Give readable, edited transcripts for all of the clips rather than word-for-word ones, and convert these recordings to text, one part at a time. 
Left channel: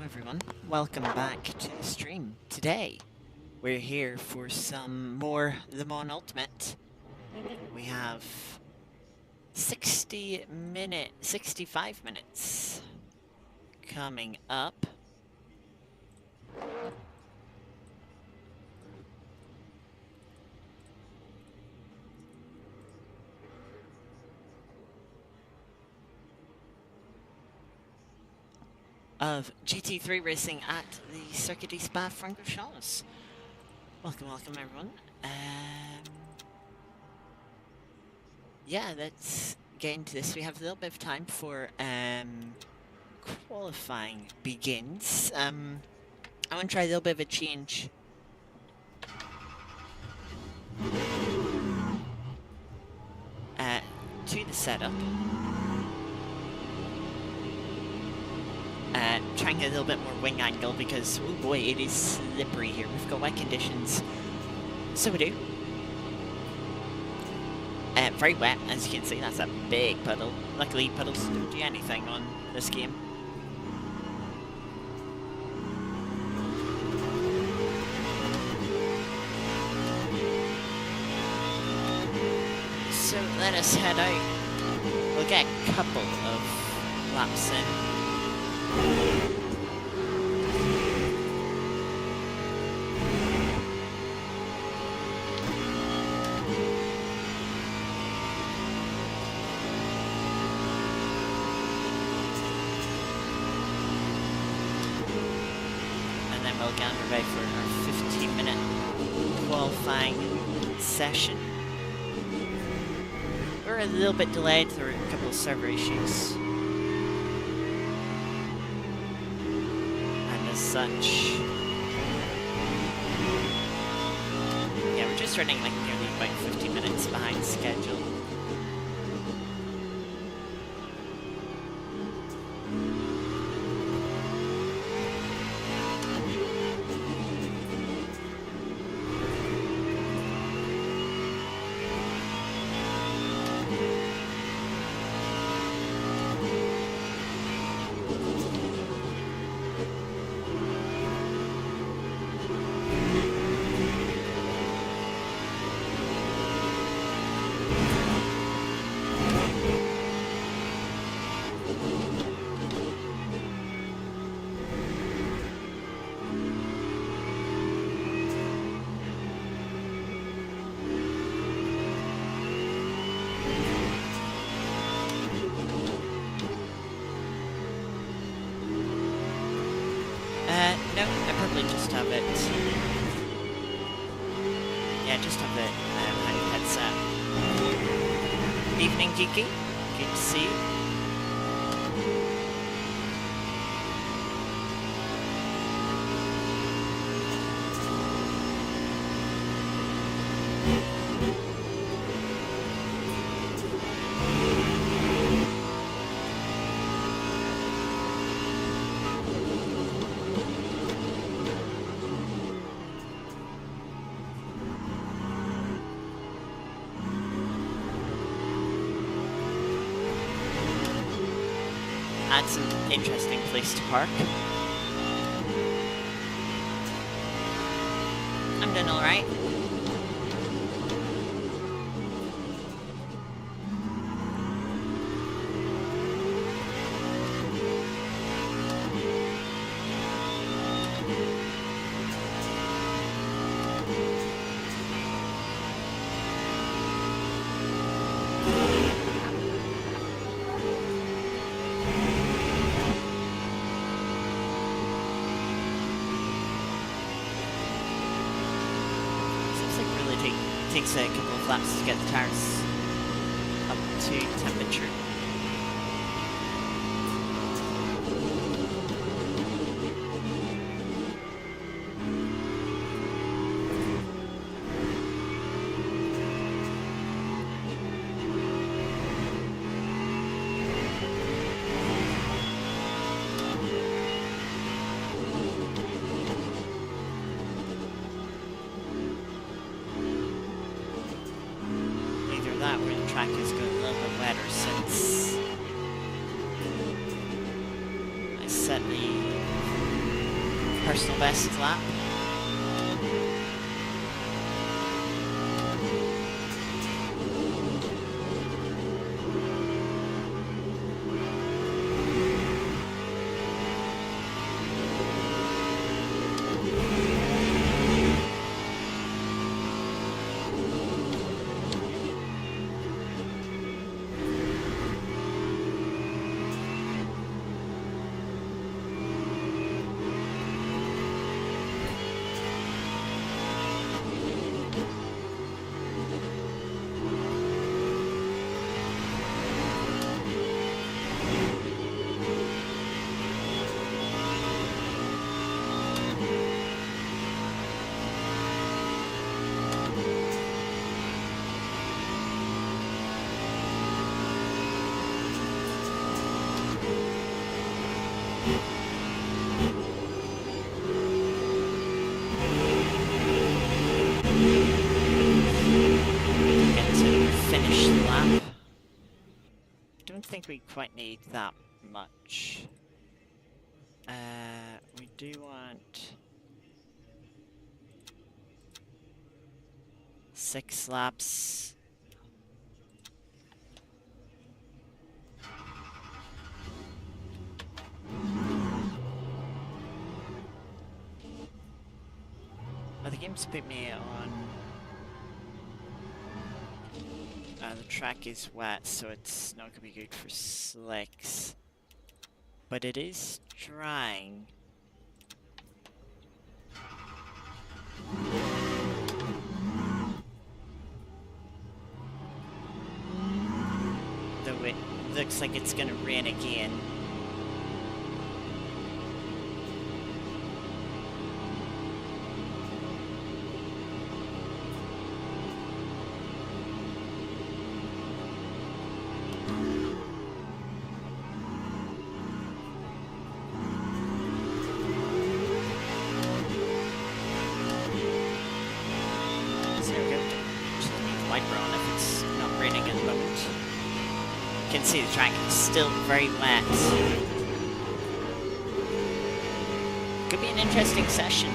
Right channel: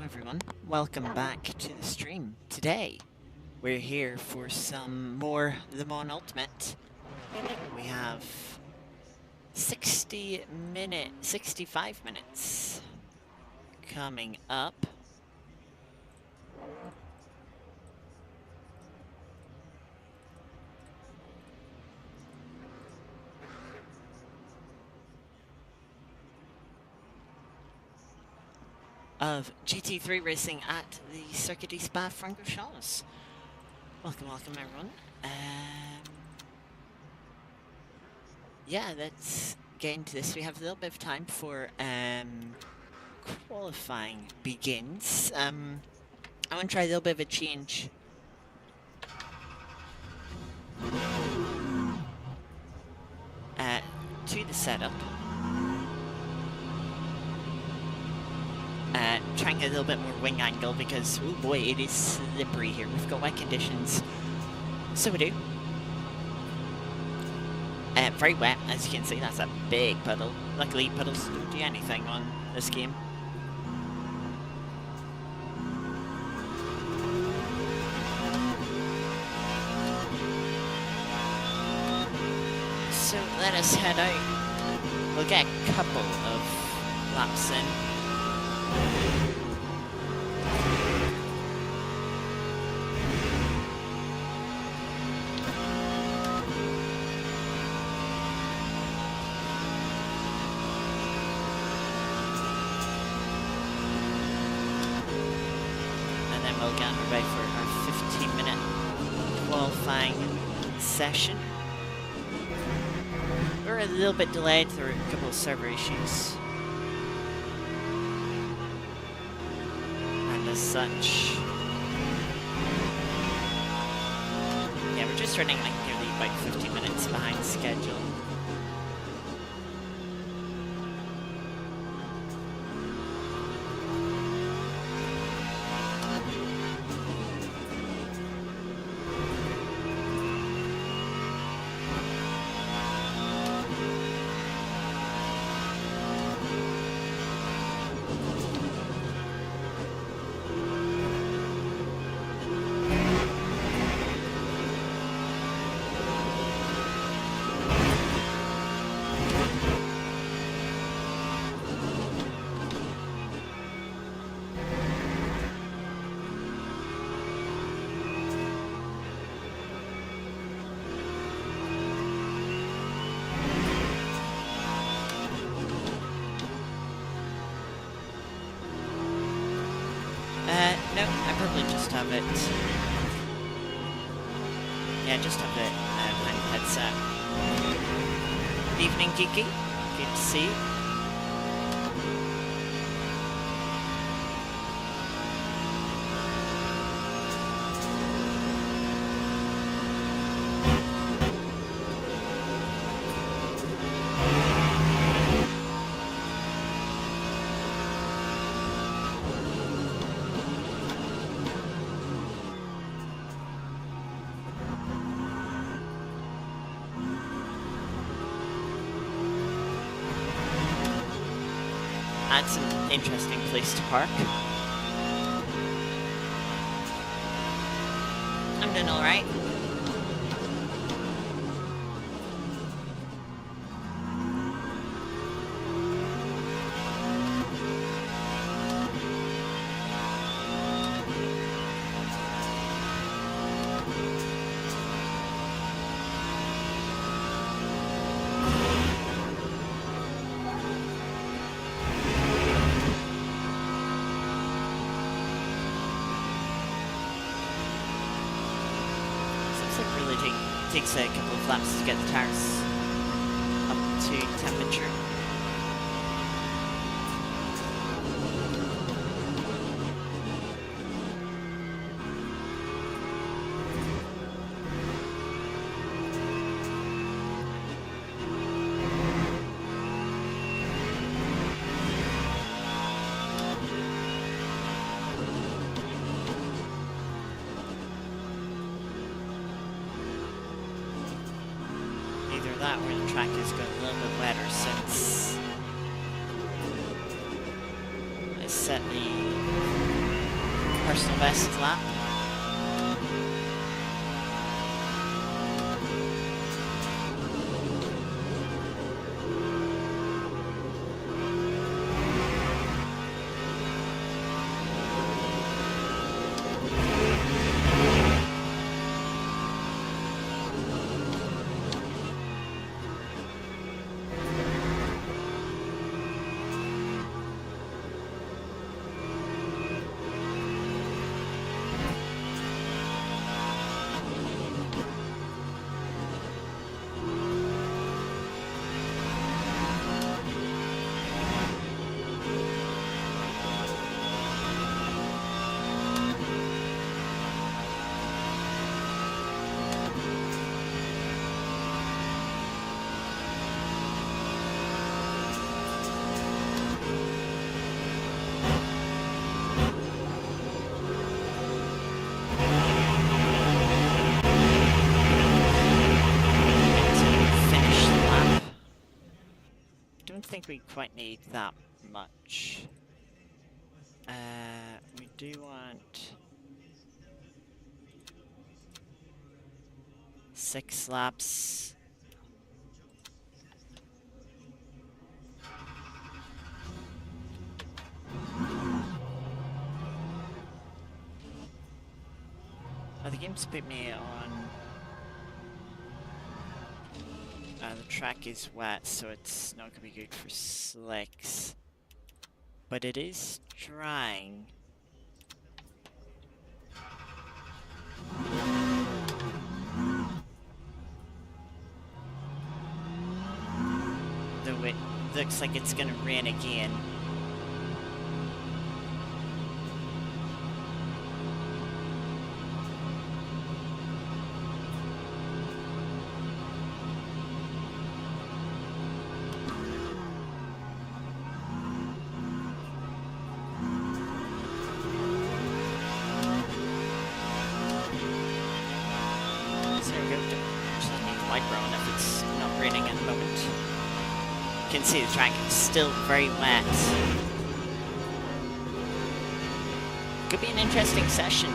Hello everyone, welcome back to the stream. Today, we're here for some more Le Mans Ultimate. We have 65 minutes coming up. Of GT3 racing at the Circuit de Spa-Francorchamps. Welcome everyone. Yeah, let's get into this. We have a little bit of time before qualifying begins. I want to try a little bit of a change. To the setup. Trying a little bit more wing angle because, oh boy, it is slippery here. We've got wet conditions. So we do. Very wet, as you can see. That's a big puddle. Luckily, puddles don't do anything on this game. So let us head out. We'll get a couple of laps in. And then we'll get underway for our 15-minute qualifying session. We're a little bit delayed through a couple of server issues. And as such, yeah, we're just running like nearly about 15 minutes behind schedule. No, I probably just have it. Yeah, just have it behind the headset. Good evening, Geeky. Good to see you. That's an interesting place to park. I'm doing alright. Takes a couple of laps to get the tires up to temperature. That where the track is going a little bit wetter since I set the personal best lap. I think we quite need that much. We do want 6 laps. Oh, the game's put me on. The track is wet, so it's not gonna be good for slicks. But it is drying. Though it looks like it's gonna rain again. Light brown if it's not raining at the moment. You can see the track is still very wet. Could be an interesting session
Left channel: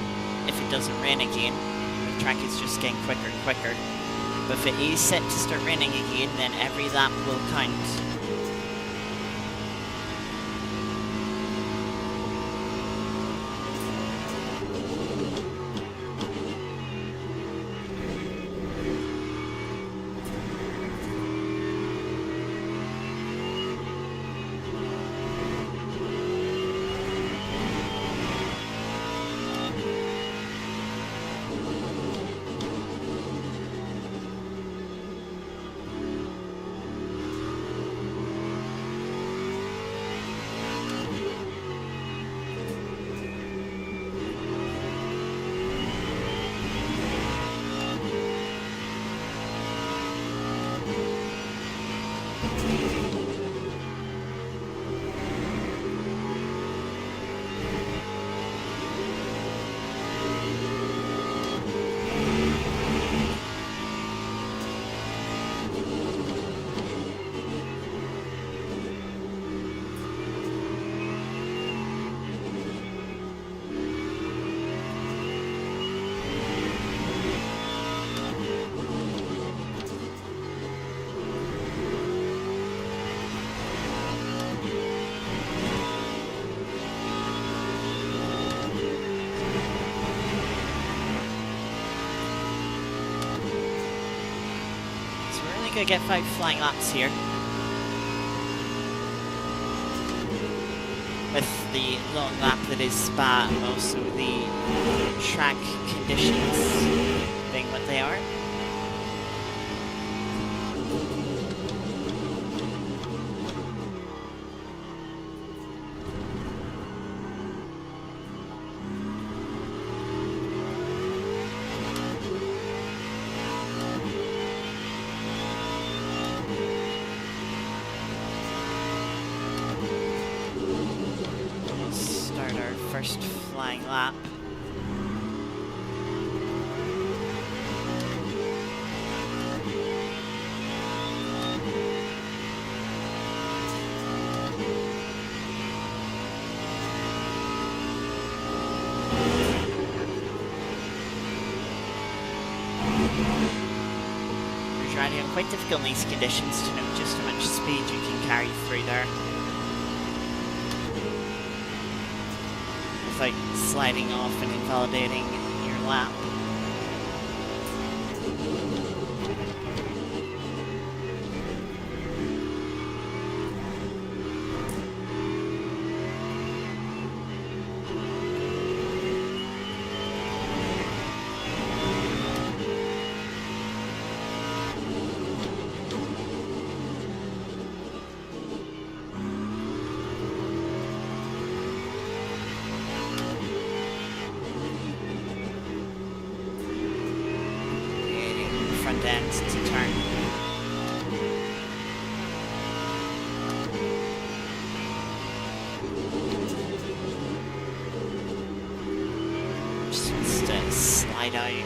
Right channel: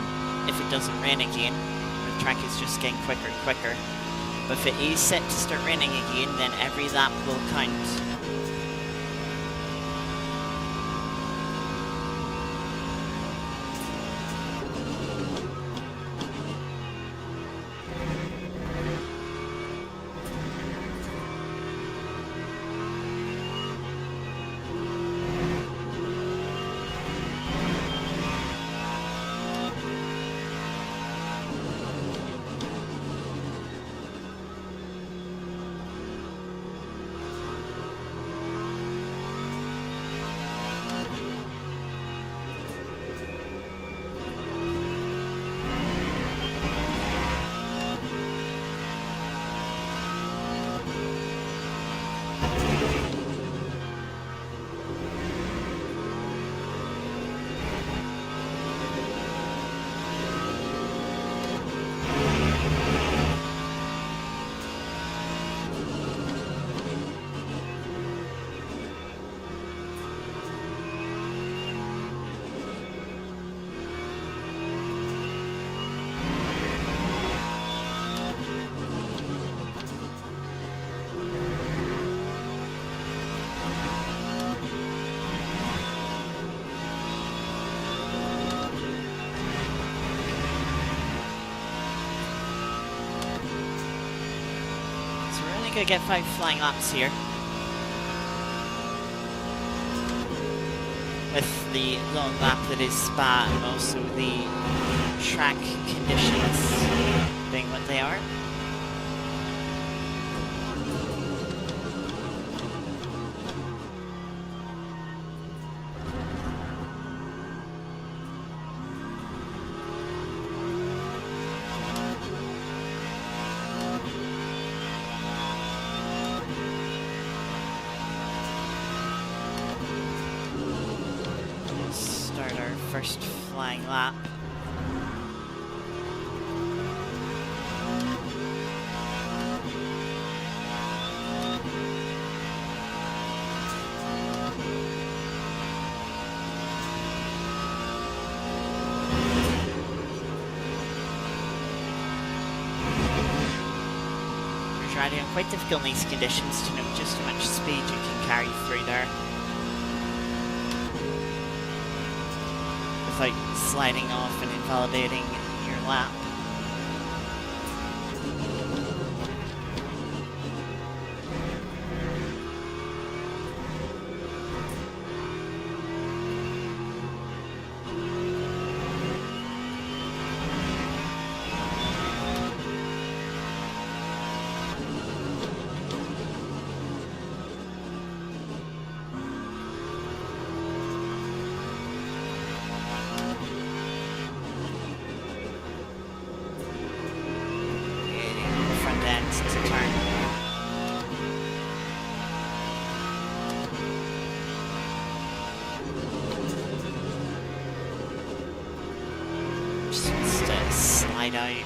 if it doesn't rain again. The track is just getting quicker and quicker. But if it is set to start raining again, then every lap will count. Gonna get 5 flying laps here. With the long lap that is Spa and also the track conditions being what they are. First flying lap. Radio. Quite difficult in these conditions to know just how much speed you can carry through there without sliding off and invalidating your lap. Front end to turn. Just wants to slide out.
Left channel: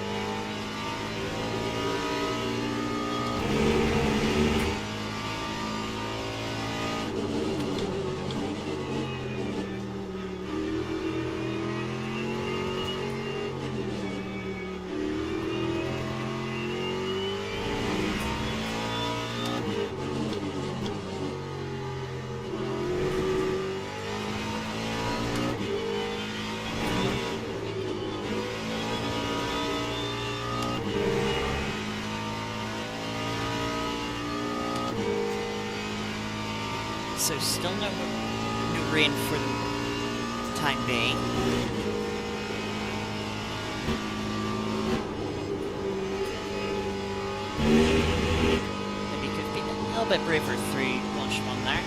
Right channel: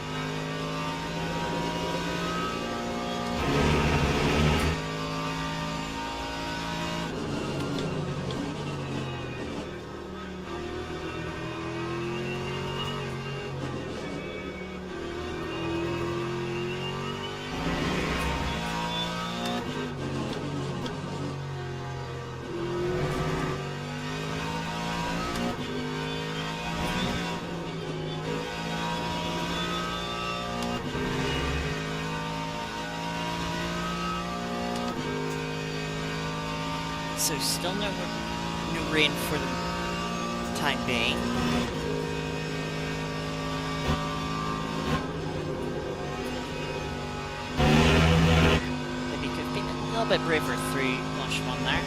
So still no rain for the time being. Maybe could have been a little bit braver through Blanchemont there.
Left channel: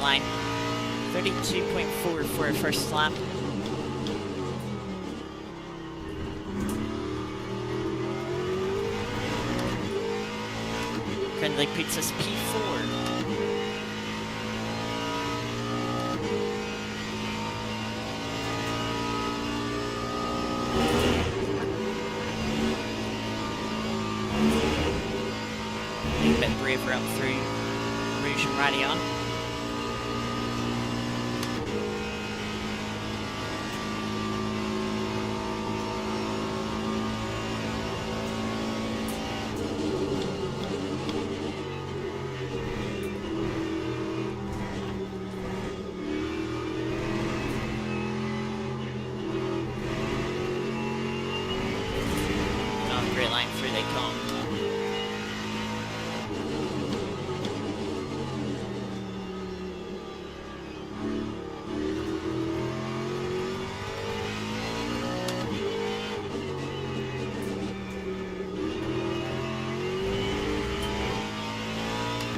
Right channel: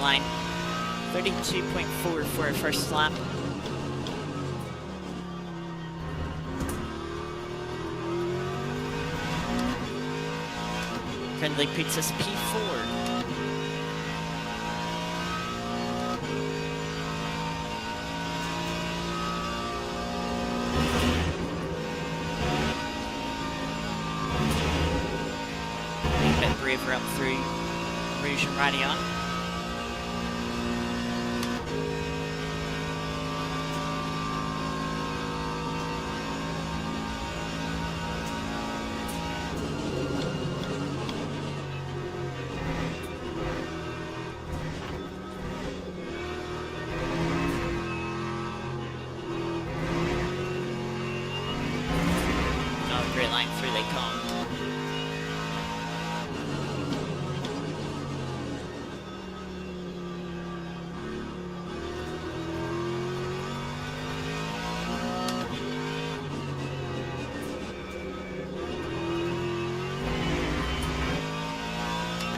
Line 32.4 for a first lap. Currently puts us P4. A bit braver up through Rouge and Radion. Great line through they come.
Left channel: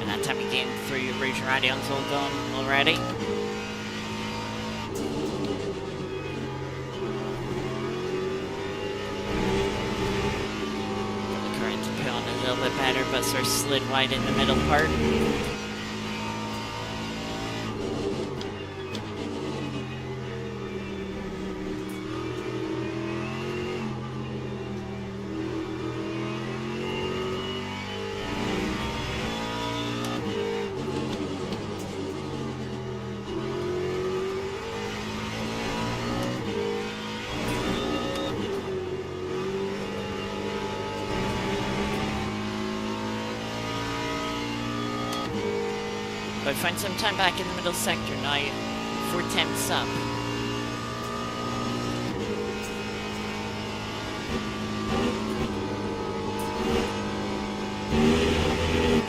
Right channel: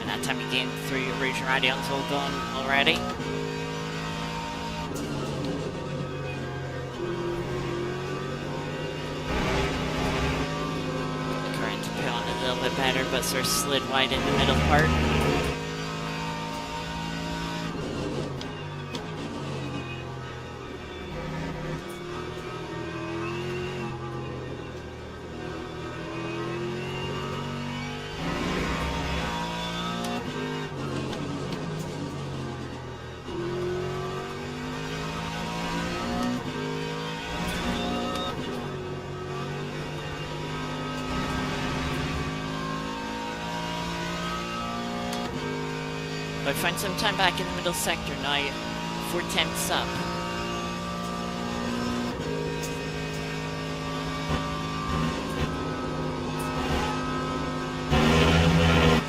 And that time we gained through Rouge and Radion's all gone already. A little bit better, but sort of slid wide in the middle part. But I find some time back in the middle sector now, 4/10ths up.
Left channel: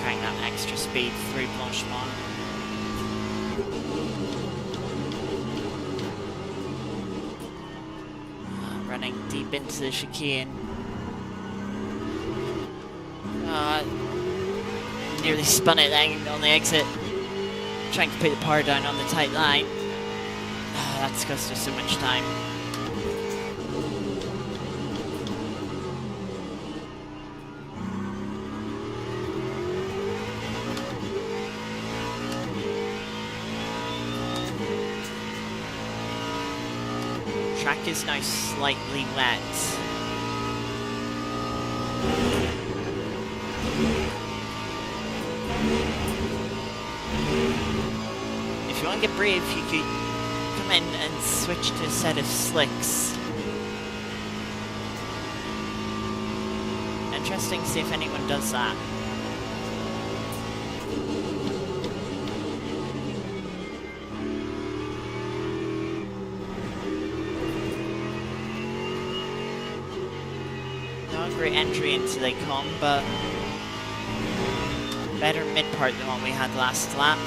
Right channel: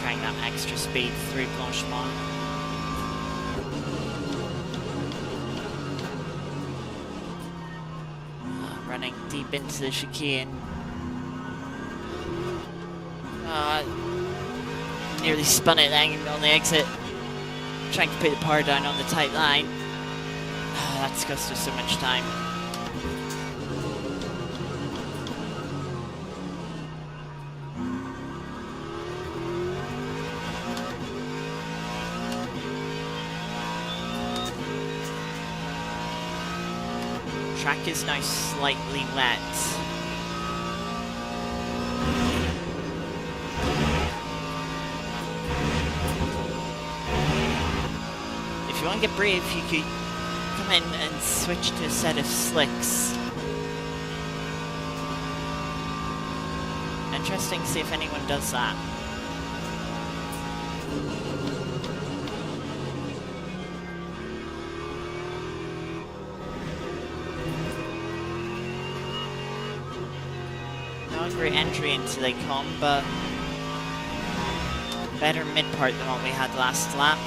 Carrying that extra speed through Blanchemont. Running deep into the chicane. Nearly spun it then on the exit. Trying to put the power down on the tight line. That's cost us so much time. Track is now slightly wet. If you want to get brave, you could come in and switch to a set of slicks. Interesting to see if anyone does that. Not a great entry into the com, but better mid part than what we had last lap.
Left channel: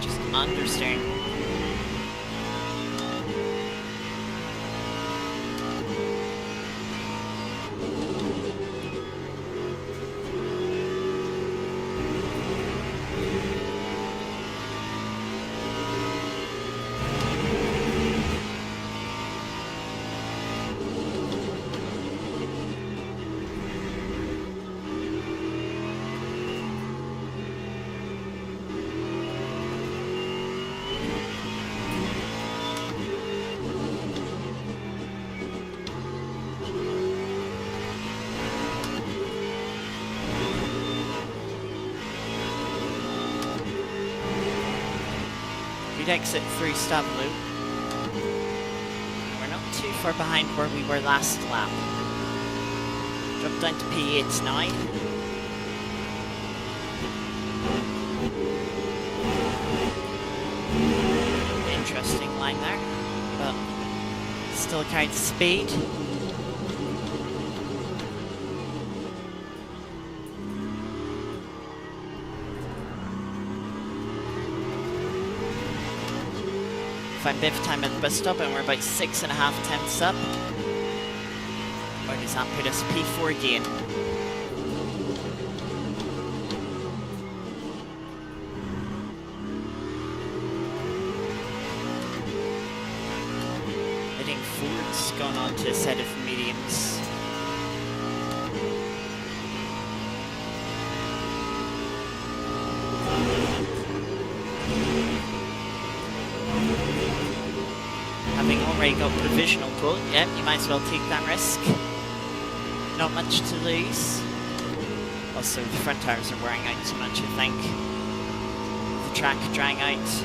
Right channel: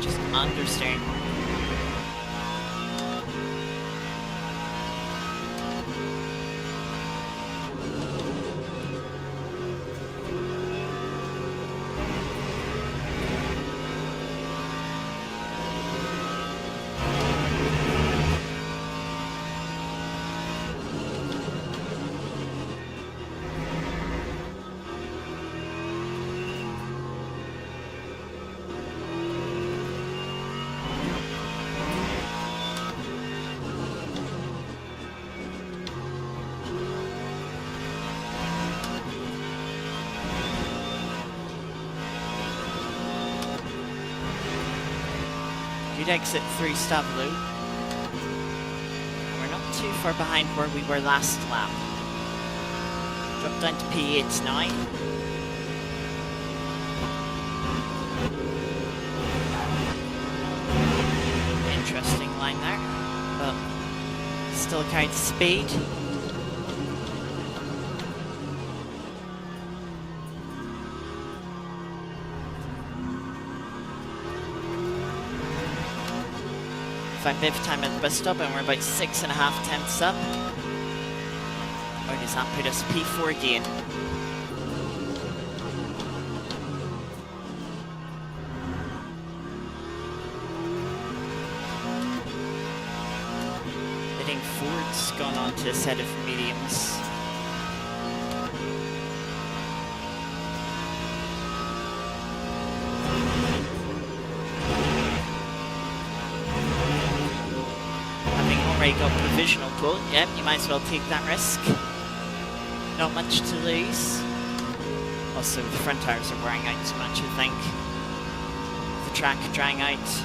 Just understeering. Good exit through Staveloo. And we're not too far behind where we were last lap. Drop down to P8 now. Interesting line there, but still carried the speed. Find bit of time at the bus stop and we're about 6.5 tenths up. Or does that put us P4 again? I think Ford's gone on to a set of mediums. Already got provisional pole. Yep, you might as well take that risk. Not much to lose. Also, the front tires are wearing out too much, I think. The track drying out.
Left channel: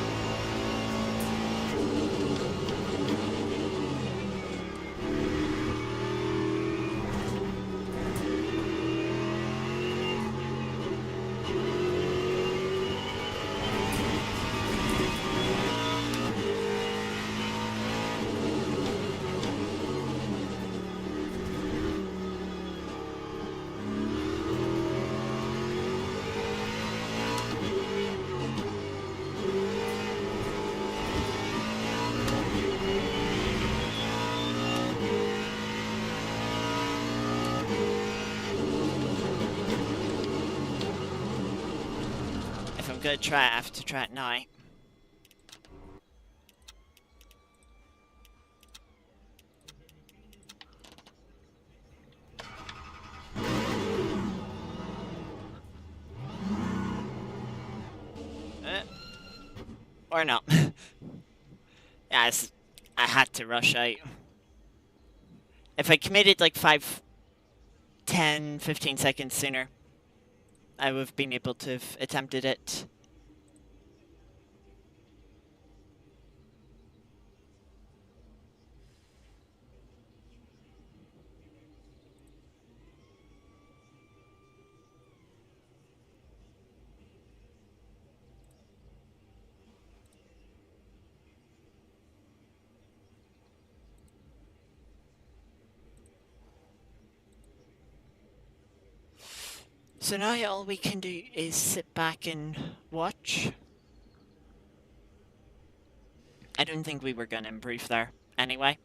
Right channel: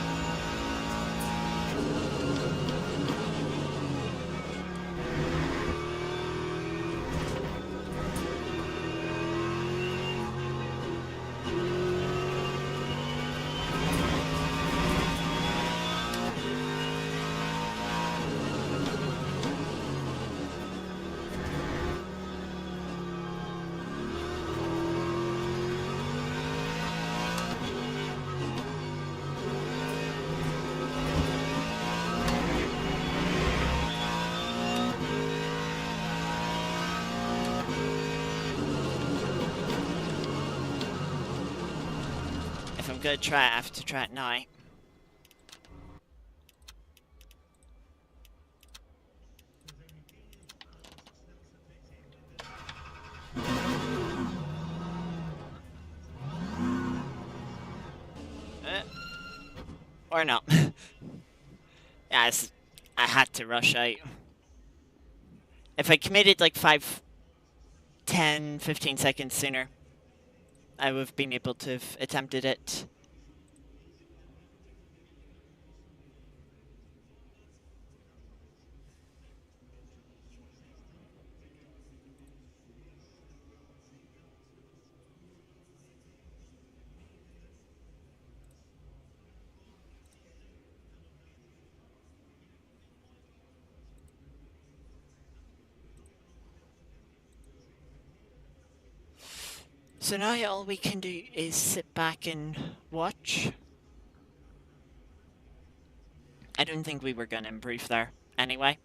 If I'm gonna try it, I have to try it now. Or not. Yeah, I had to rush out. If I committed like 5, 10, 15 seconds sooner, I would have been able to have attempted it. So now all we can do is sit back and watch. I don't think we were going to improve there anyway.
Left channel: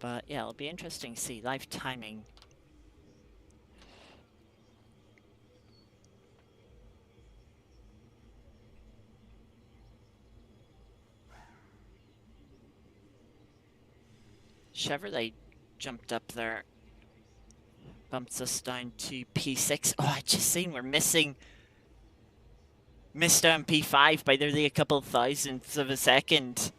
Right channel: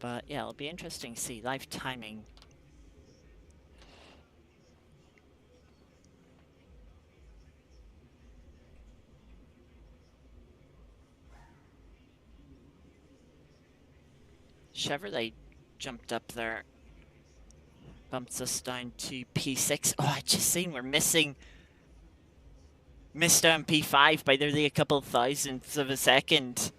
But yeah, it'll be interesting to see live timing. Chevrolet jumped up there Bumps us down to P6. Oh, I just seen we're missed down P5 by nearly a couple thousandths of a second.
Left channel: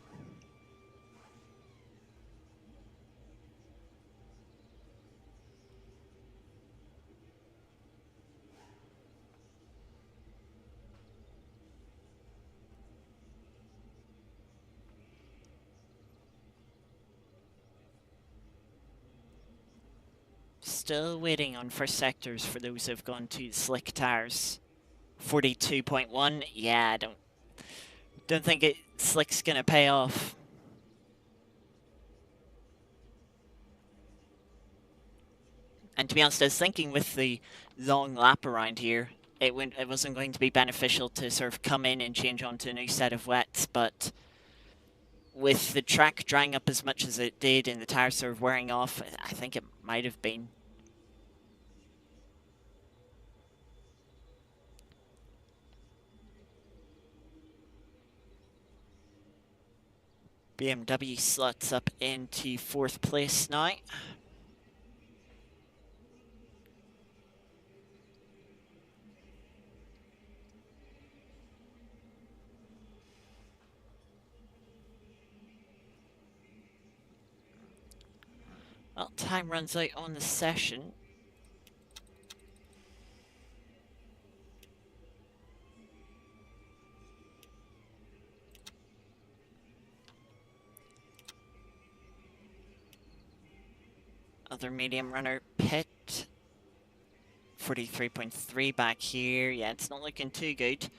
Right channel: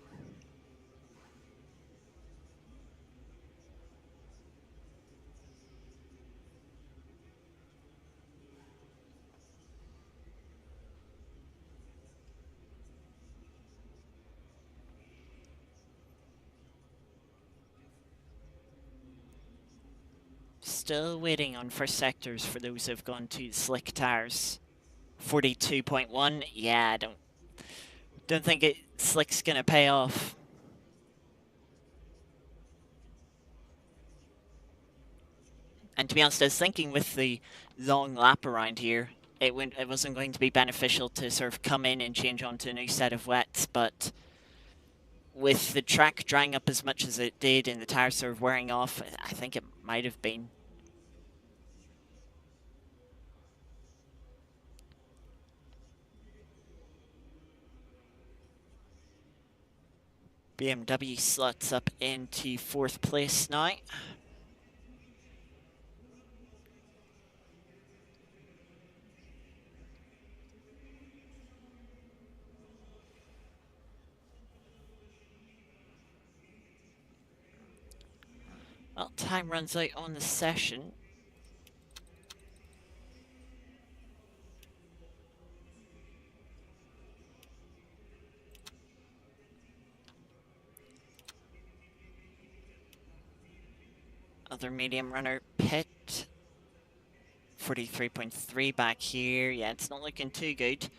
Still waiting on first sectors for those who've gone to slick tires. 42.1. Yeah, I don't think slick's gonna pay off. And to be honest, I was thinking with the long lap around here, it wasn't going to be beneficial to sort of come in and change onto a new set of wets, but with the track drying up as much as it did and the tires sort of wearing off, I think it might have been. BMW slots up into 4th place now. Well, time runs out on the session. Other medium runner pit. 43.3 back here. Yeah, it's not looking too good.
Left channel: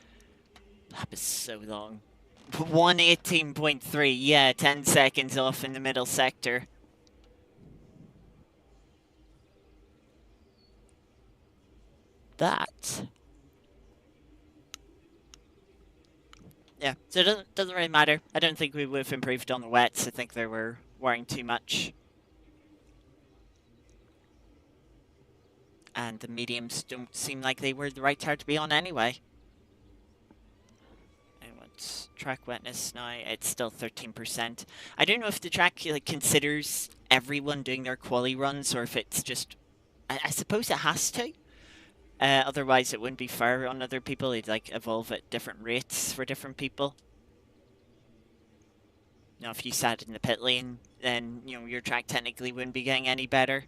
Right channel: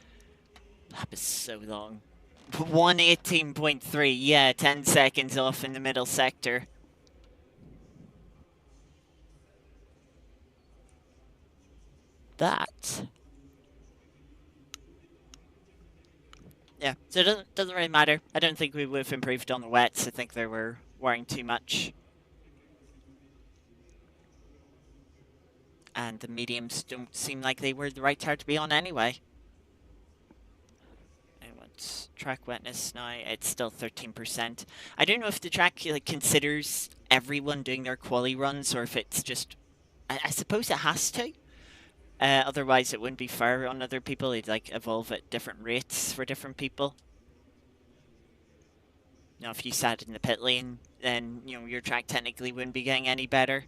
Lap is so long. 118.3. Yeah, 10 seconds off in the middle sector. That. Yeah, so it doesn't really matter. I don't think we would have improved on the wets. I think they were wearing too much. And the mediums don't seem like they were the right tire to be on anyway. And what's track wetness now? It's still 13%. I don't know if the track considers everyone doing their quali runs or if it's just... I suppose it has to. Otherwise, it wouldn't be fair on other people. It'd evolve at different rates for different people. You know, if you sat in the pit lane, then your track technically wouldn't be getting any better.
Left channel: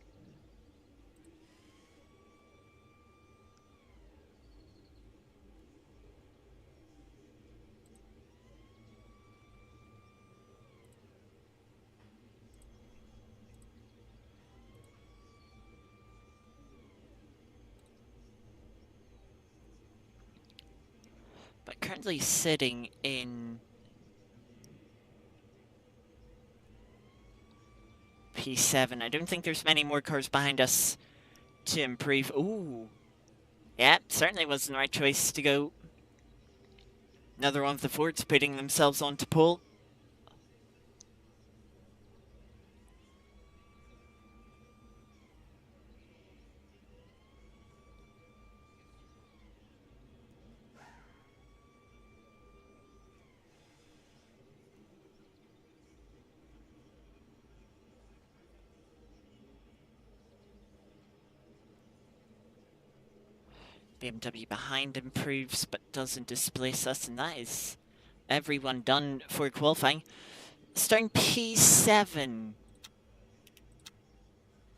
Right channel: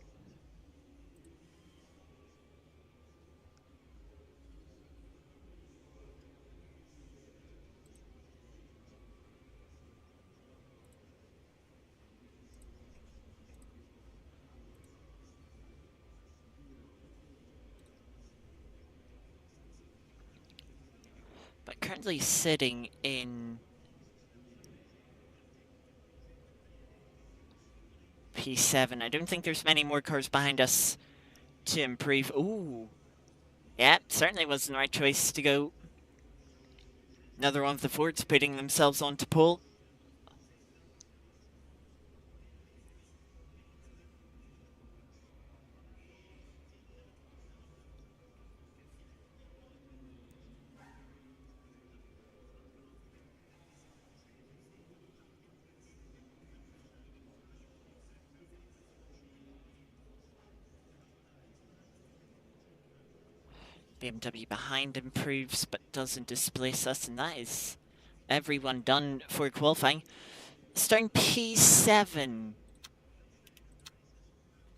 But currently sitting in P7. I don't think there's many more cars behind us to improve. Ooh. Yeah, certainly wasn't the right choice to go. Another one of the Fords putting themselves onto pole. BMW behind improves but doesn't displace us, and that is everyone done for qualifying. Starting P7.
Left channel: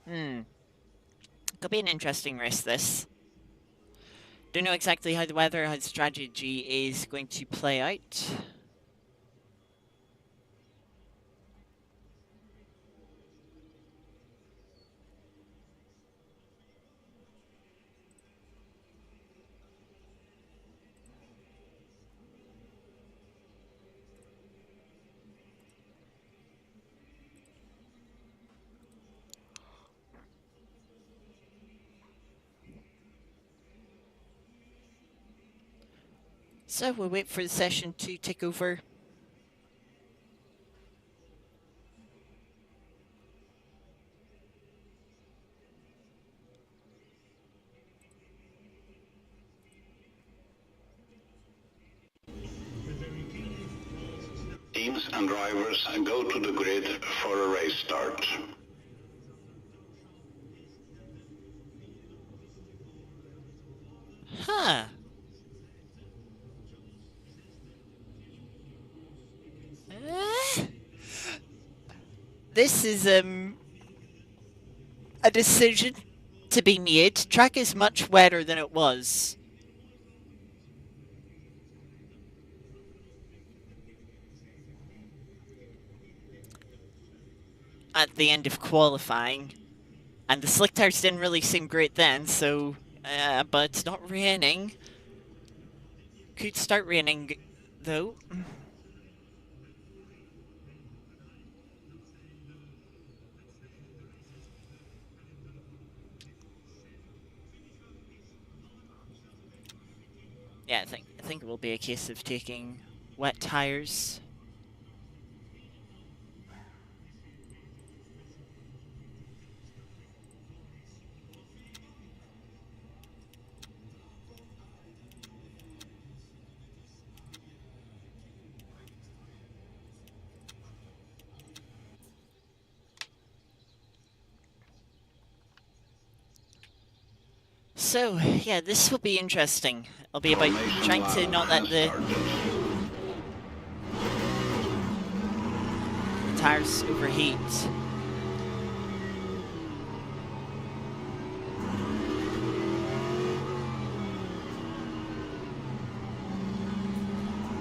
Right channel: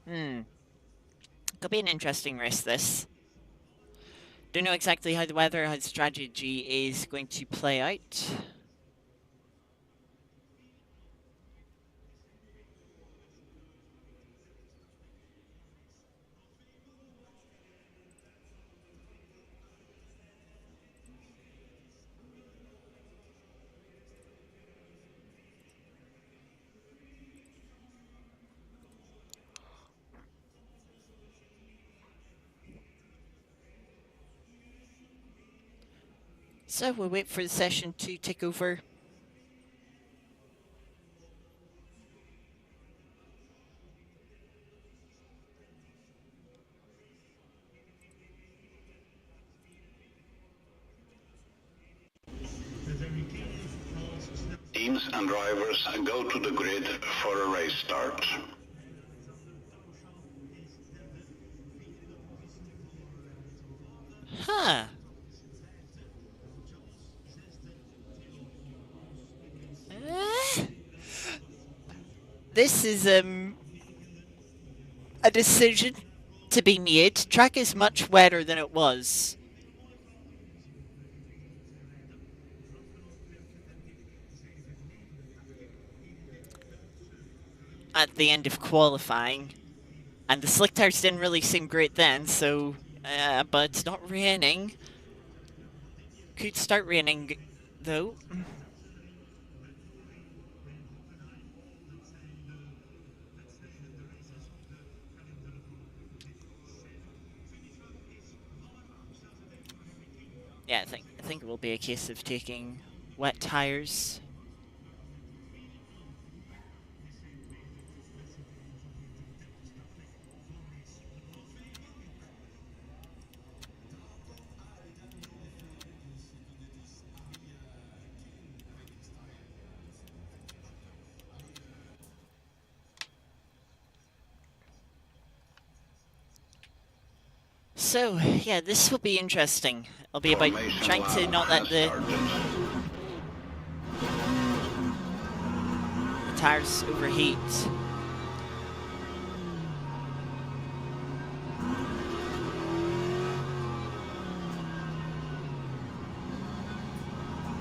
Could be an interesting race, this. Don't know exactly how the weather, how the strategy is going to play out. So we'll wait for the session to take over. Teams and drivers go to the grid for a race start. Huh. Eh? This is a decision to be made. Track is much wetter than it was. At the end of qualifying. And the slick tires didn't really seem great then, so... but it's not raining. Could start raining, though. Yeah, I think it will be a case of taking wet tires. So, yeah, this will be interesting. It'll be about trying to not let the tires overheat.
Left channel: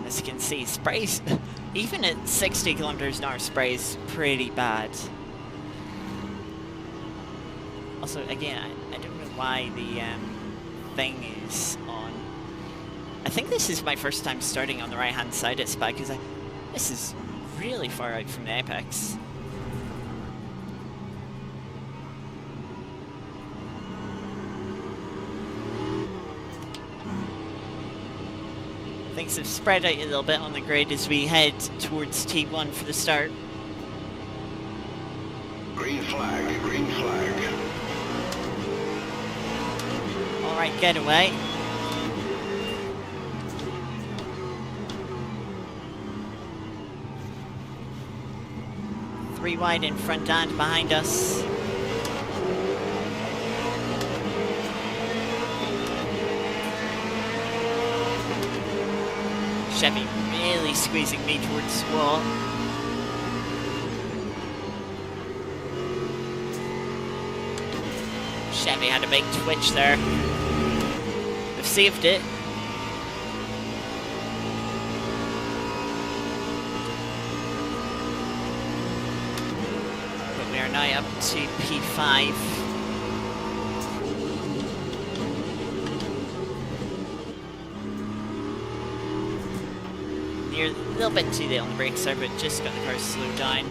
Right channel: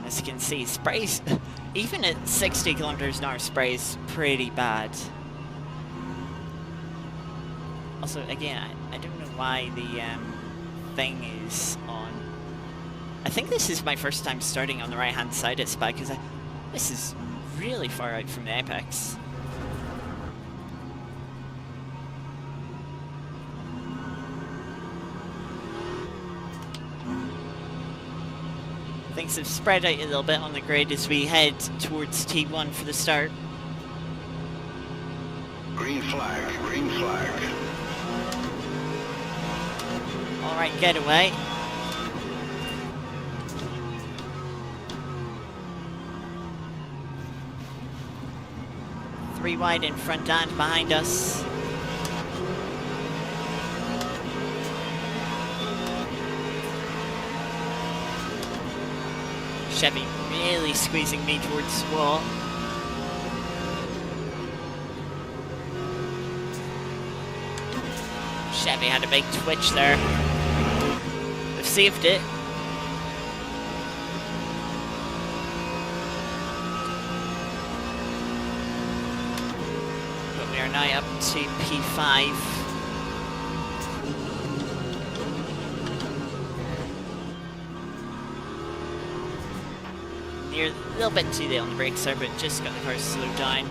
As you can see, sprays, even at 60 kilometers an hour, spray is pretty bad. Also, again, I don't know why the thing is on. I think this is my first time starting on the right-hand side at Spa, because this is really far out from the apex. Things have spread out a little bit on the grid as we head towards T1 for the start. Green flag, green flag. Alright, getaway. Three wide in front and behind us. Chevy really squeezing me towards the wall. Chevy had a big twitch there. They've saved it. But we are now up to P5. Near a little bit too late on the brakes there, but just got the car slowed down.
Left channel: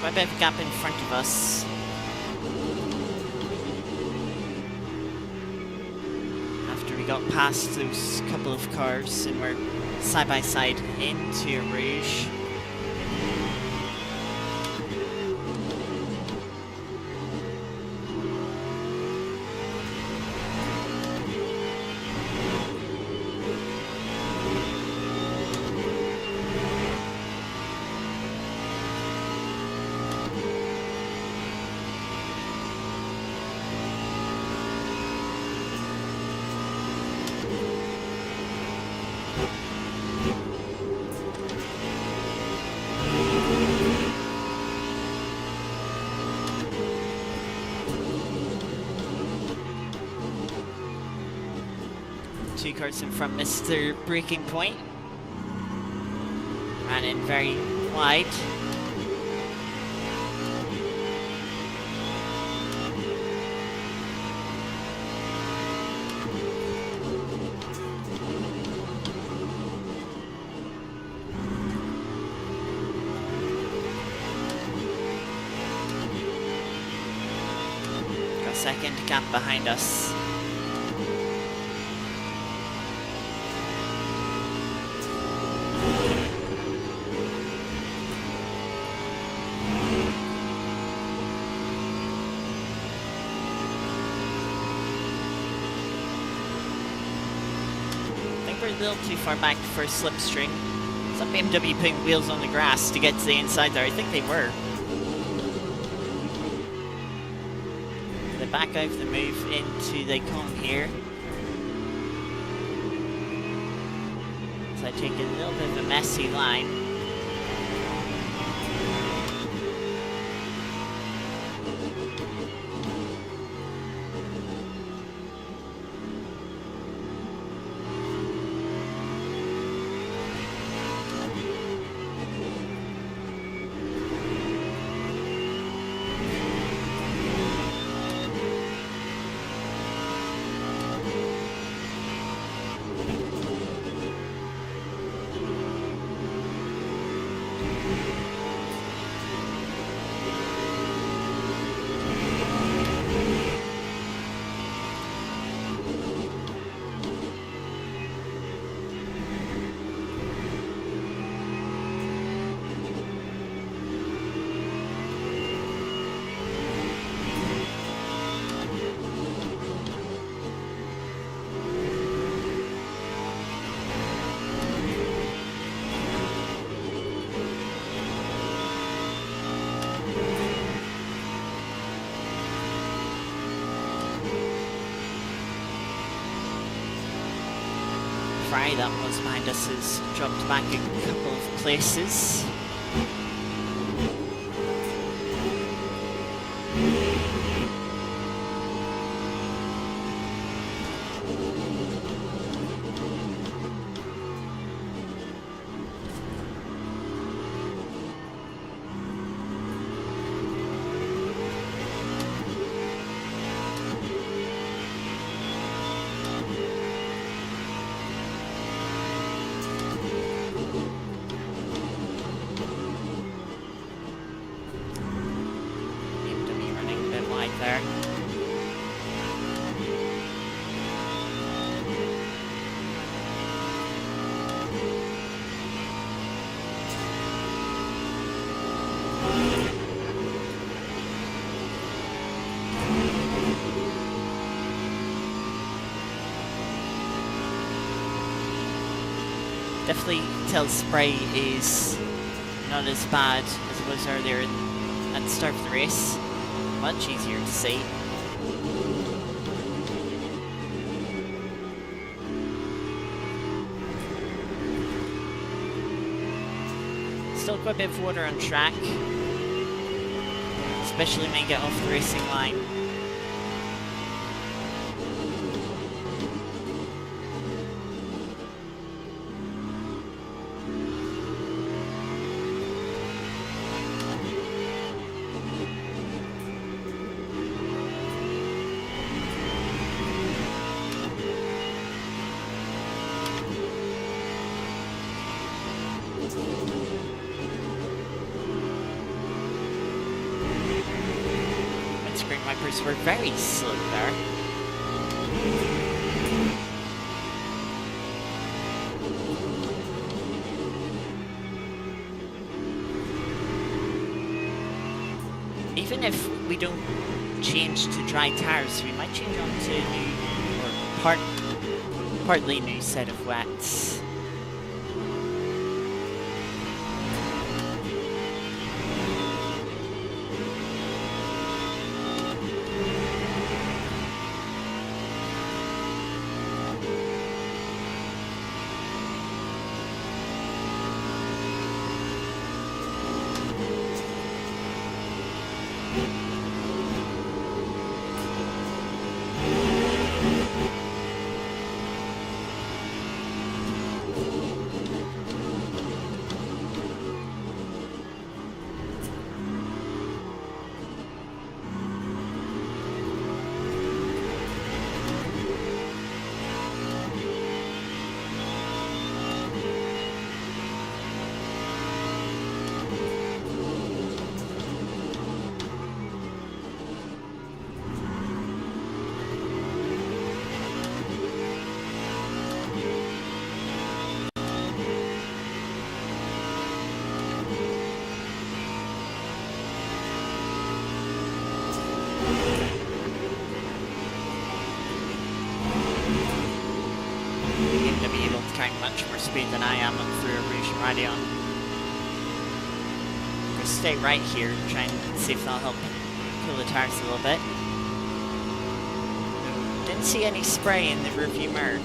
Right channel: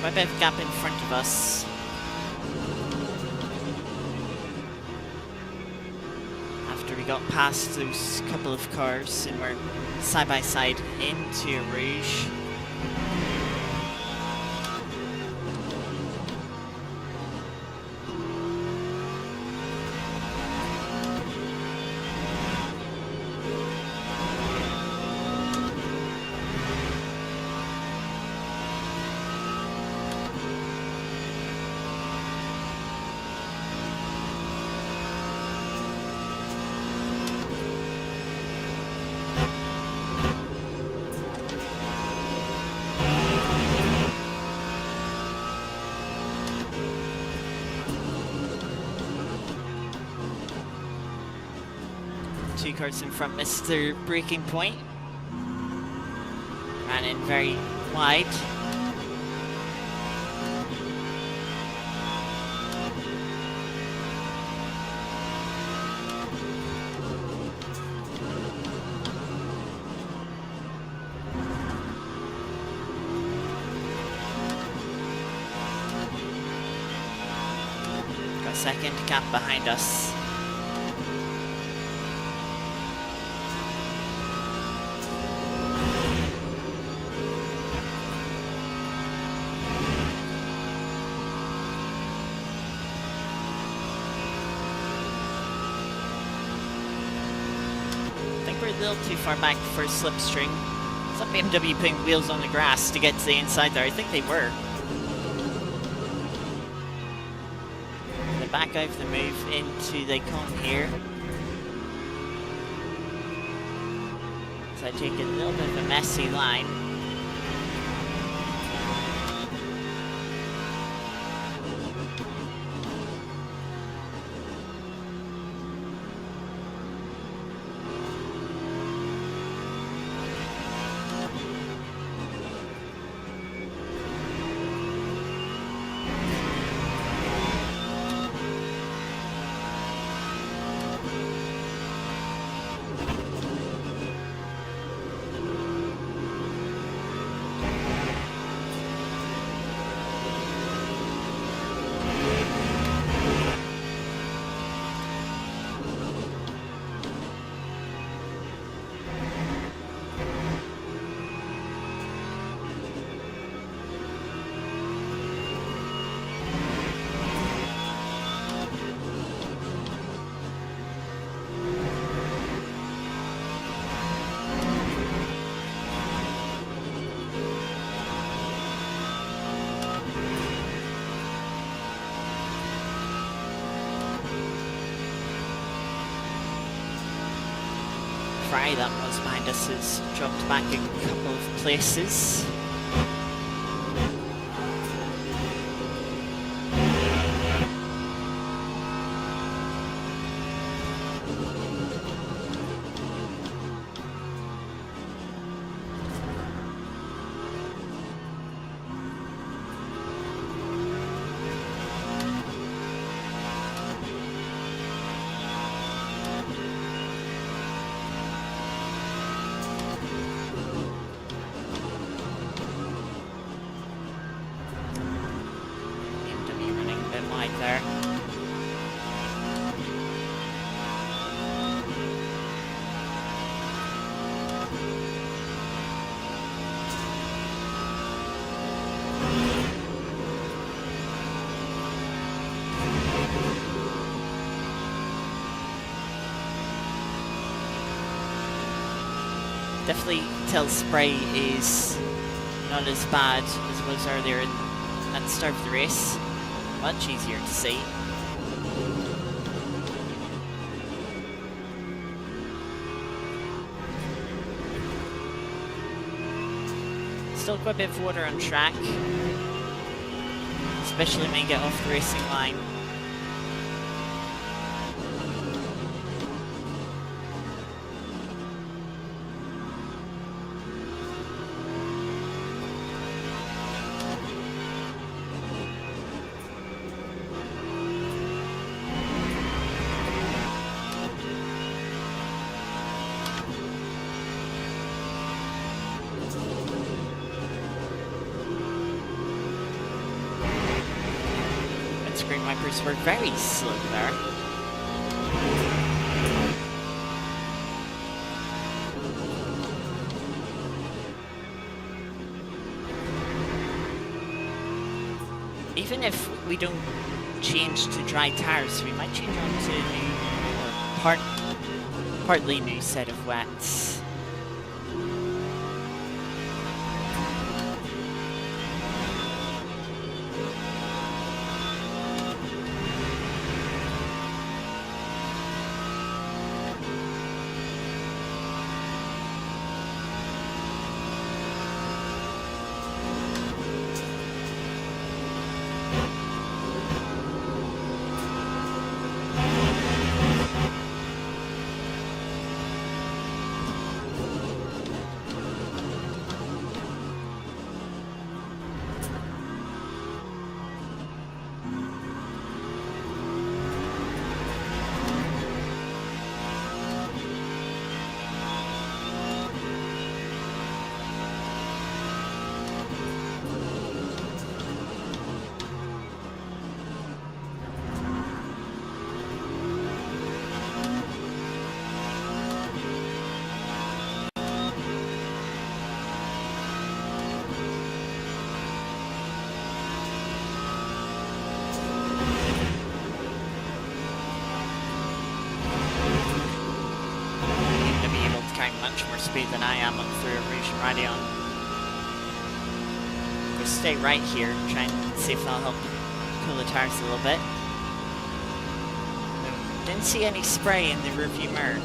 Quite a bit of gap in front of us. After we got past those couple of cars and we're side by side into Rouge. Two cars in front missed their braking point. Ran in very wide. second gap behind us. I think we're a little too far back for slipstream. Is that BMW putting wheels on the grass to get to the inside there? I think they were. They back out of the move into the cone here. So I take a little bit of a messy line. Fry that was behind us has dropped back a couple of places. There. Definitely tell spray is not as bad as it was earlier at the start of the race. Much easier to see. Still quite a bit of water on track, especially when you get off the racing line. Windscreen wipers were very slow there. Even if we don't change to dry tires, we might change on to a new or partly new set of wets. carrying much more speed than I am through a Rouge and Radeon. We'll stay right here, try and see if that'll help cool the tires a little bit. No, didn't see any spray in the rearview mirror.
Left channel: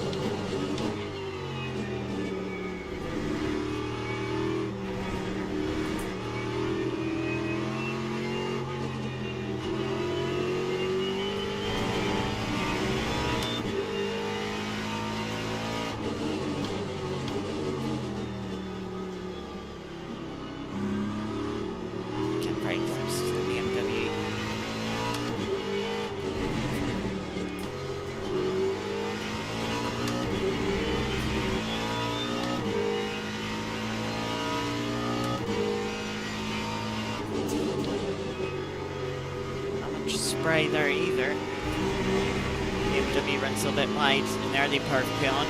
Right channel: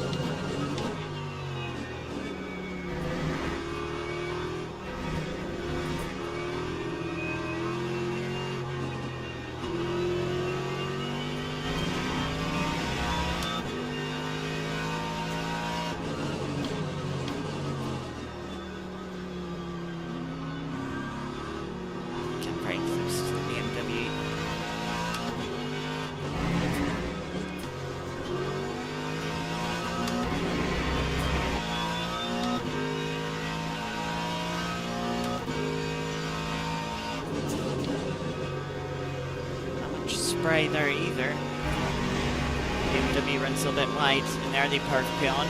Right close to the BMW. Not much spray there either. BMW runs a little bit wide in the early part of Peon.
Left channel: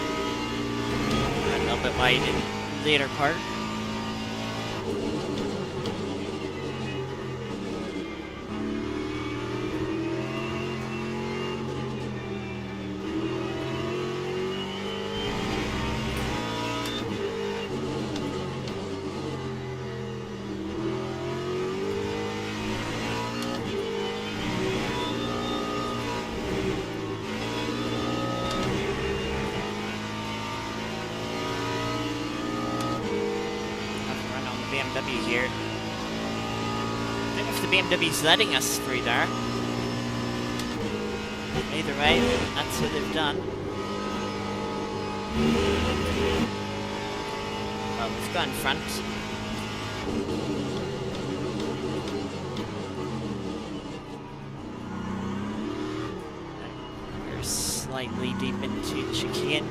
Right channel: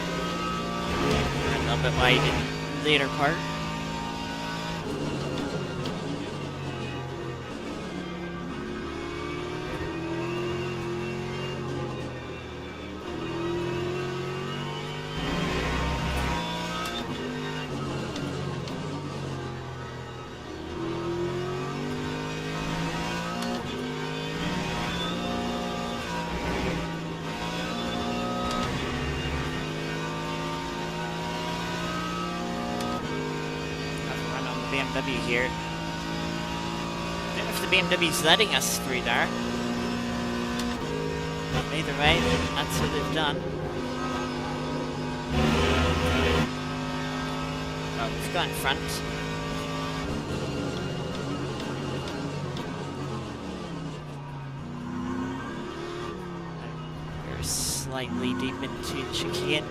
Run a little bit wide in the later part. BMW here. I don't know if the BMW's letting us through there. Either way, that's what they've done. Well, we've got in front. We're slightly deep into the chicane.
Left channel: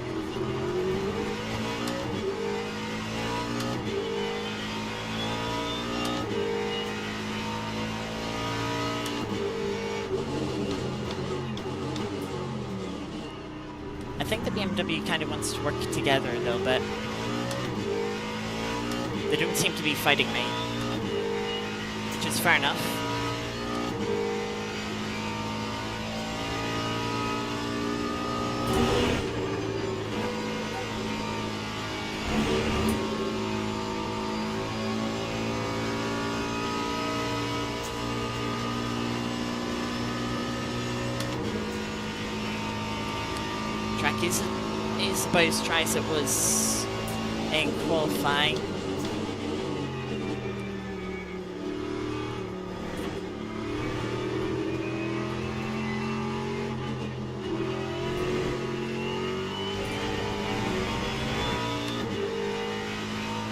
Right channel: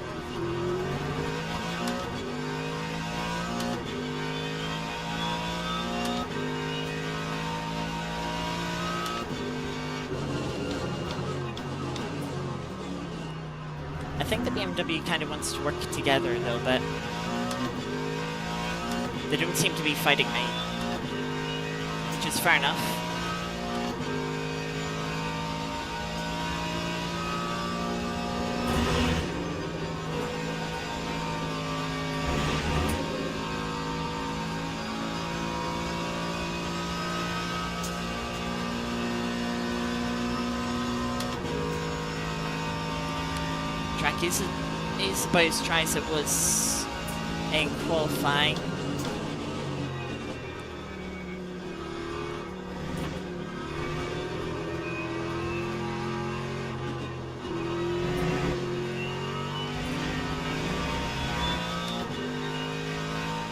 I think the BMW kind of wants to work together a little bit. They don't seem to be fighting me, which is fair enough. Track is about as dry as it was in qualifying.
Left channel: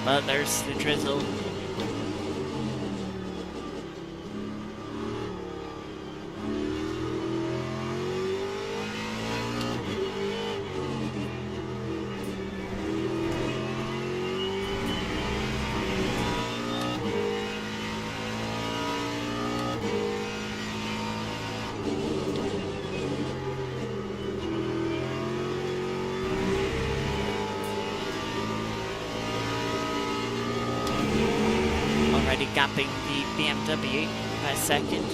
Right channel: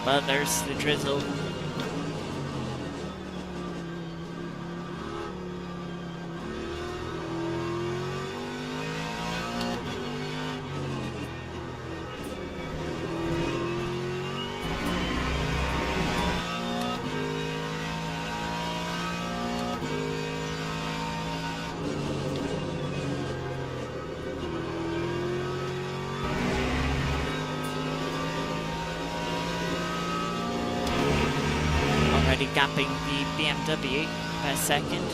But there's the drizzle. Already gapping the BMW by a second.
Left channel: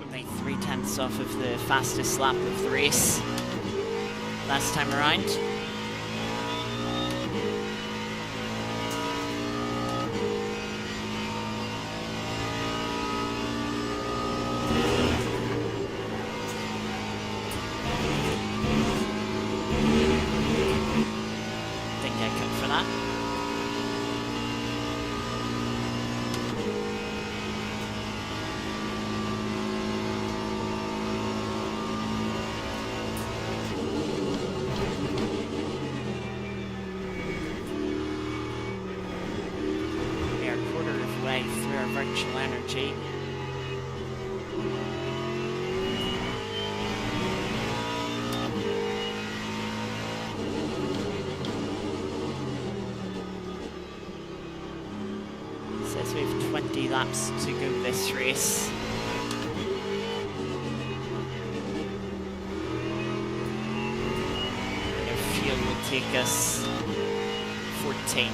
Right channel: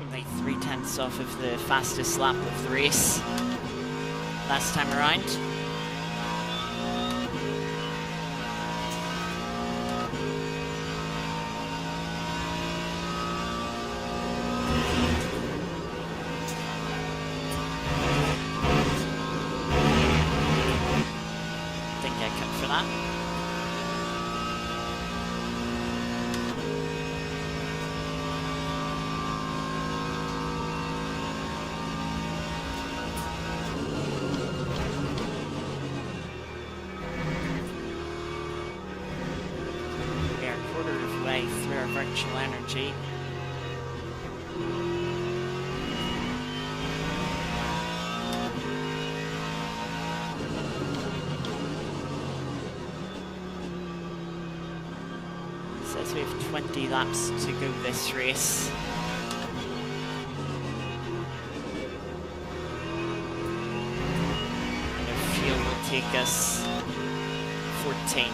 Only 0.3 off of the fastest lap of the race last time around. way through our virtual energy. Says we have 20 laps to go this race. And our fuel will take us 14.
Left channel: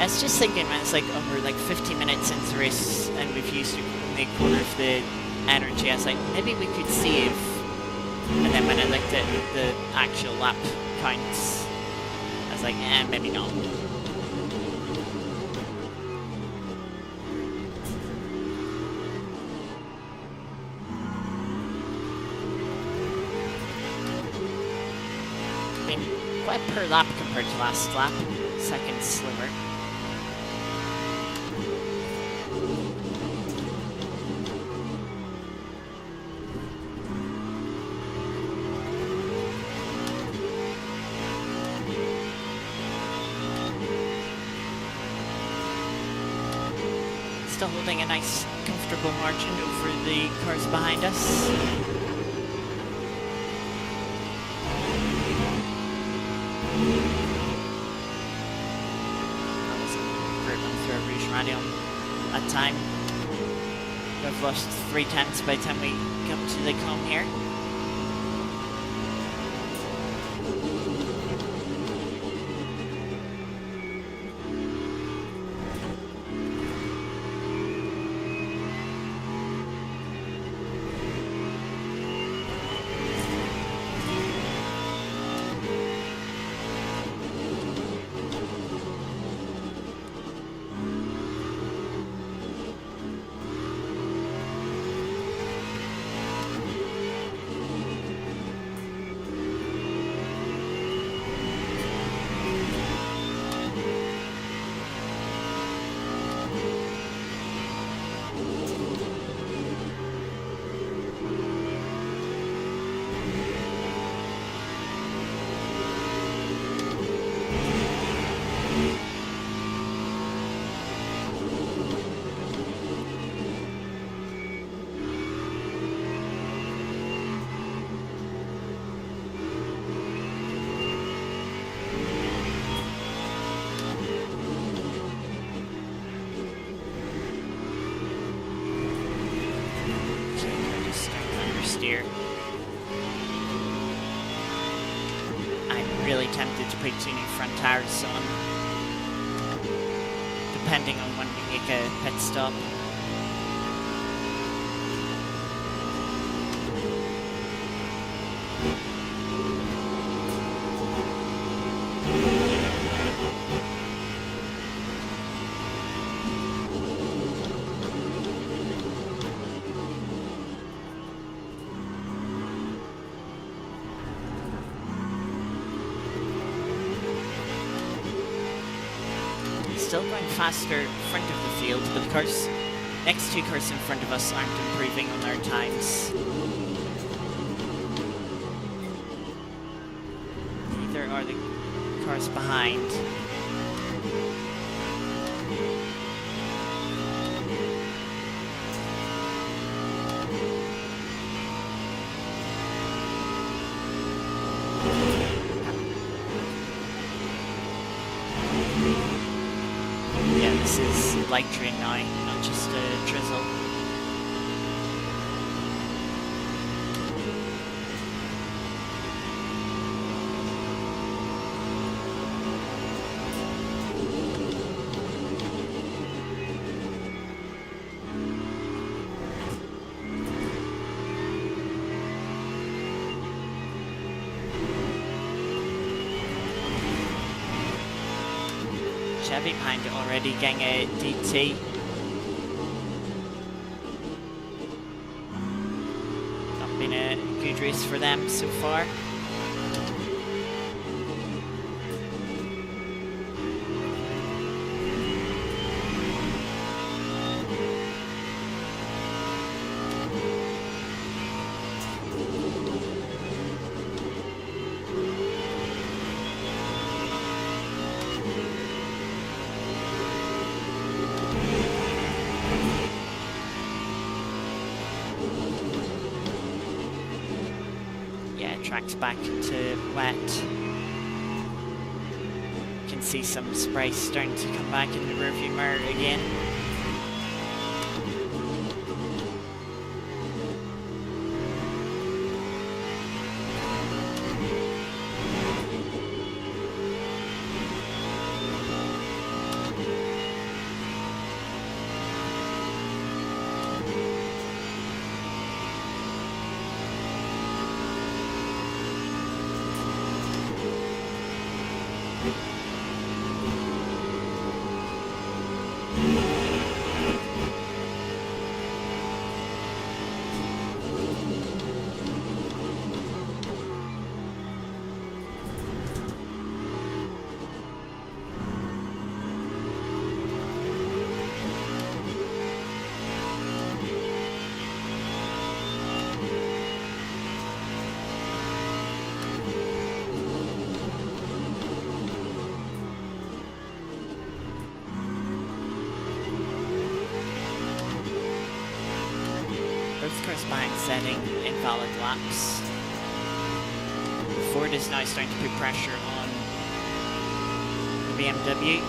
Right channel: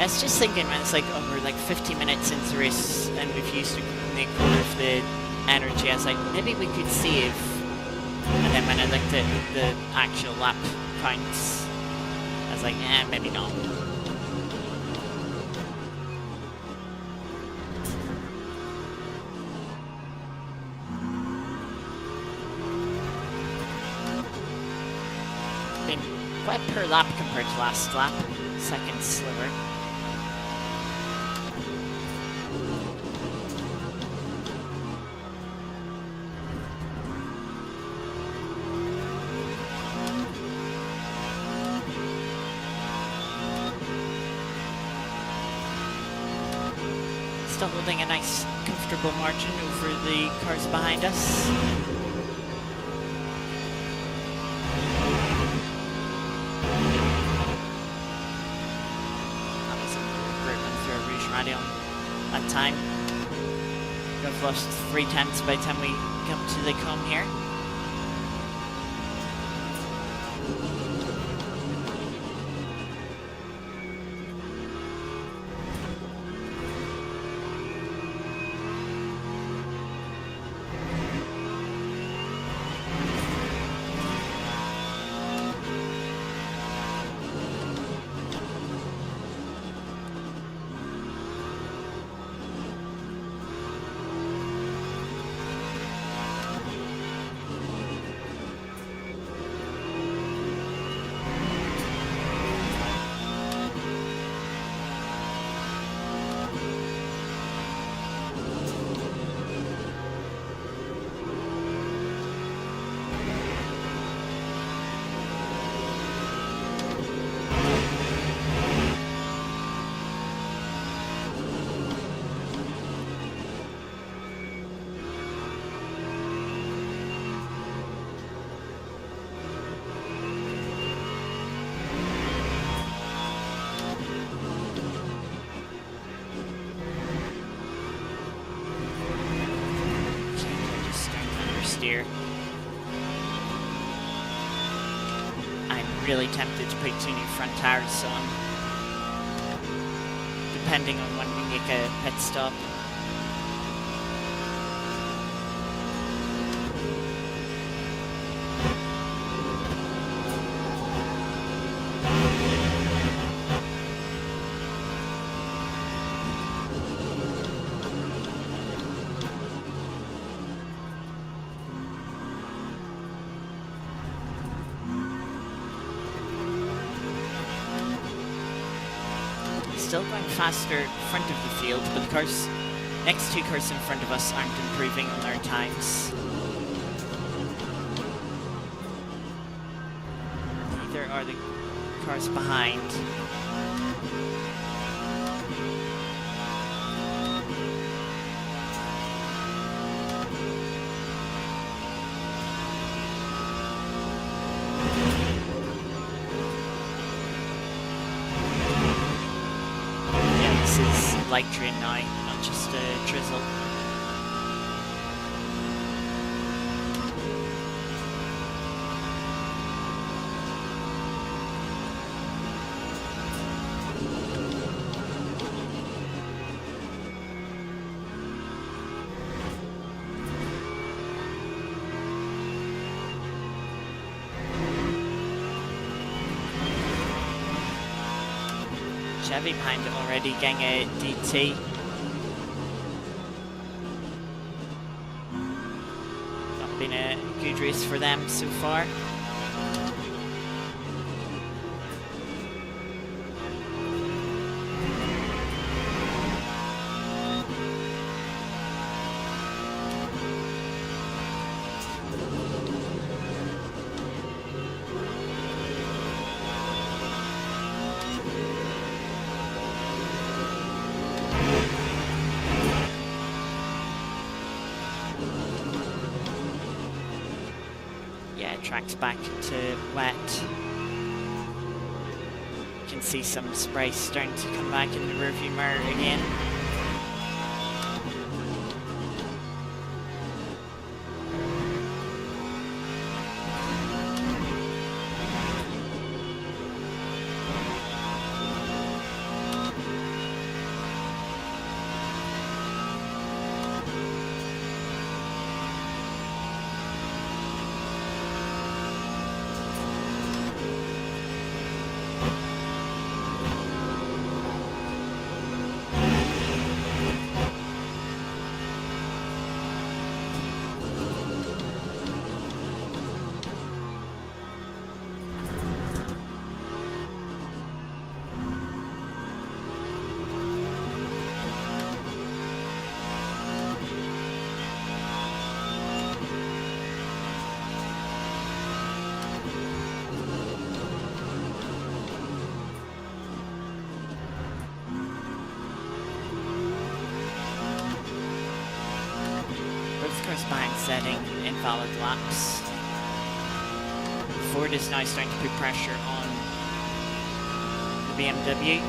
I was just thinking when it's like, oh, we're like 50 minutes into the race and we've used only a quarter of the energy. I was like, maybe we could save. And then when I looked at the actual lap counts, I was like, maybe not. Been quite per lap compared to last lap. Second slower. Still holding a nice, comfortable margin over the cars behind us. That was a great run through a Rouge Rally on that time. I've lost 3/10 by the time we come to the cone here. Steer. I'm really tempted to put 2 new front tires on, depending on when we make a pit stop. Still going faster front of the field, but the cars, next 2 cars in front of us aren't improving on their times. Neither are the cars behind. This is light rain now, not just a drizzle. Chevy behind it already, getting a DT. Not been a good race for them so far. Track's back to wet. You can see some spray starting to come back in the rearview mirror again. Both cars behind setting invalid laps. Ford is now starting to put pressure on the BMW.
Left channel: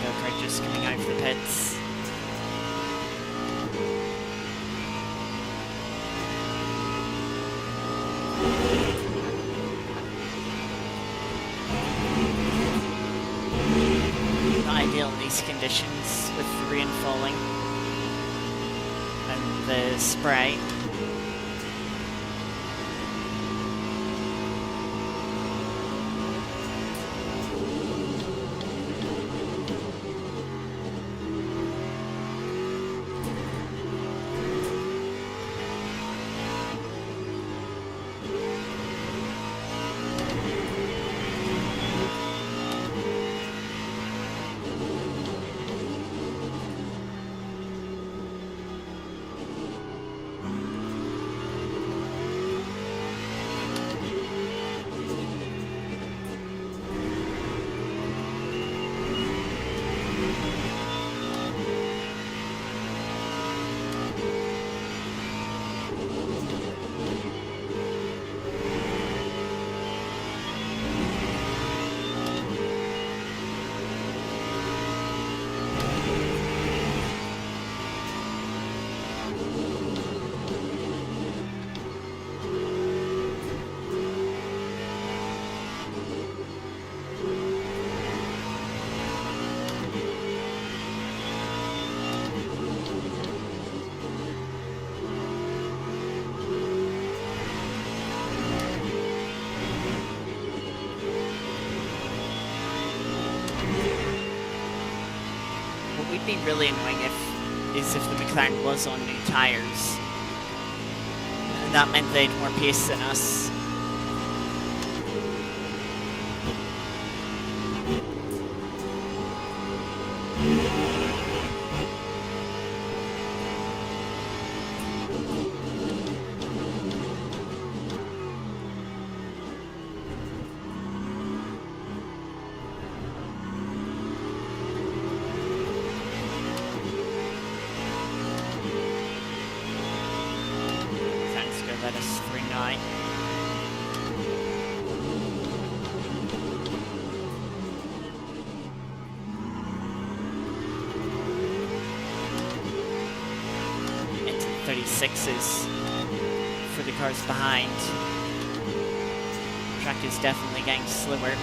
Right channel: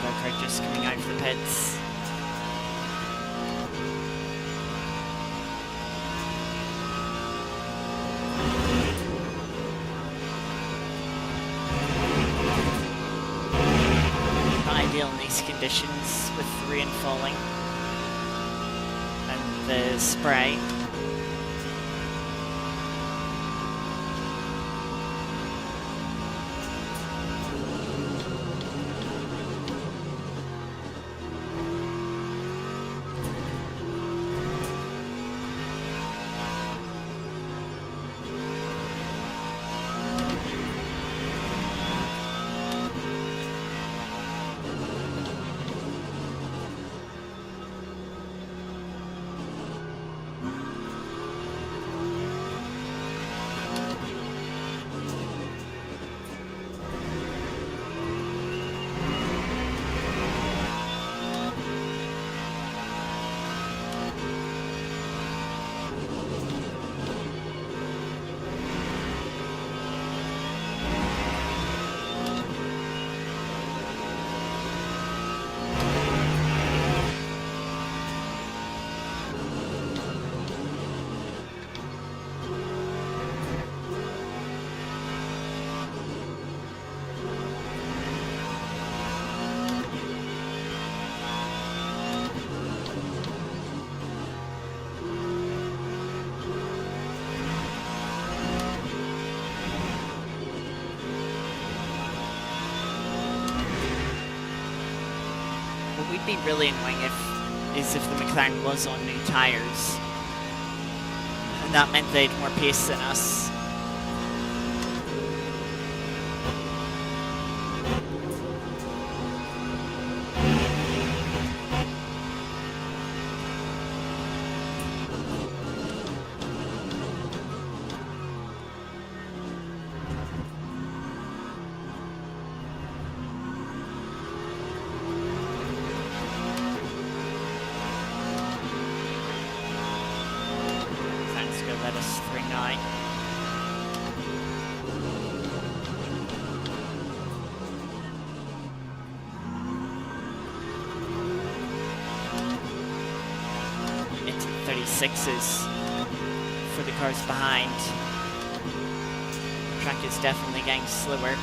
Go-kart just coming out of the pits. Not ideal in these conditions with the rain falling and the spray. what would be really annoying is if the McLaren was on new tyres. And that meant they had more pace than us. Let us through now. Into the 36s for the cars behind. The track is definitely getting slower.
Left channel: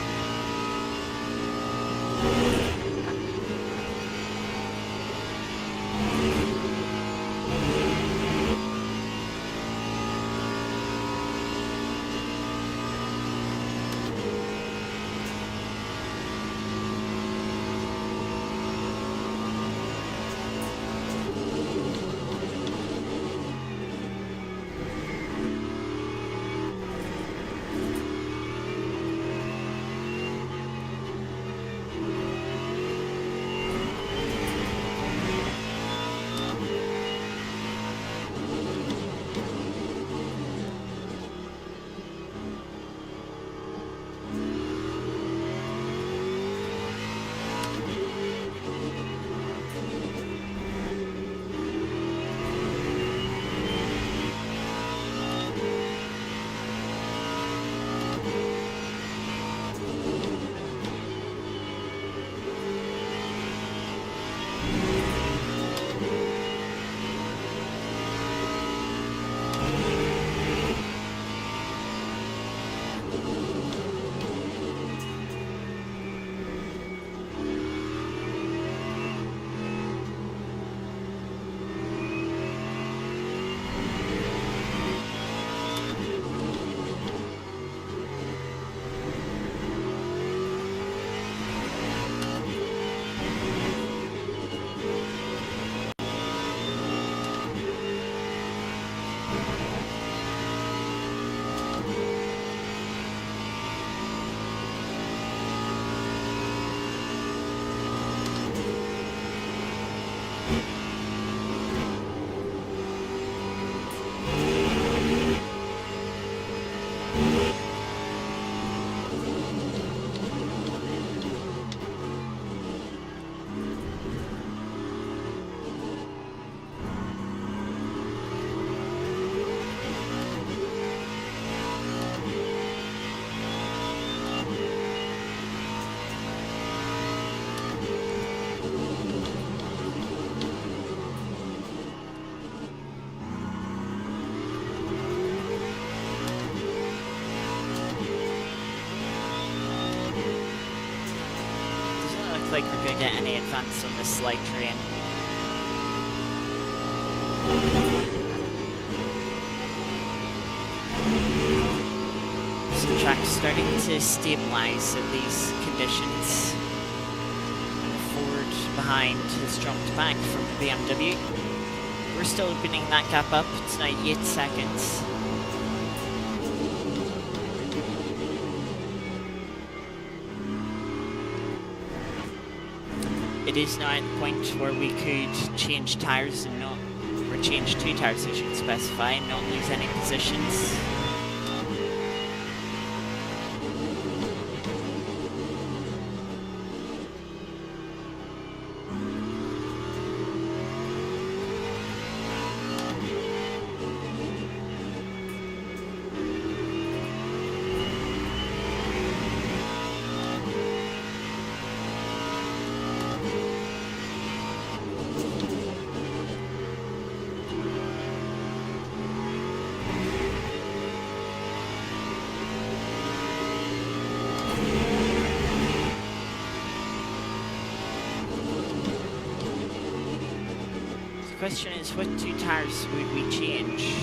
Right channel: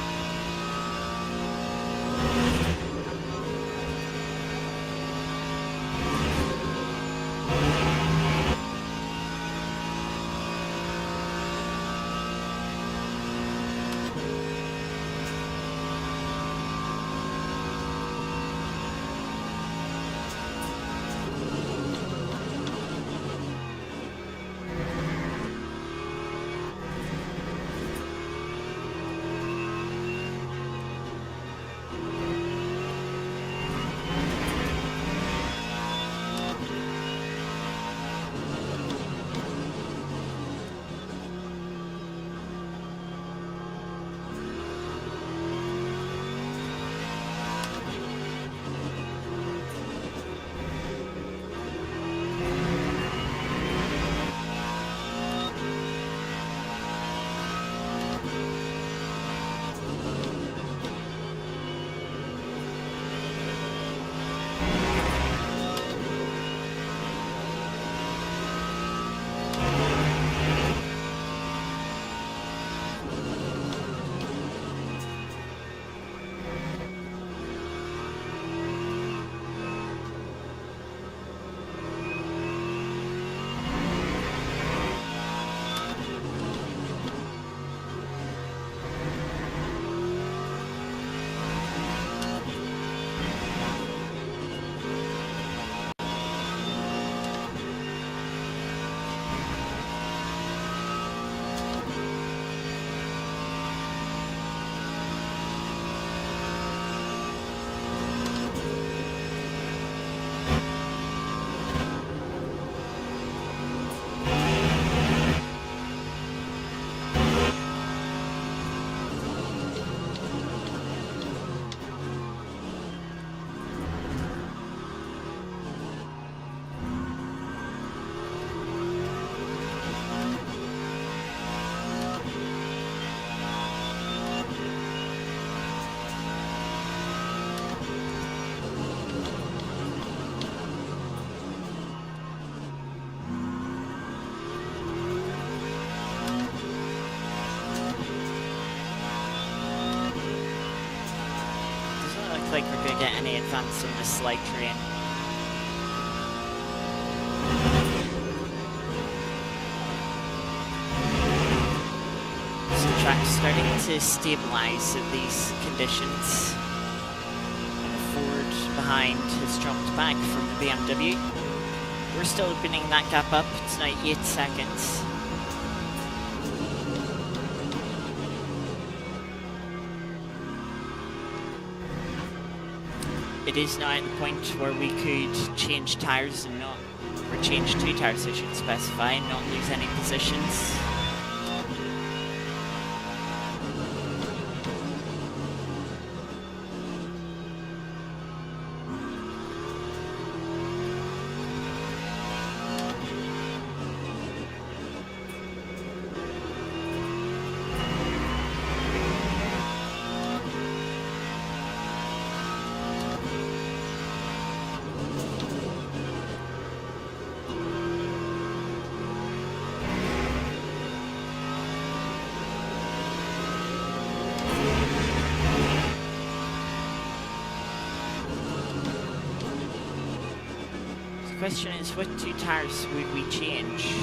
Like we're going to get any advance on this slide train. So the track's starting to stabilise at these conditions. And the Ford behind has dropped back from the BMW. We're still opening that gap up. It's now 8 seconds. It is now at the point where we could change tyres and not, or change 2 tyres I should specify, and not lose any positions. The question is, what 2 tyres would we change?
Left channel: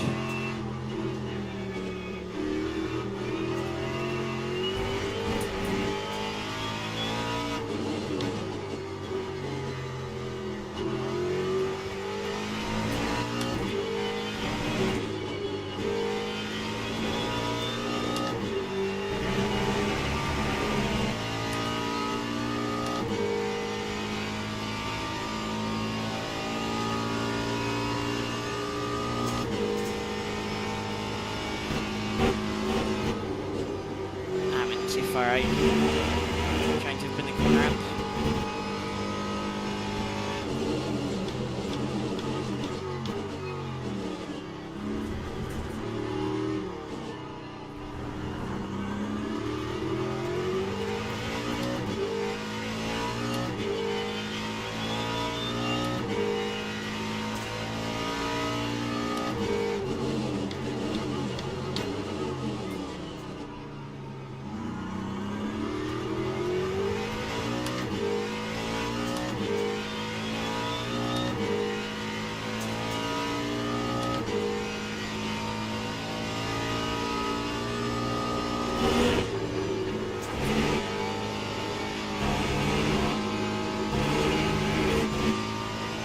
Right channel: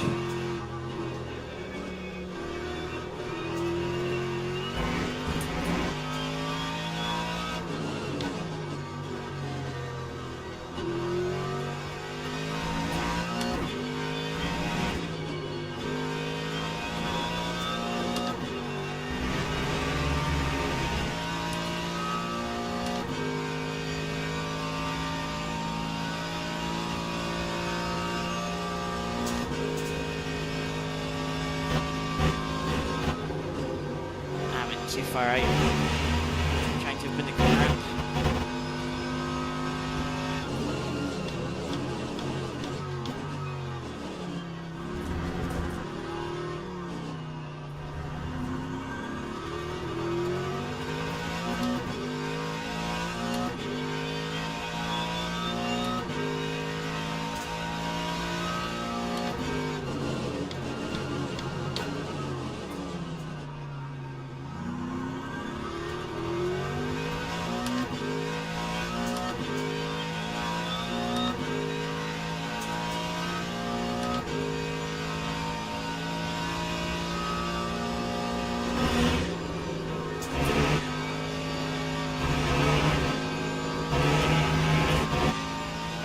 too far out. Trying to open the corner up.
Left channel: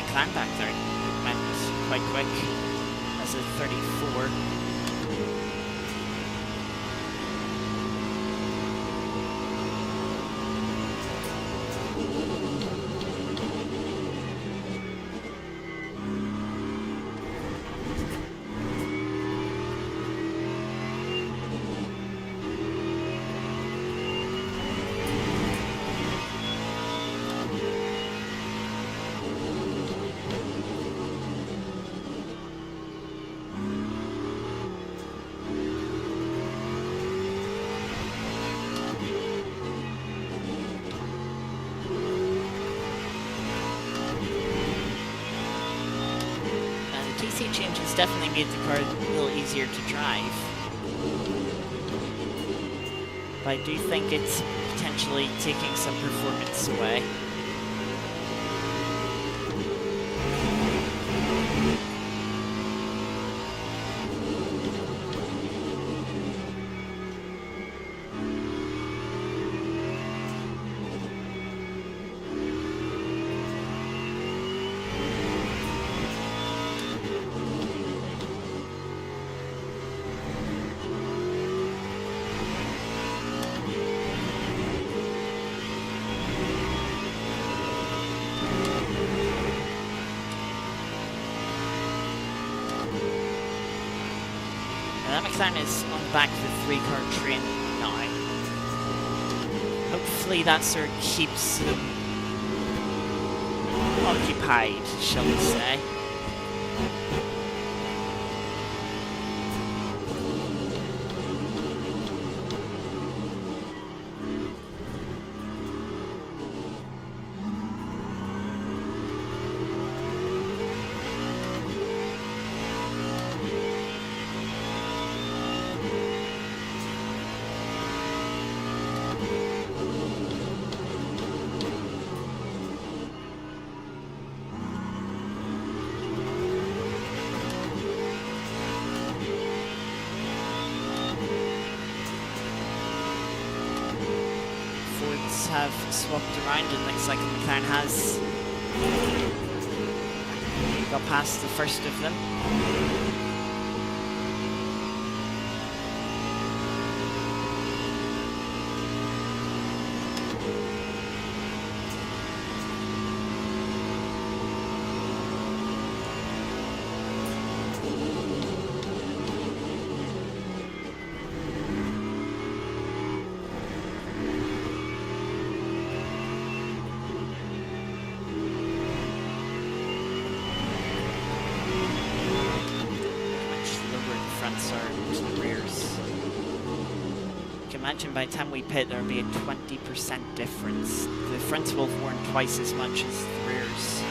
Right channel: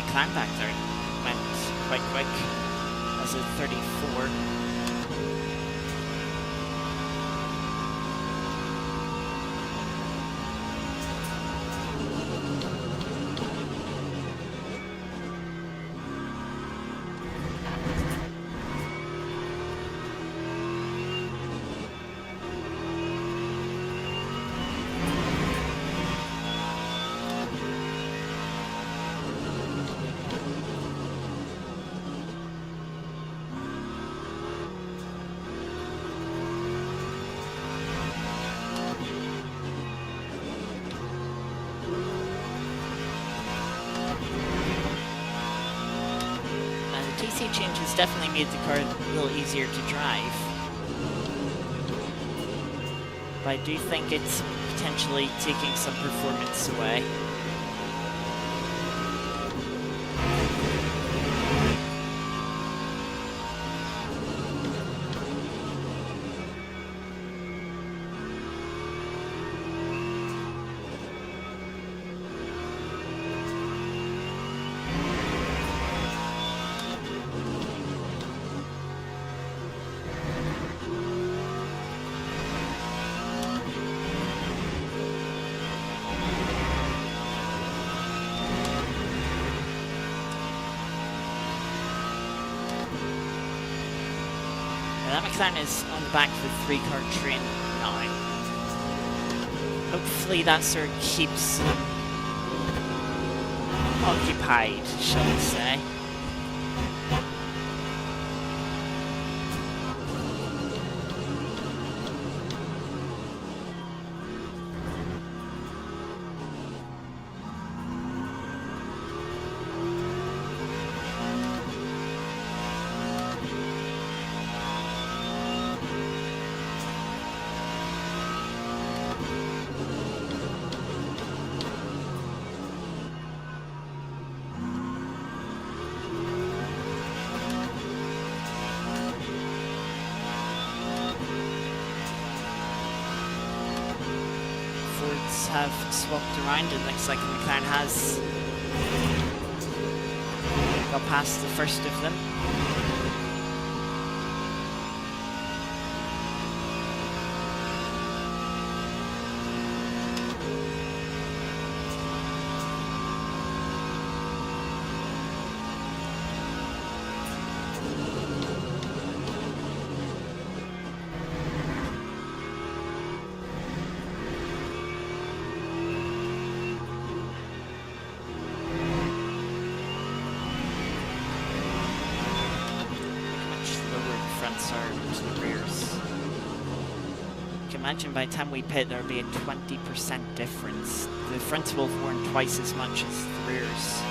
Climb back there went quite quick as a 34. TC change has definitely made the car a little easier to drive. But I do think it's potentially taking some performance away. That McLaren is on the back of the 3-car train now. Hopefully that sort of keeps them occupied, shall we say. Have swapped around, and looks like the McLaren has got past the first of them. Fronts are to the rears. You can imagine by the time we pit there'll be a 20% difference. The fronts will have worn twice as much as the rears.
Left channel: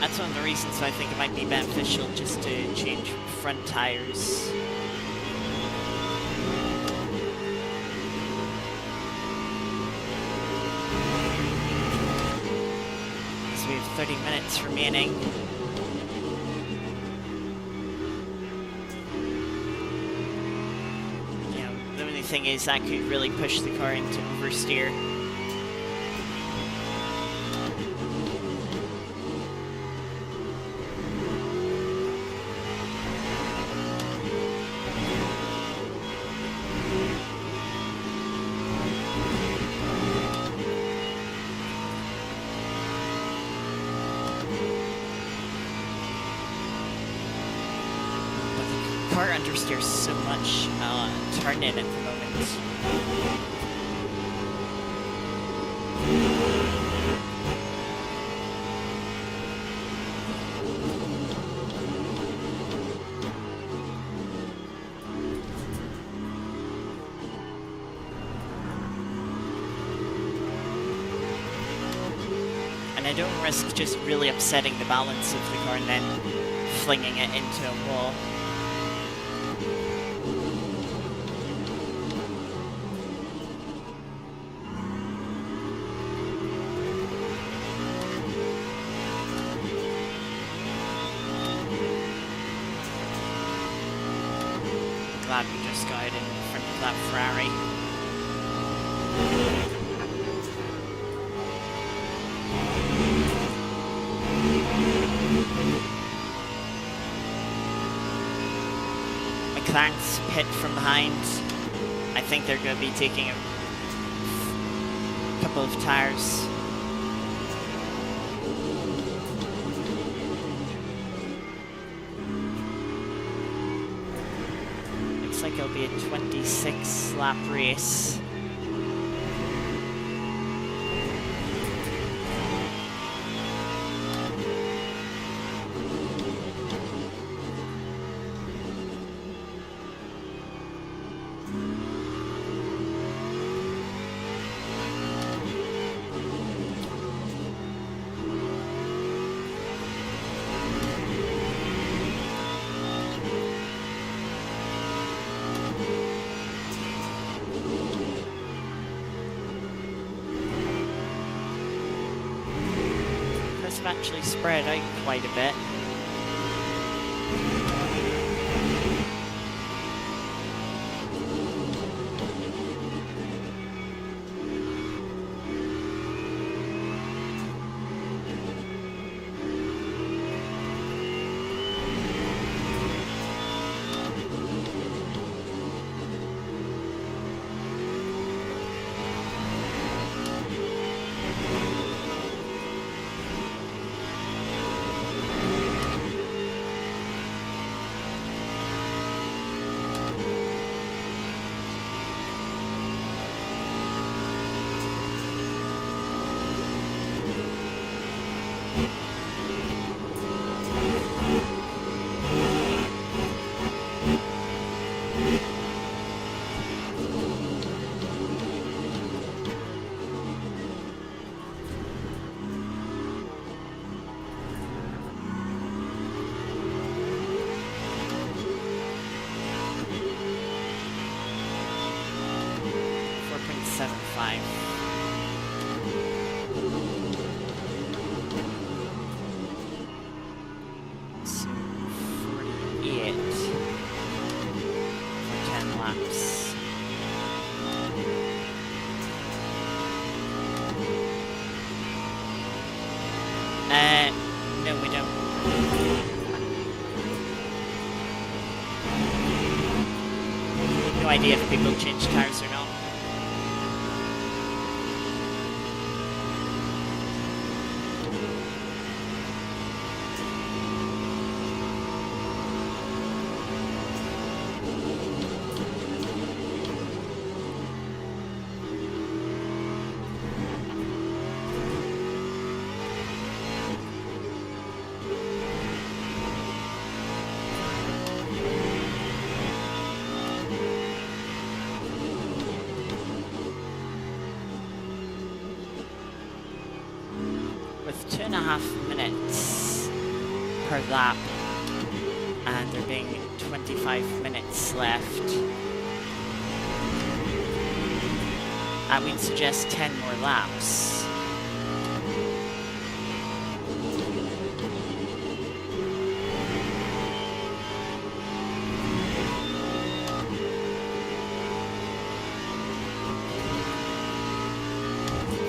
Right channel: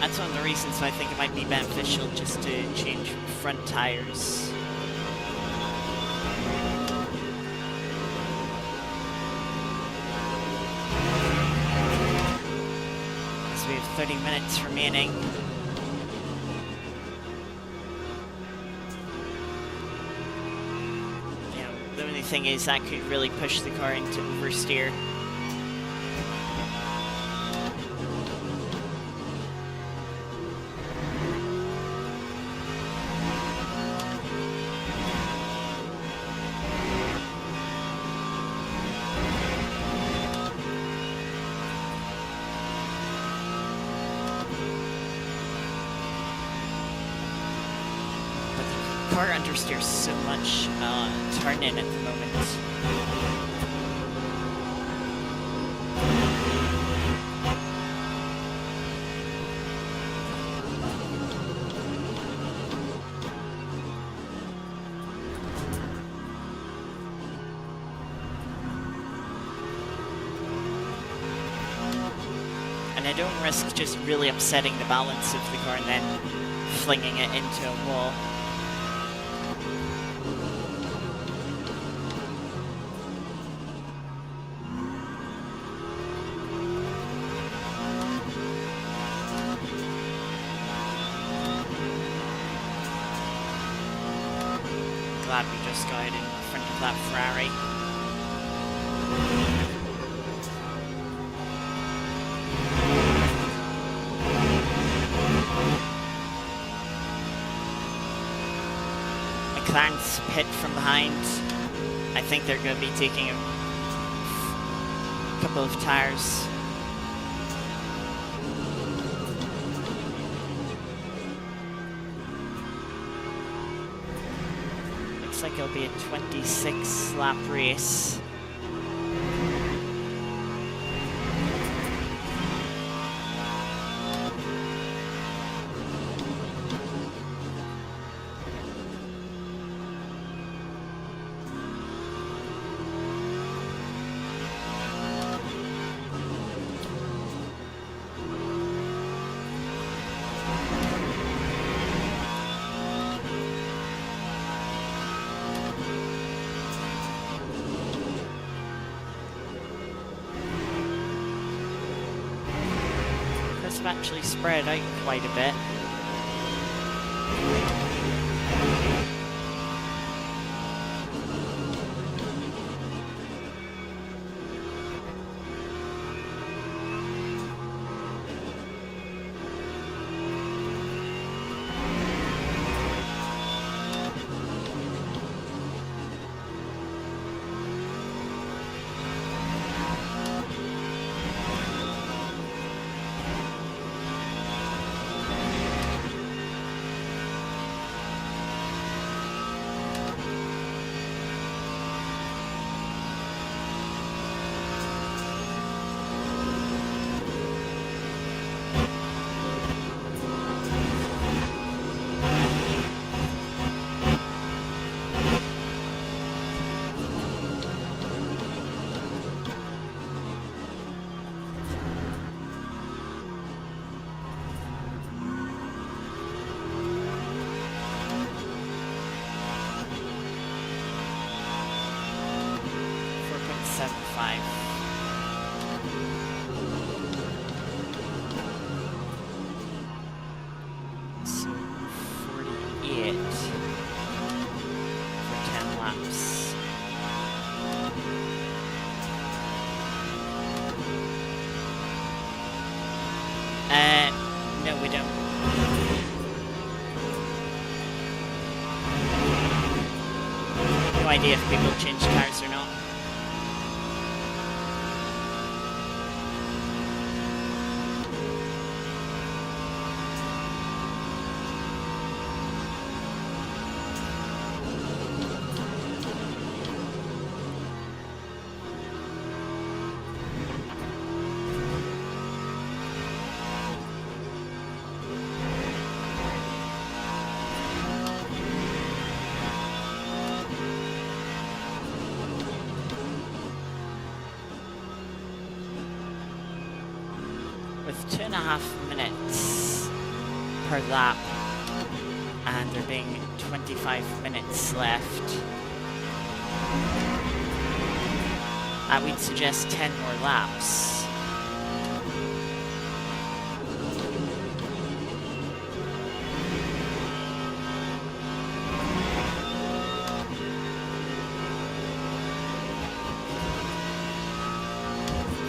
That's one of the reasons why I think it might be beneficial just to change front tires. We have 30 minutes remaining. You know, the only thing is that could really push the car into oversteer. car understeers so much turning at the moment. And I don't risk just really upsetting the balance of the car and then flinging it into a wall. Glad we just got it in front of that Ferrari. McLaren's pit from behind. I think they're going to be taking a couple of tires. Looks like it'll be a 26 lap race. Have actually spread out quite a bit. So 48 for 10 laps. No, we don't. No idea if people change tires or not. With 2.5 minutes per lap, and there being 25 minutes left, I would suggest 10 more laps.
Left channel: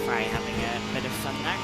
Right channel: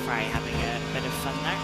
Ferrari having a bit of fun there.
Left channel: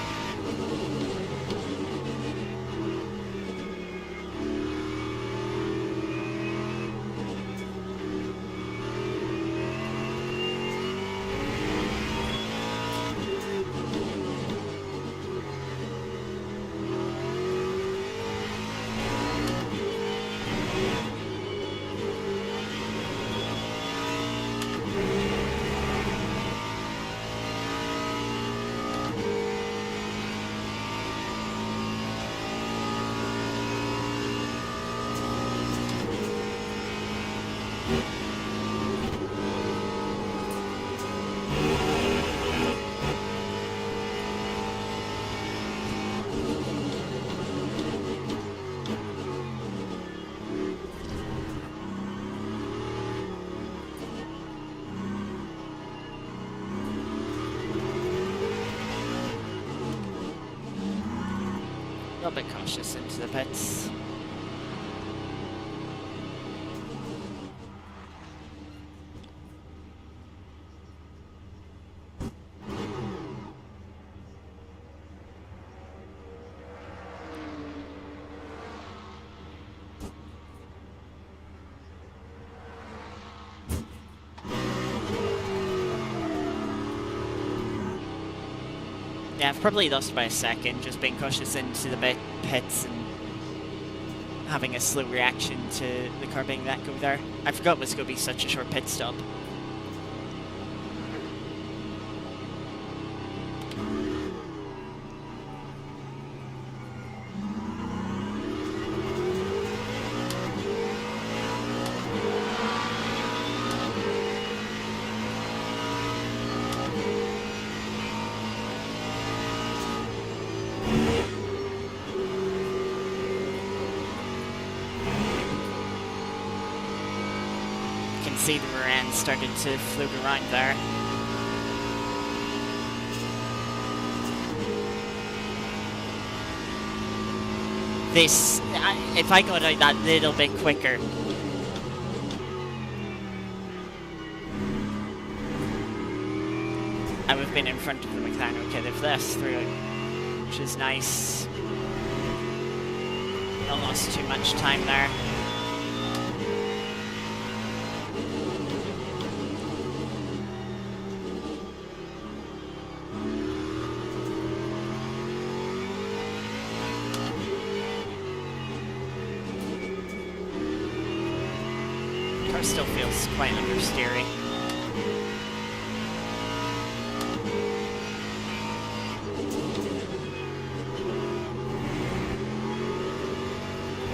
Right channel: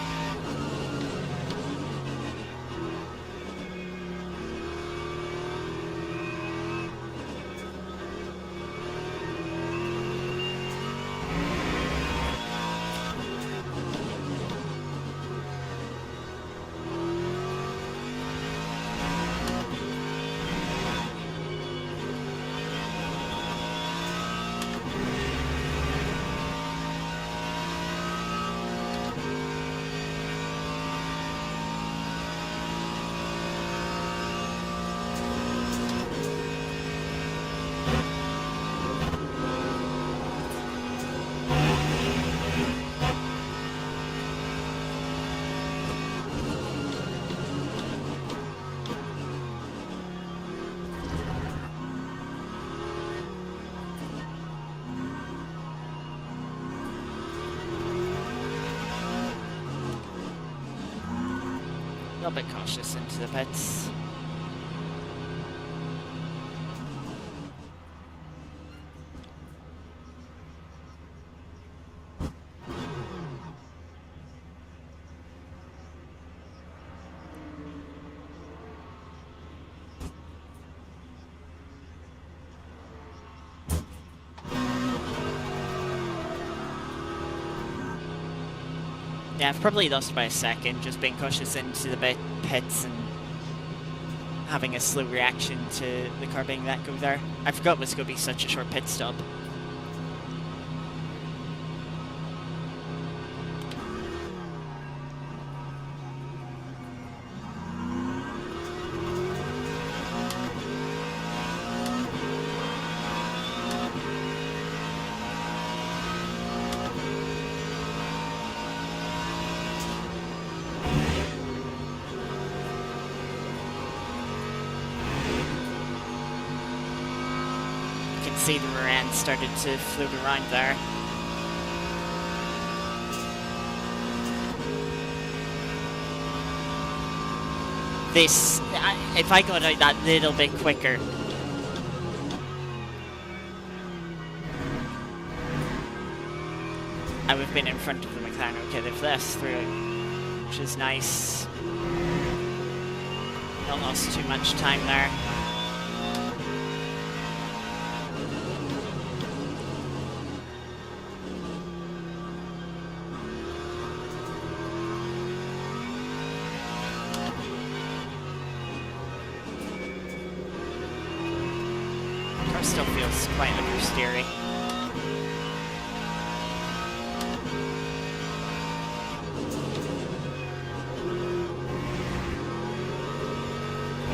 little bit cautious into the pits. Yeah, I've probably lost by a second, just being cautious into the pits and having a slow reaction to the car being that go there. I forgot it was going to be such a short pit stop. See the rear end started to float around there. This, if I got out that little bit quicker, I would have been in front of the McLaren. Okay, they've let us through, which is nice. Not lost too much time there. Still feels quite understeery.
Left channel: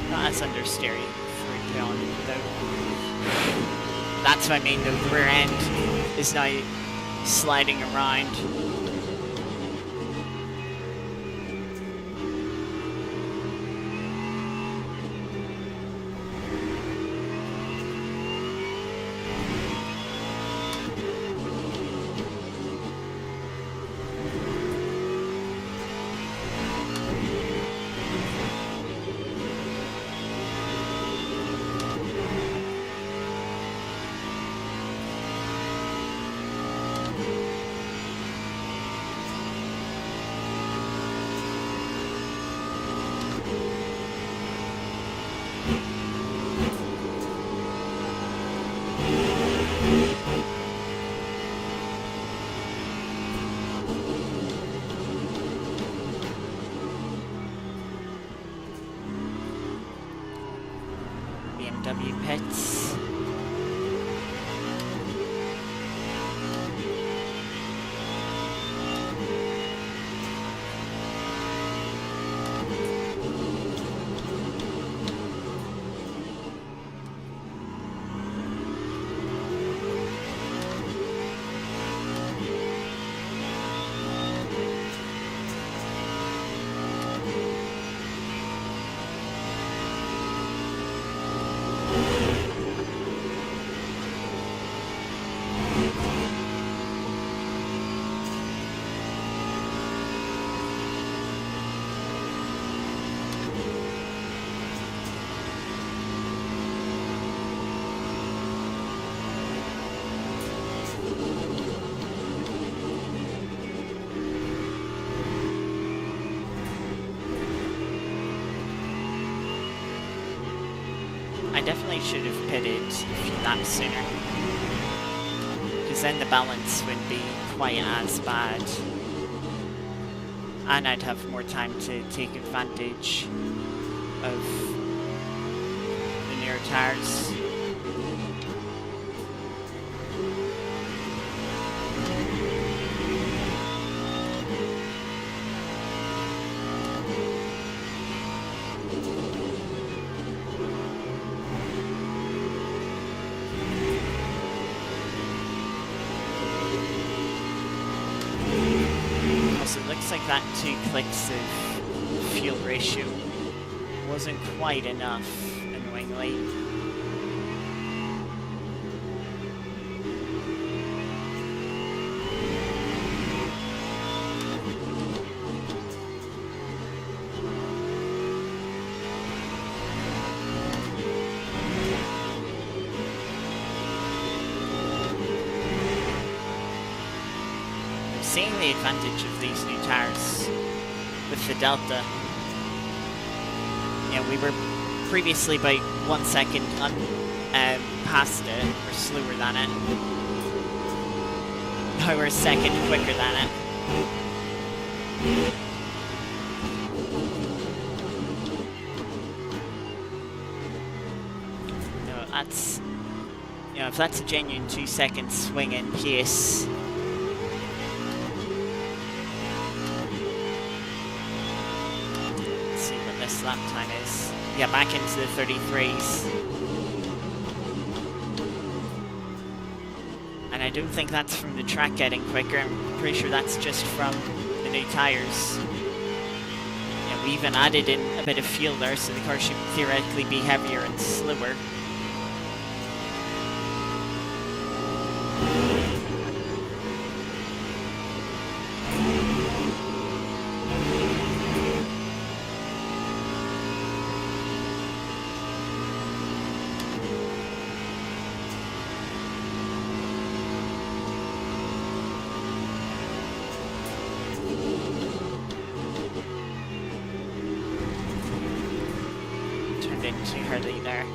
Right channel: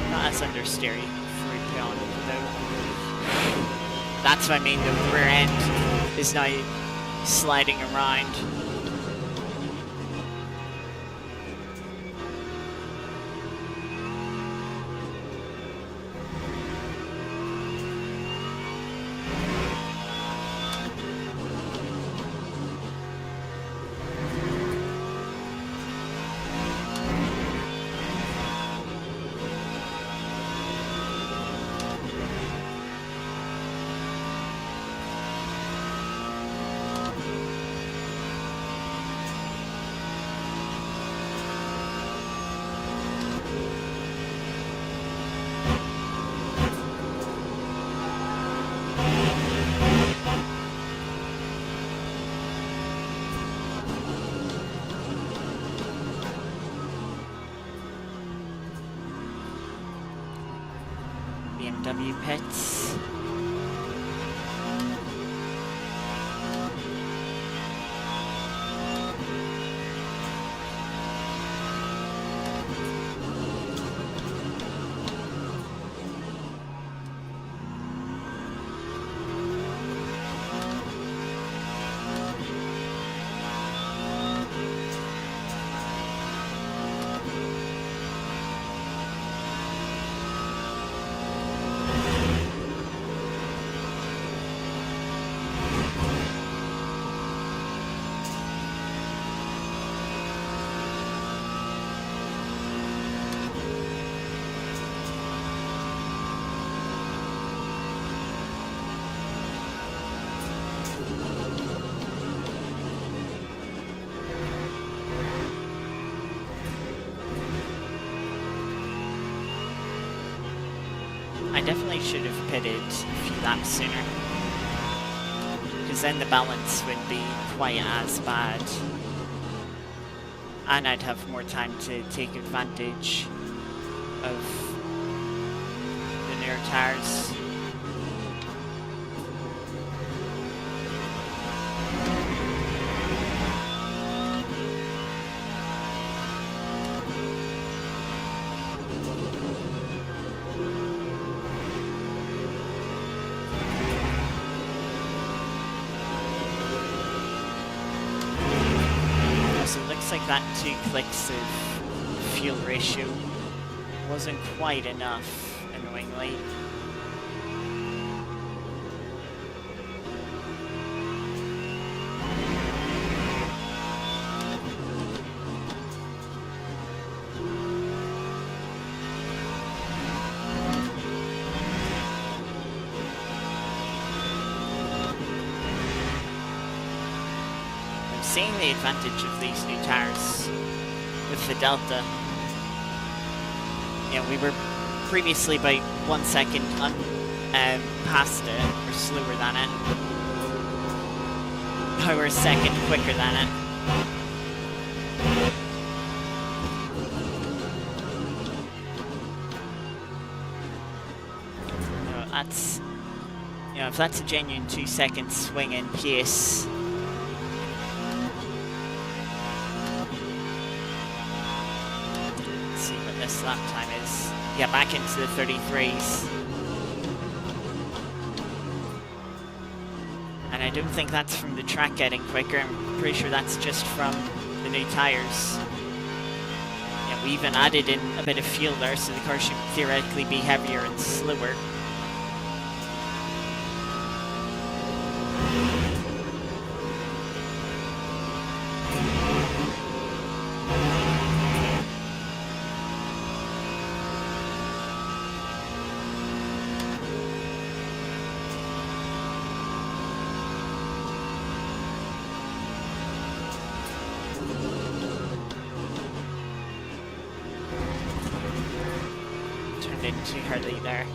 Not as understeery for beyond though. That's what I mean though, the rear end is now sliding around. BMW pits. I definitely should have pitted a few laps sooner, because then the balance wouldn't be quite as bad, and I'd have more time to take advantage of the newer tires. So it looks like that 2 clicks of fuel ratio wasn't quite enough, annoyingly. seeing the advantage of these new tires with the Delta. You know, we were previously by 1 second past it, or slower than it. Now we're a second quicker than it. No, that's, you know, if that's a genuine 2 second swing in pace. Let's see what this lap time is. Yeah, back into the 33s. And I don't think that's from the track getting quicker. I'm pretty sure that's just from the new tyres. Yeah, we even added in a bit of fuel there, so the car should theoretically be heavier and slower. Too early there.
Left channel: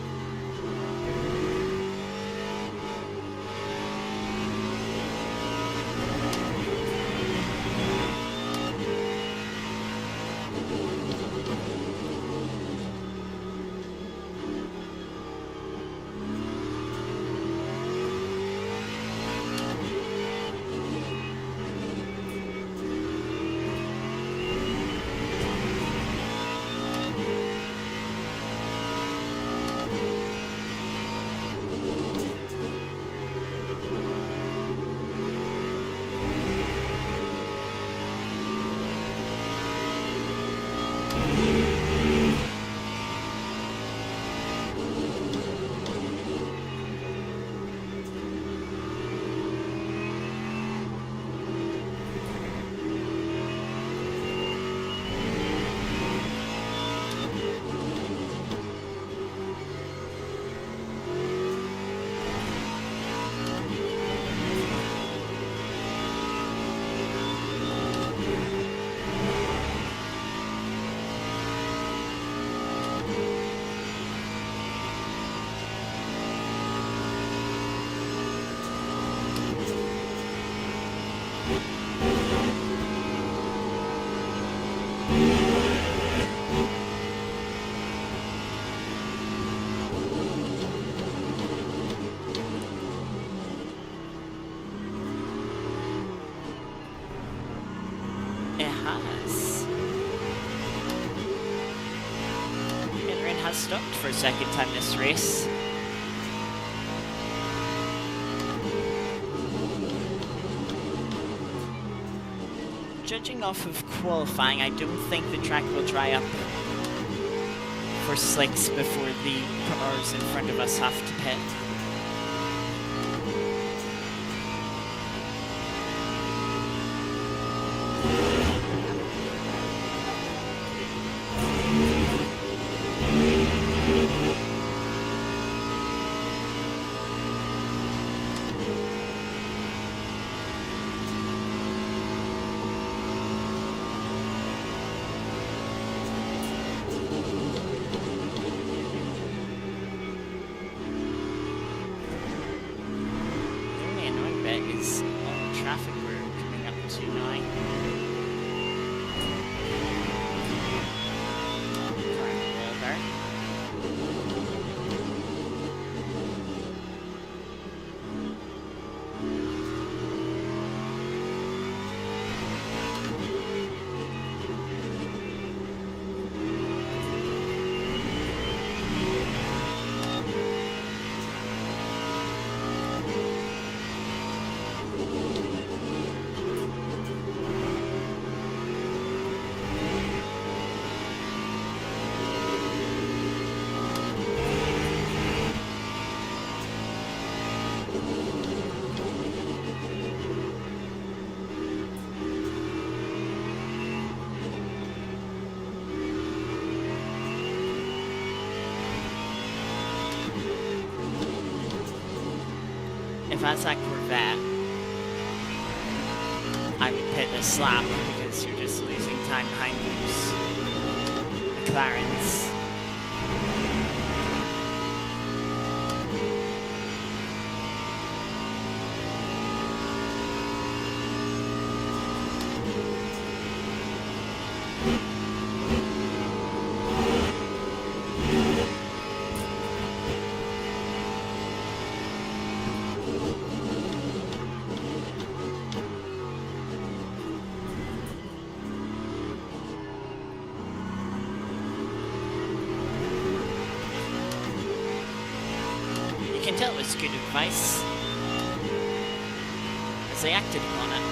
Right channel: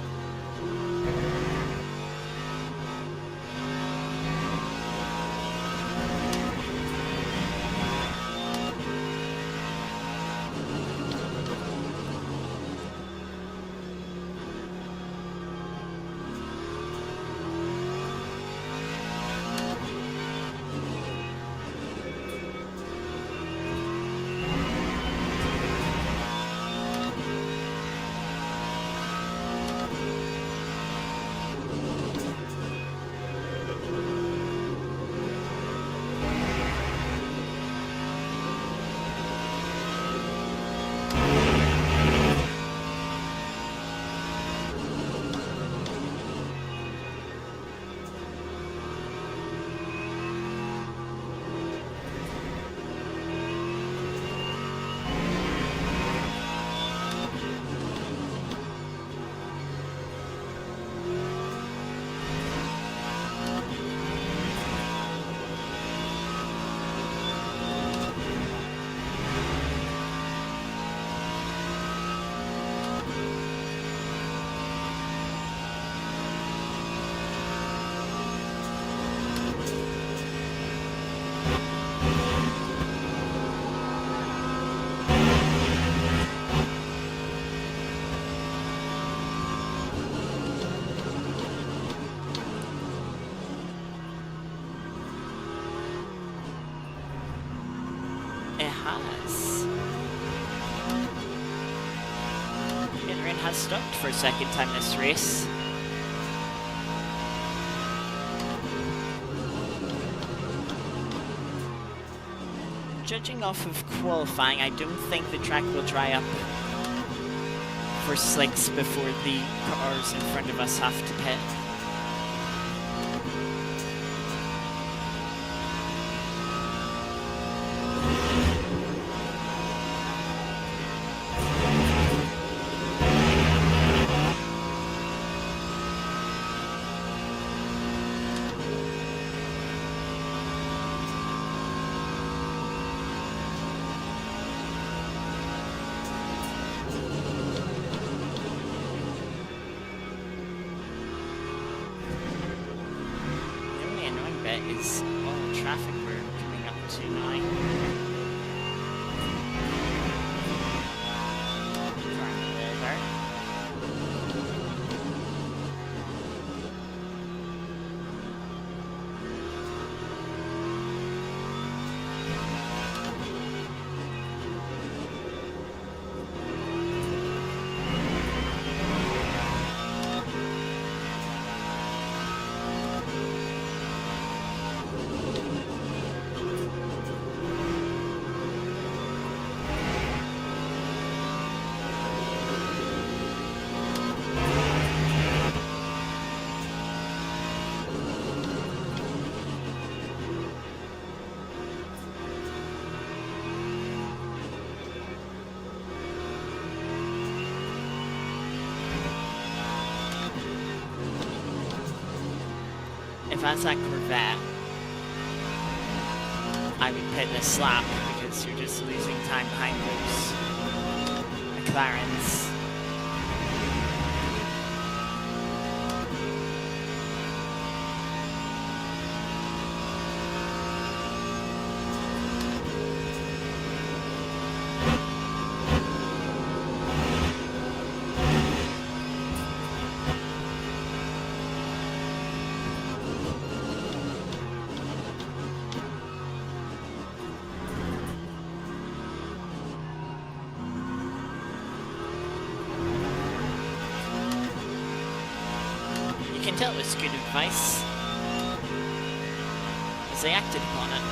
It has. Yeah, the rain has stopped for a second time this race. Judging off of qualifying, I don't think the track will dry up for slicks before the cars in front of us have to pit. Is all the traffic we're coming up to now. Car in the wall there. If that's that Corvette, I would pit this lap because you're just losing time behind those McLarens. You can tell it was good advice, as they acted upon it.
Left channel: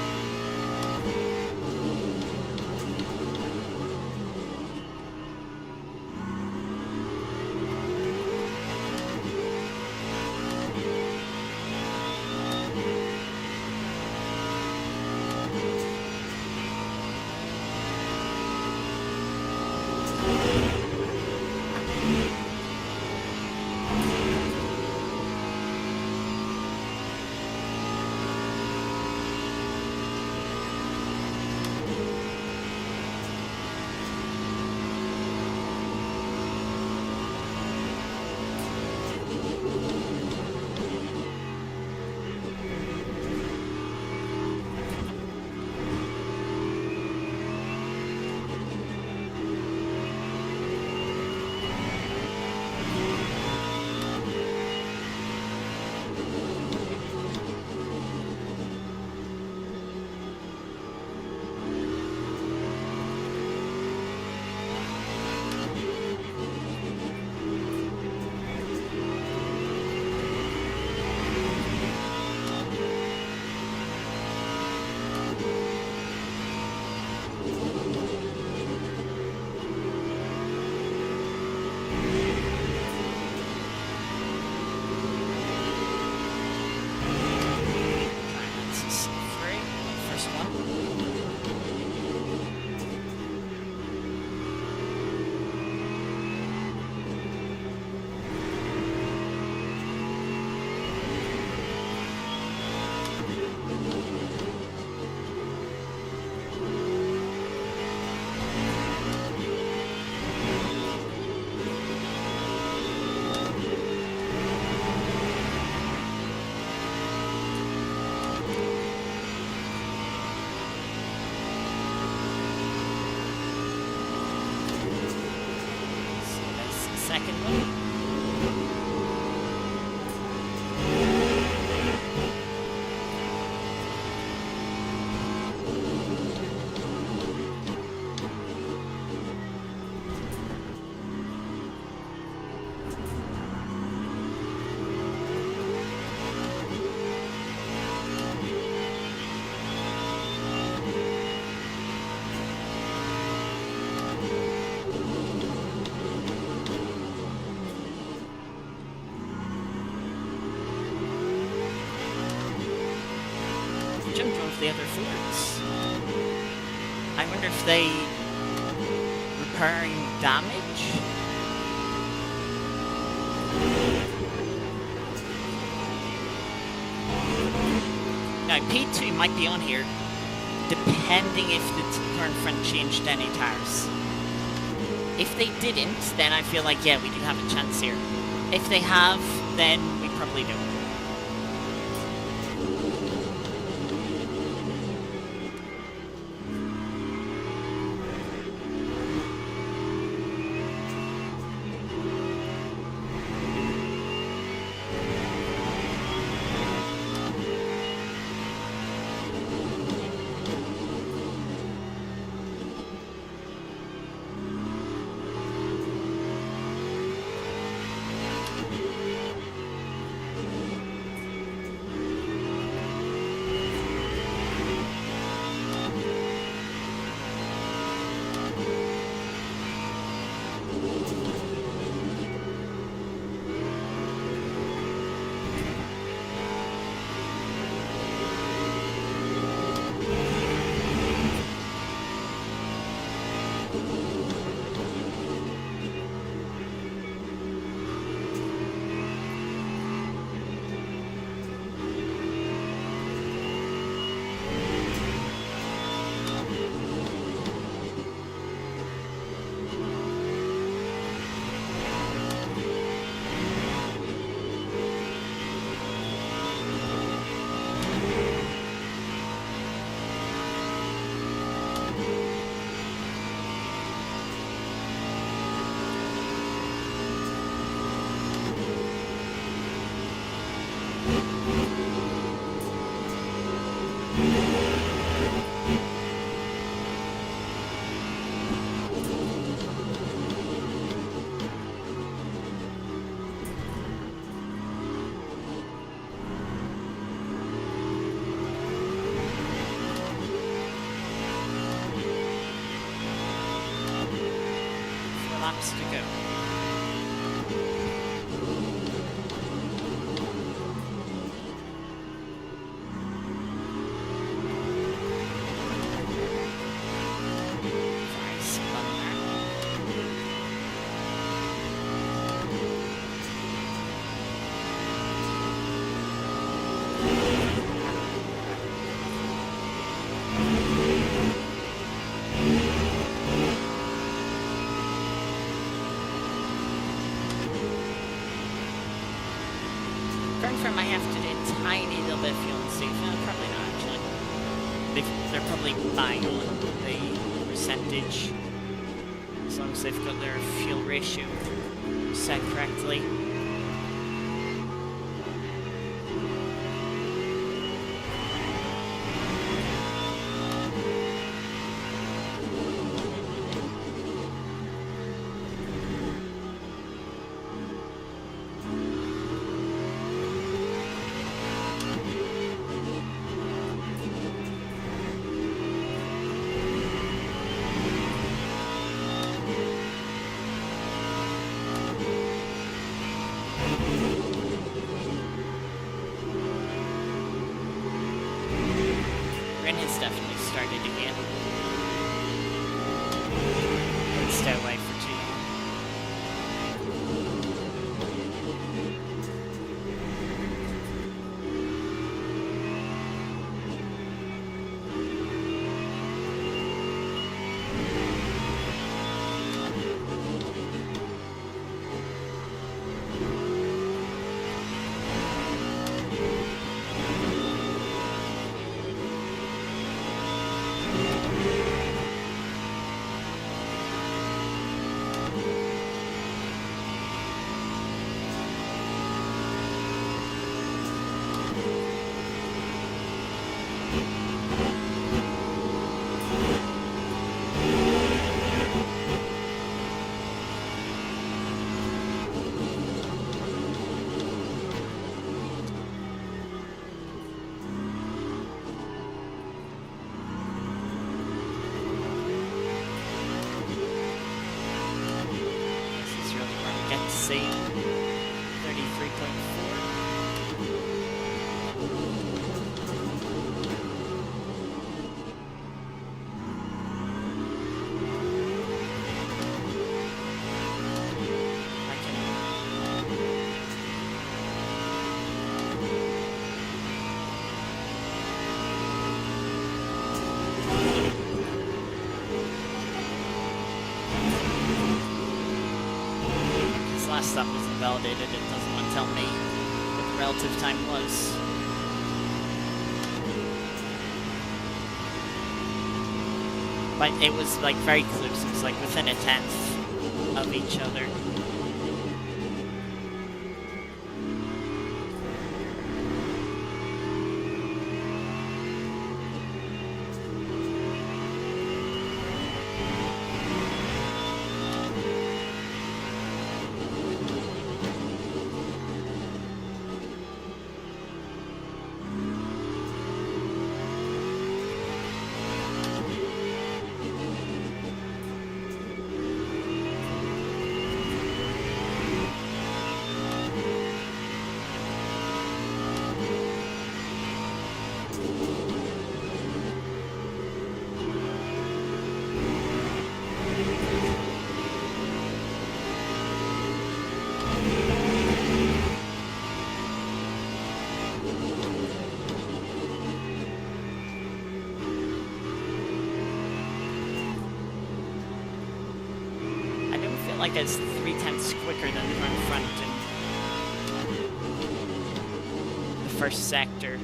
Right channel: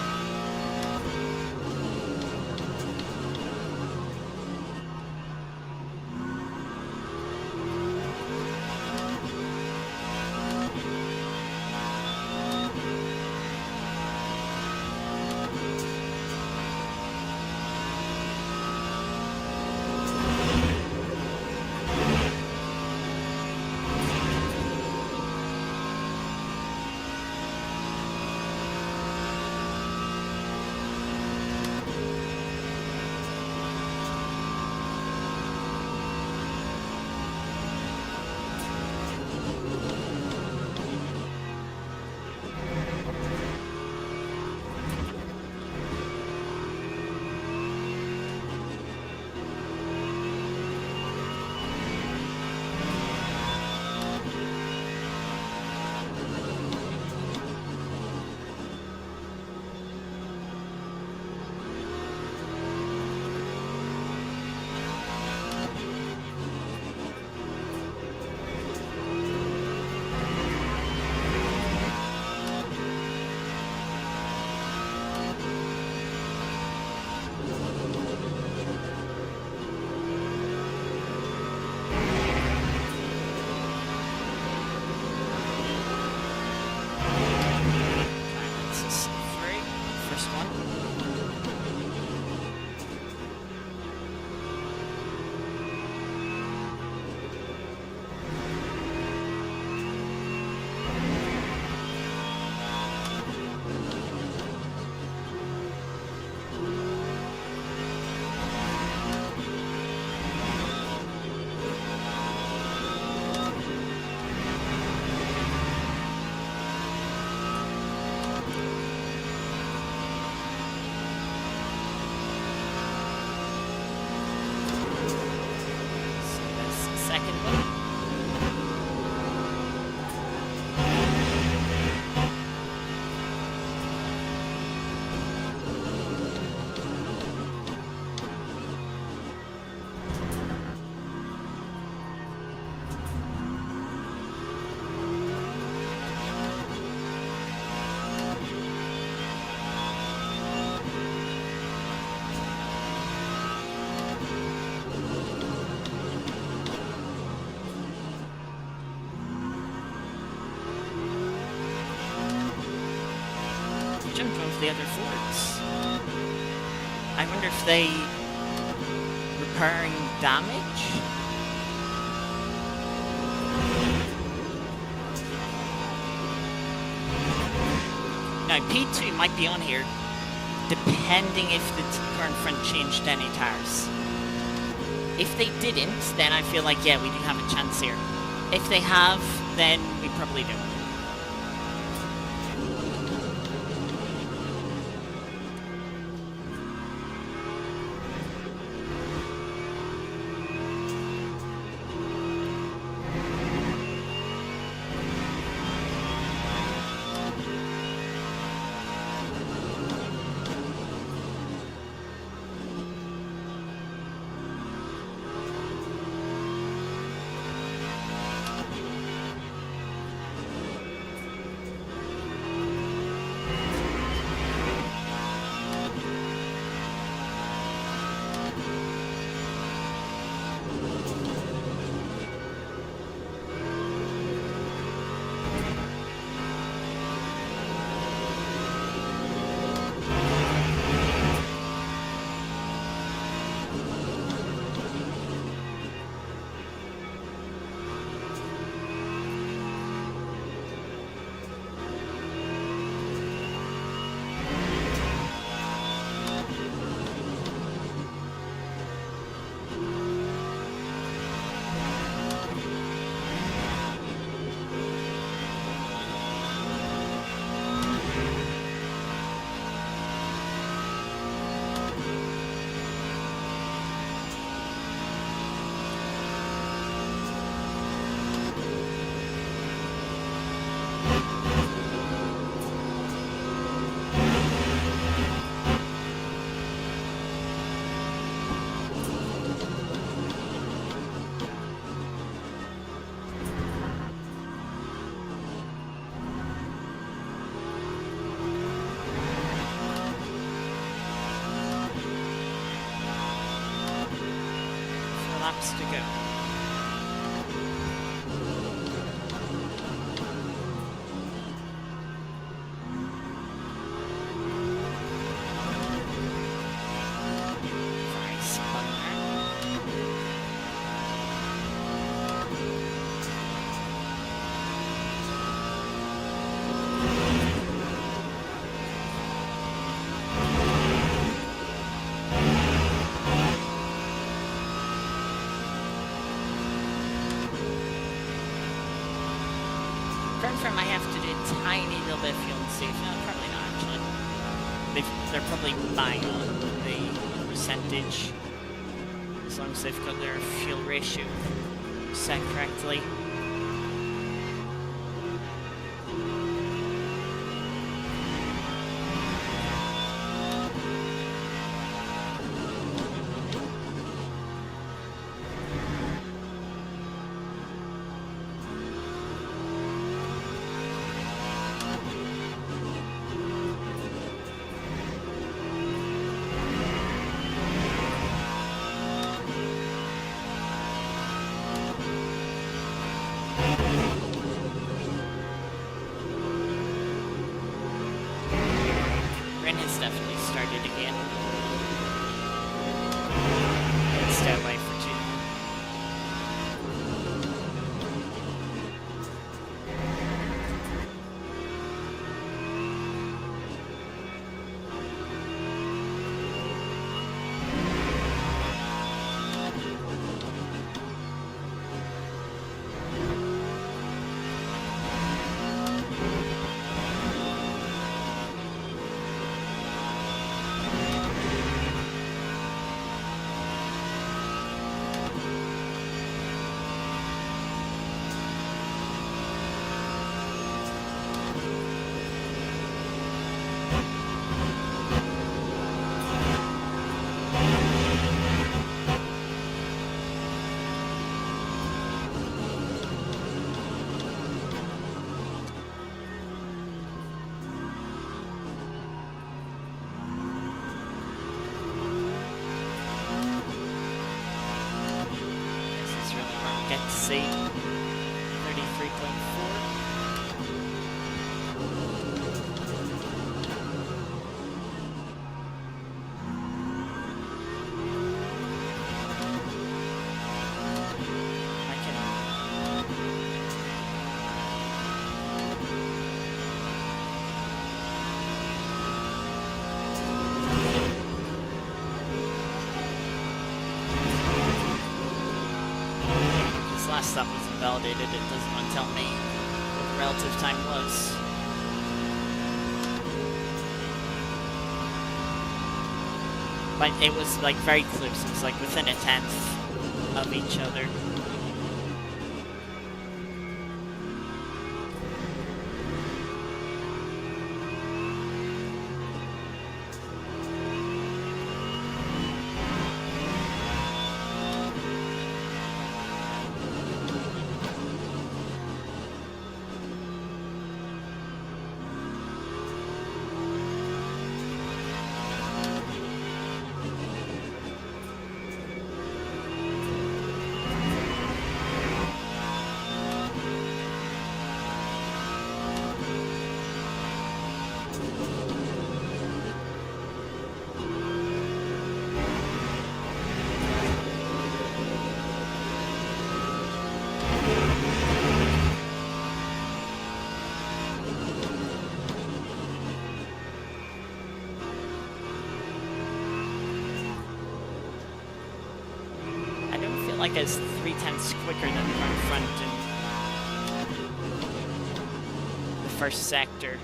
Second one. Jumped one of the other Fords. I wonder if they repairing damage? Now P2 might be on here, depending if the current front changed any tires. If they didn't, then I feel like, yeah, we do have a chance here. If they have, then we probably don't. more laps to go. Sorry, spun there. Confirm I have to do a tiny little bit of fuel and save. No, probably not actually. They're probably bang on the percentage. As long as they've got their fuel ratio set correctly. Has definitely started again. Didn't stay away for too long. Get to see 33.4. Last stop was invalidated, it doesn't want to tell me what the relative time was. But it was like very close, it was like within a tenth of each other. Like it's 3/10 quicker than the car in front in the first sector.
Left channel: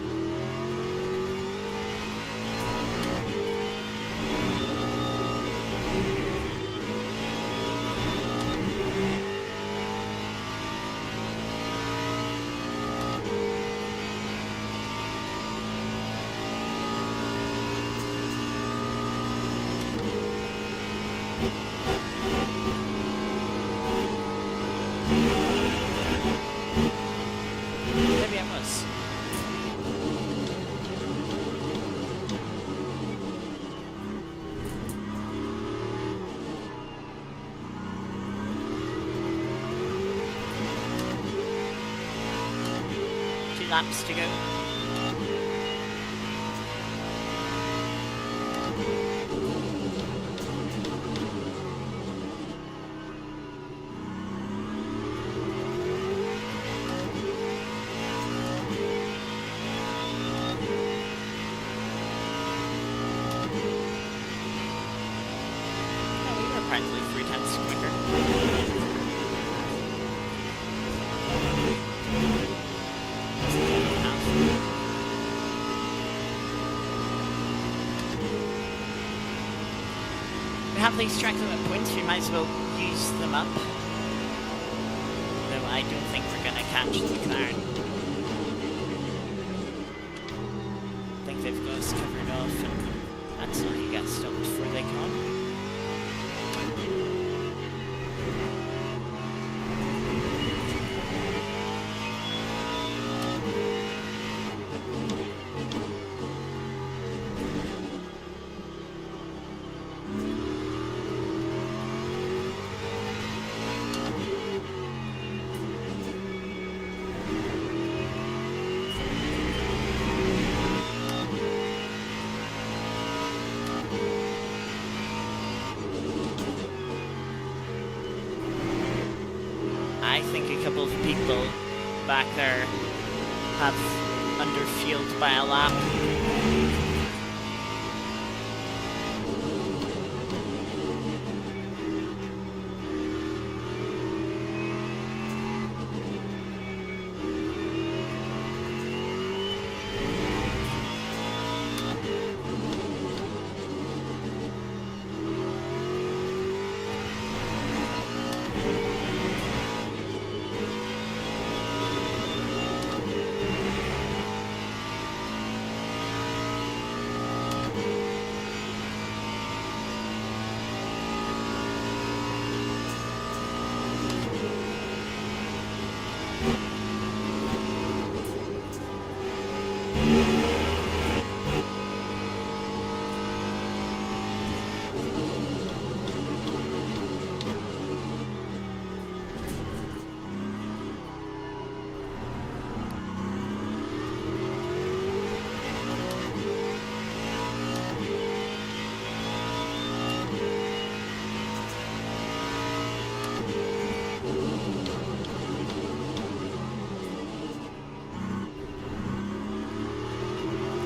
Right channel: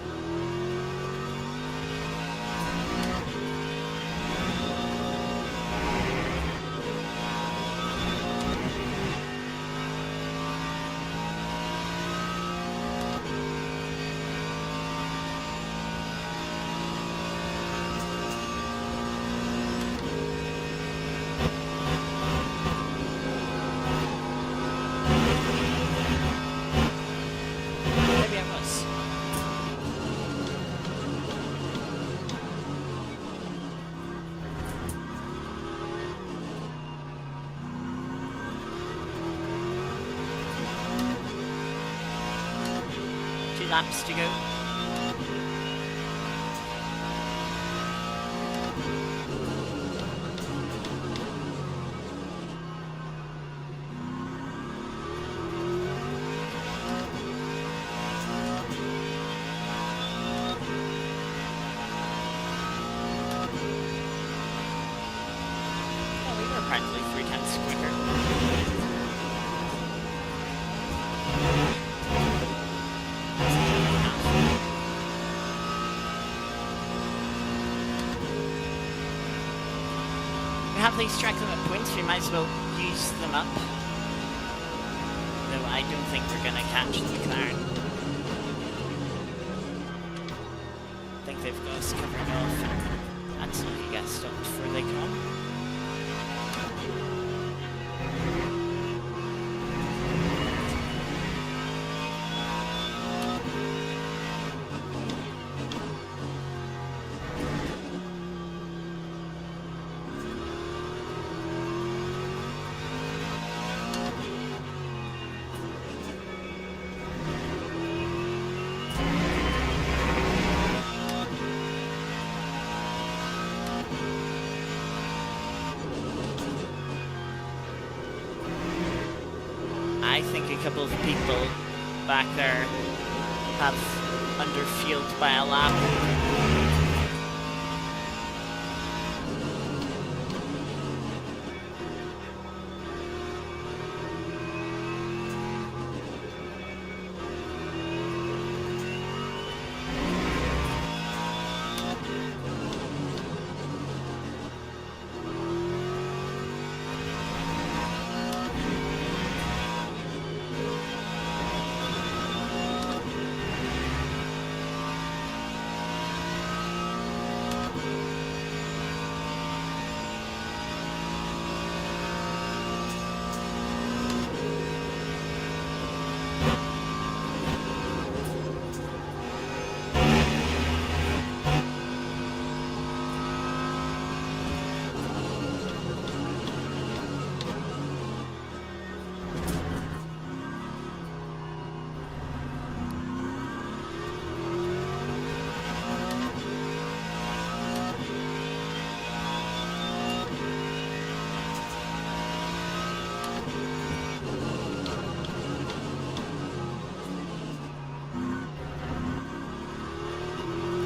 laps to go. Apparently 3 times quicker. We have these track limit points, we might as well use them up. Though I don't think we're gonna catch the McLaren. I think they've got us covered off, and that's how you get stopped before they come. I think a couple of people back there have underfueled by a lap.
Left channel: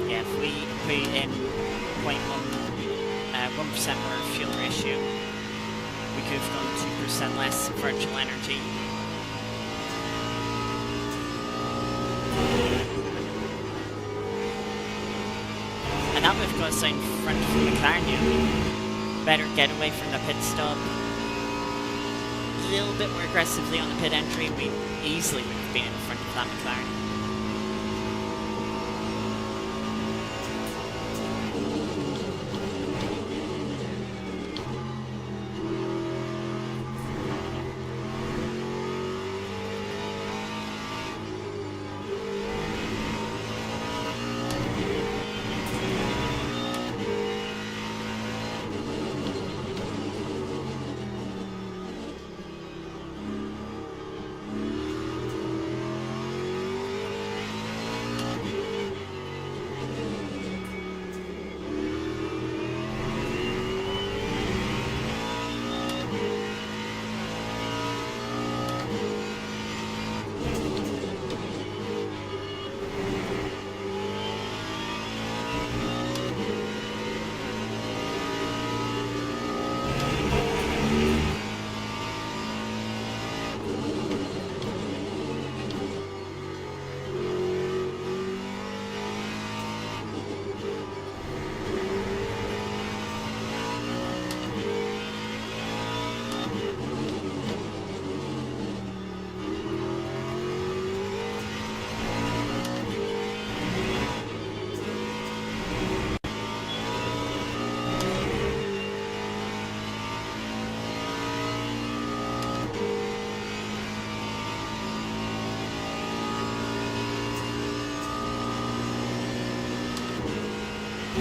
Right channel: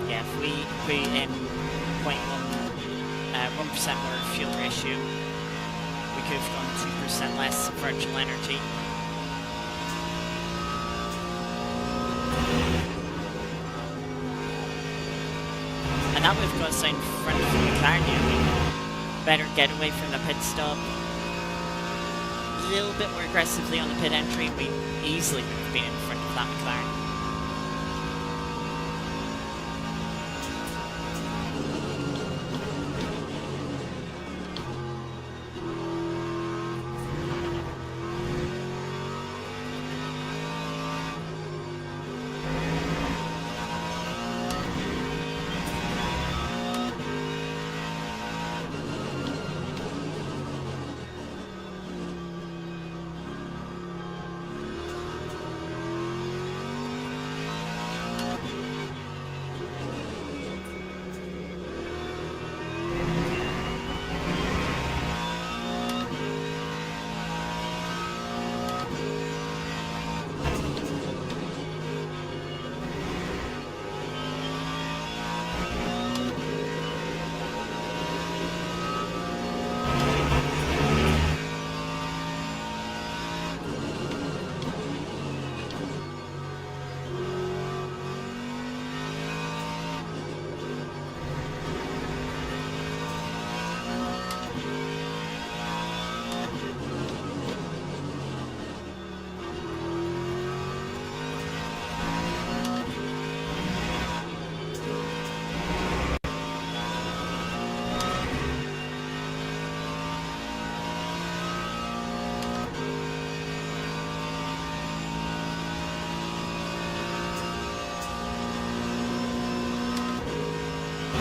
Yeah, if we put in 1% more fuel ratio, we could have gone 2% less virtual energy. And now we've got us in front of the McLaren. Yeah, better get away from the pit stop. A little bit more aggressively on the pit entry, we easily would have been in front of that McLaren.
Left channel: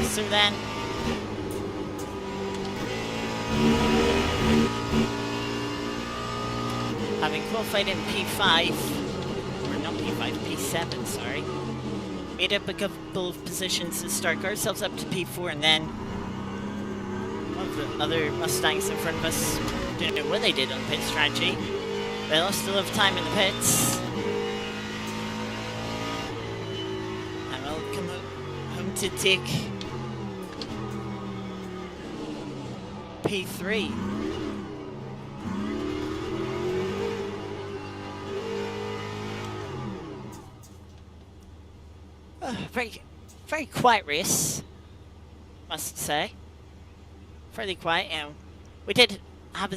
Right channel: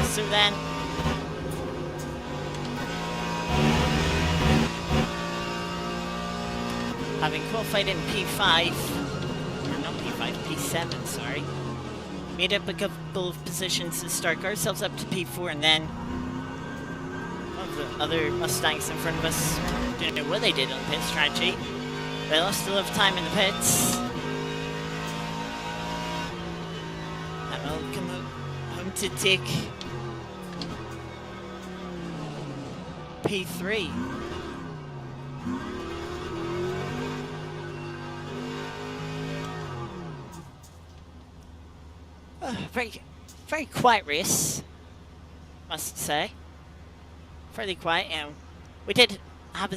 So then, having qualified in P5, or not P5, P5, P7, sorry. Made up a couple of positions to start, got ourselves up to P4, and then one of the other Mustangs in front of us, don't know what they did on pit strategy. They lost a lot of time in the pits. And we'll come home to take P3. Very quiet race, must say. Fairly quiet. We did have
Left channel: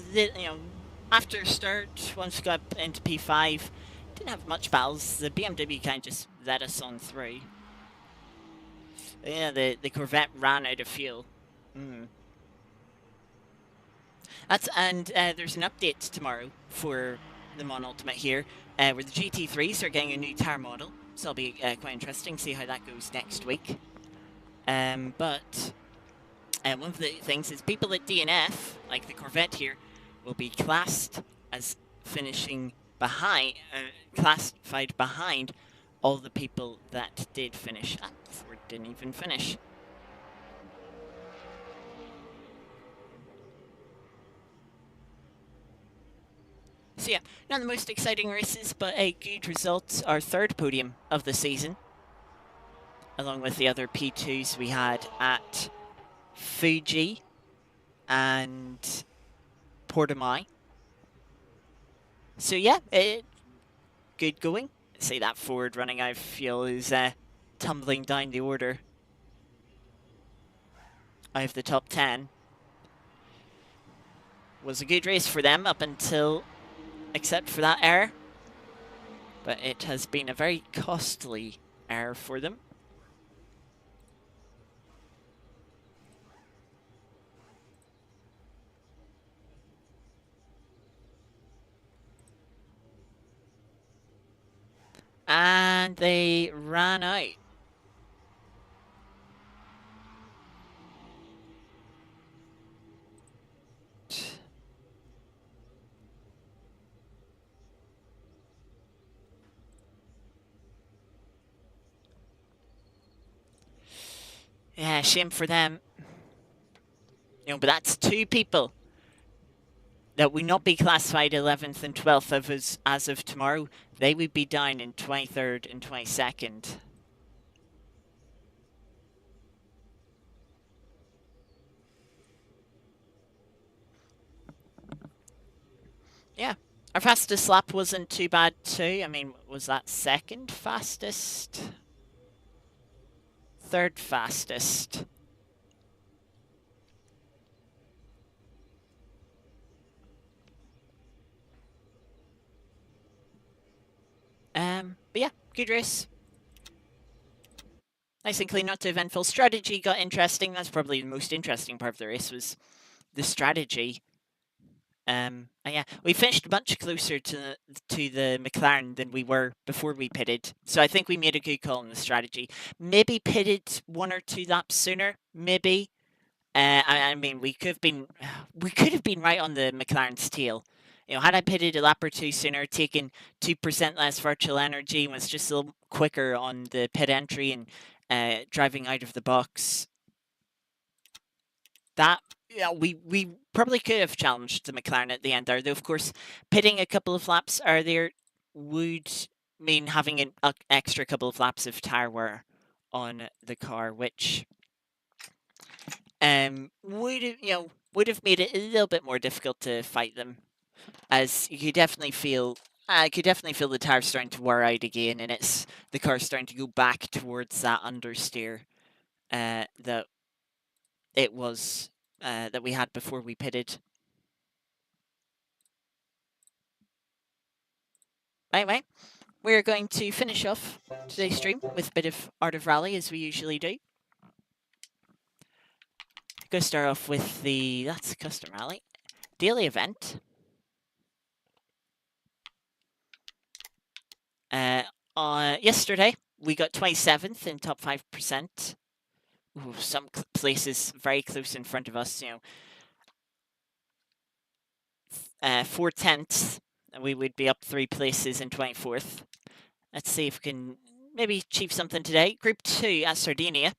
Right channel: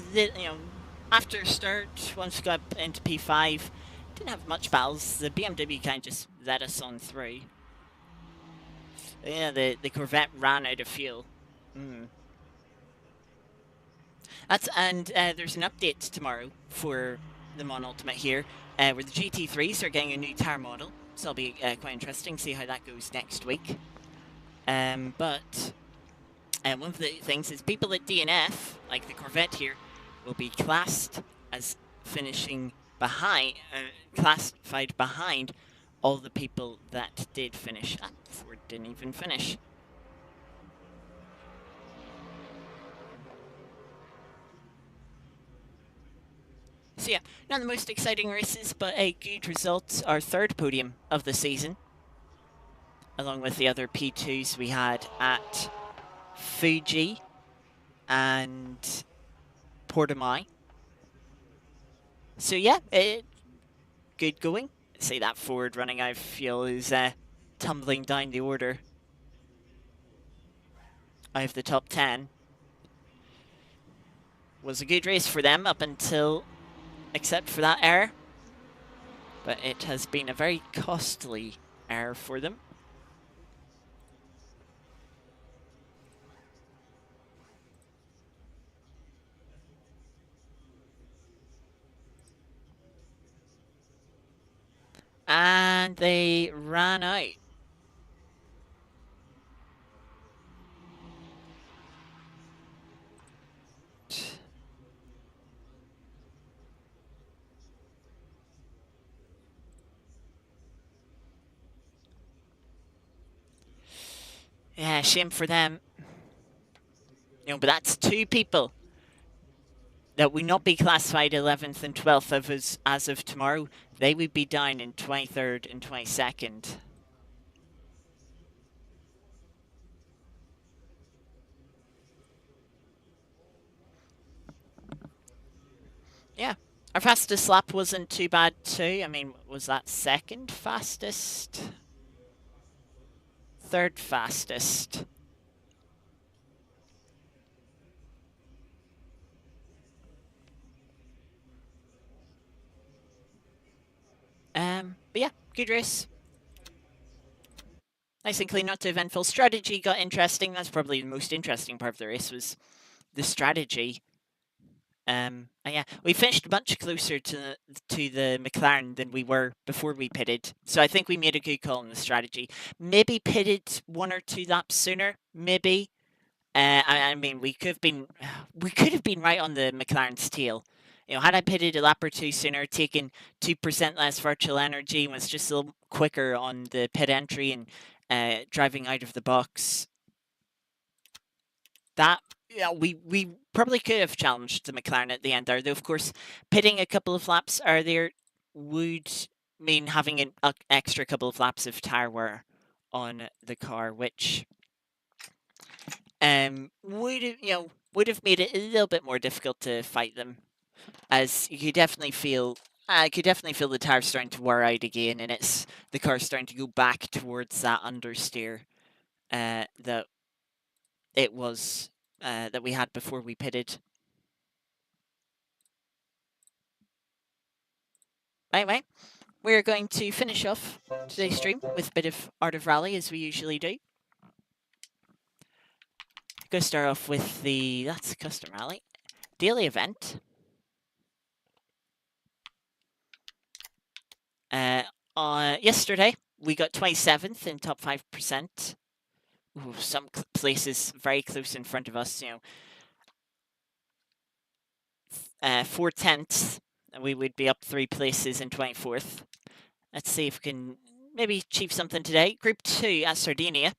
after start, once we got into P5, didn't have much battles. The BMW kind of just let us on through. Yeah, the Corvette ran out of fuel. There's an update tomorrow for the Mon Ultimate here, where the GT3s are getting a new tire model. So it'll be quite interesting to see how that goes next week. But one of the things is people at DNF, like the Corvette here, will be classed as finishing behind, classified behind all the people that did finish. Ford didn't even finish. So yeah, not the most exciting races, but a good result. Our third podium of the season, along with the other P2s we had at Fuji and Portimao. So yeah, good going. See that Ford running out of fuel is tumbling down the order out of the top 10. Was a good race for them up until, except for that error. But it has been a very costly error for them. And they ran out. Yeah, shame for them. But that's two people that would not be classified 11th and 12th as of tomorrow. They would be down in 23rd and 22nd. Yeah, our fastest lap wasn't too bad too. I mean, was that second fastest? Third fastest. But yeah, good race. Nice and clean, not too eventful. Strategy got interesting. That's probably the most interesting part of the race, was the strategy. And yeah, we finished much closer to the McLaren than we were before we pitted. So I think we made a good call on the strategy. Maybe pitted 1 or 2 laps sooner. Maybe. I mean, we could have been right on the McLaren's tail. Had I pitted a lap or 2 sooner, taken 2% less virtual energy, and was just a little quicker on the pit entry and driving out of the box, that we probably could have challenged the McLaren at the end there. Though, of course, pitting a couple of laps earlier would mean having an extra couple of laps of tire wear on the car, which would have made it a little bit more difficult to fight them, as you could definitely feel. I could definitely feel the tires starting to wear out again, and the car starting to go back towards that understeer that it was that we had before we pitted. Anyway, we're going to finish off today's stream with a bit of Art of Rally, as we usually do. Going to start off with that's Custom Rally daily event. Yesterday, we got 27th in top 5%. Ooh, some places very close in front of us, 4/10, we would be up 3 places in 24th. Let's see if we can maybe achieve something today. Group 2 at Sardinia.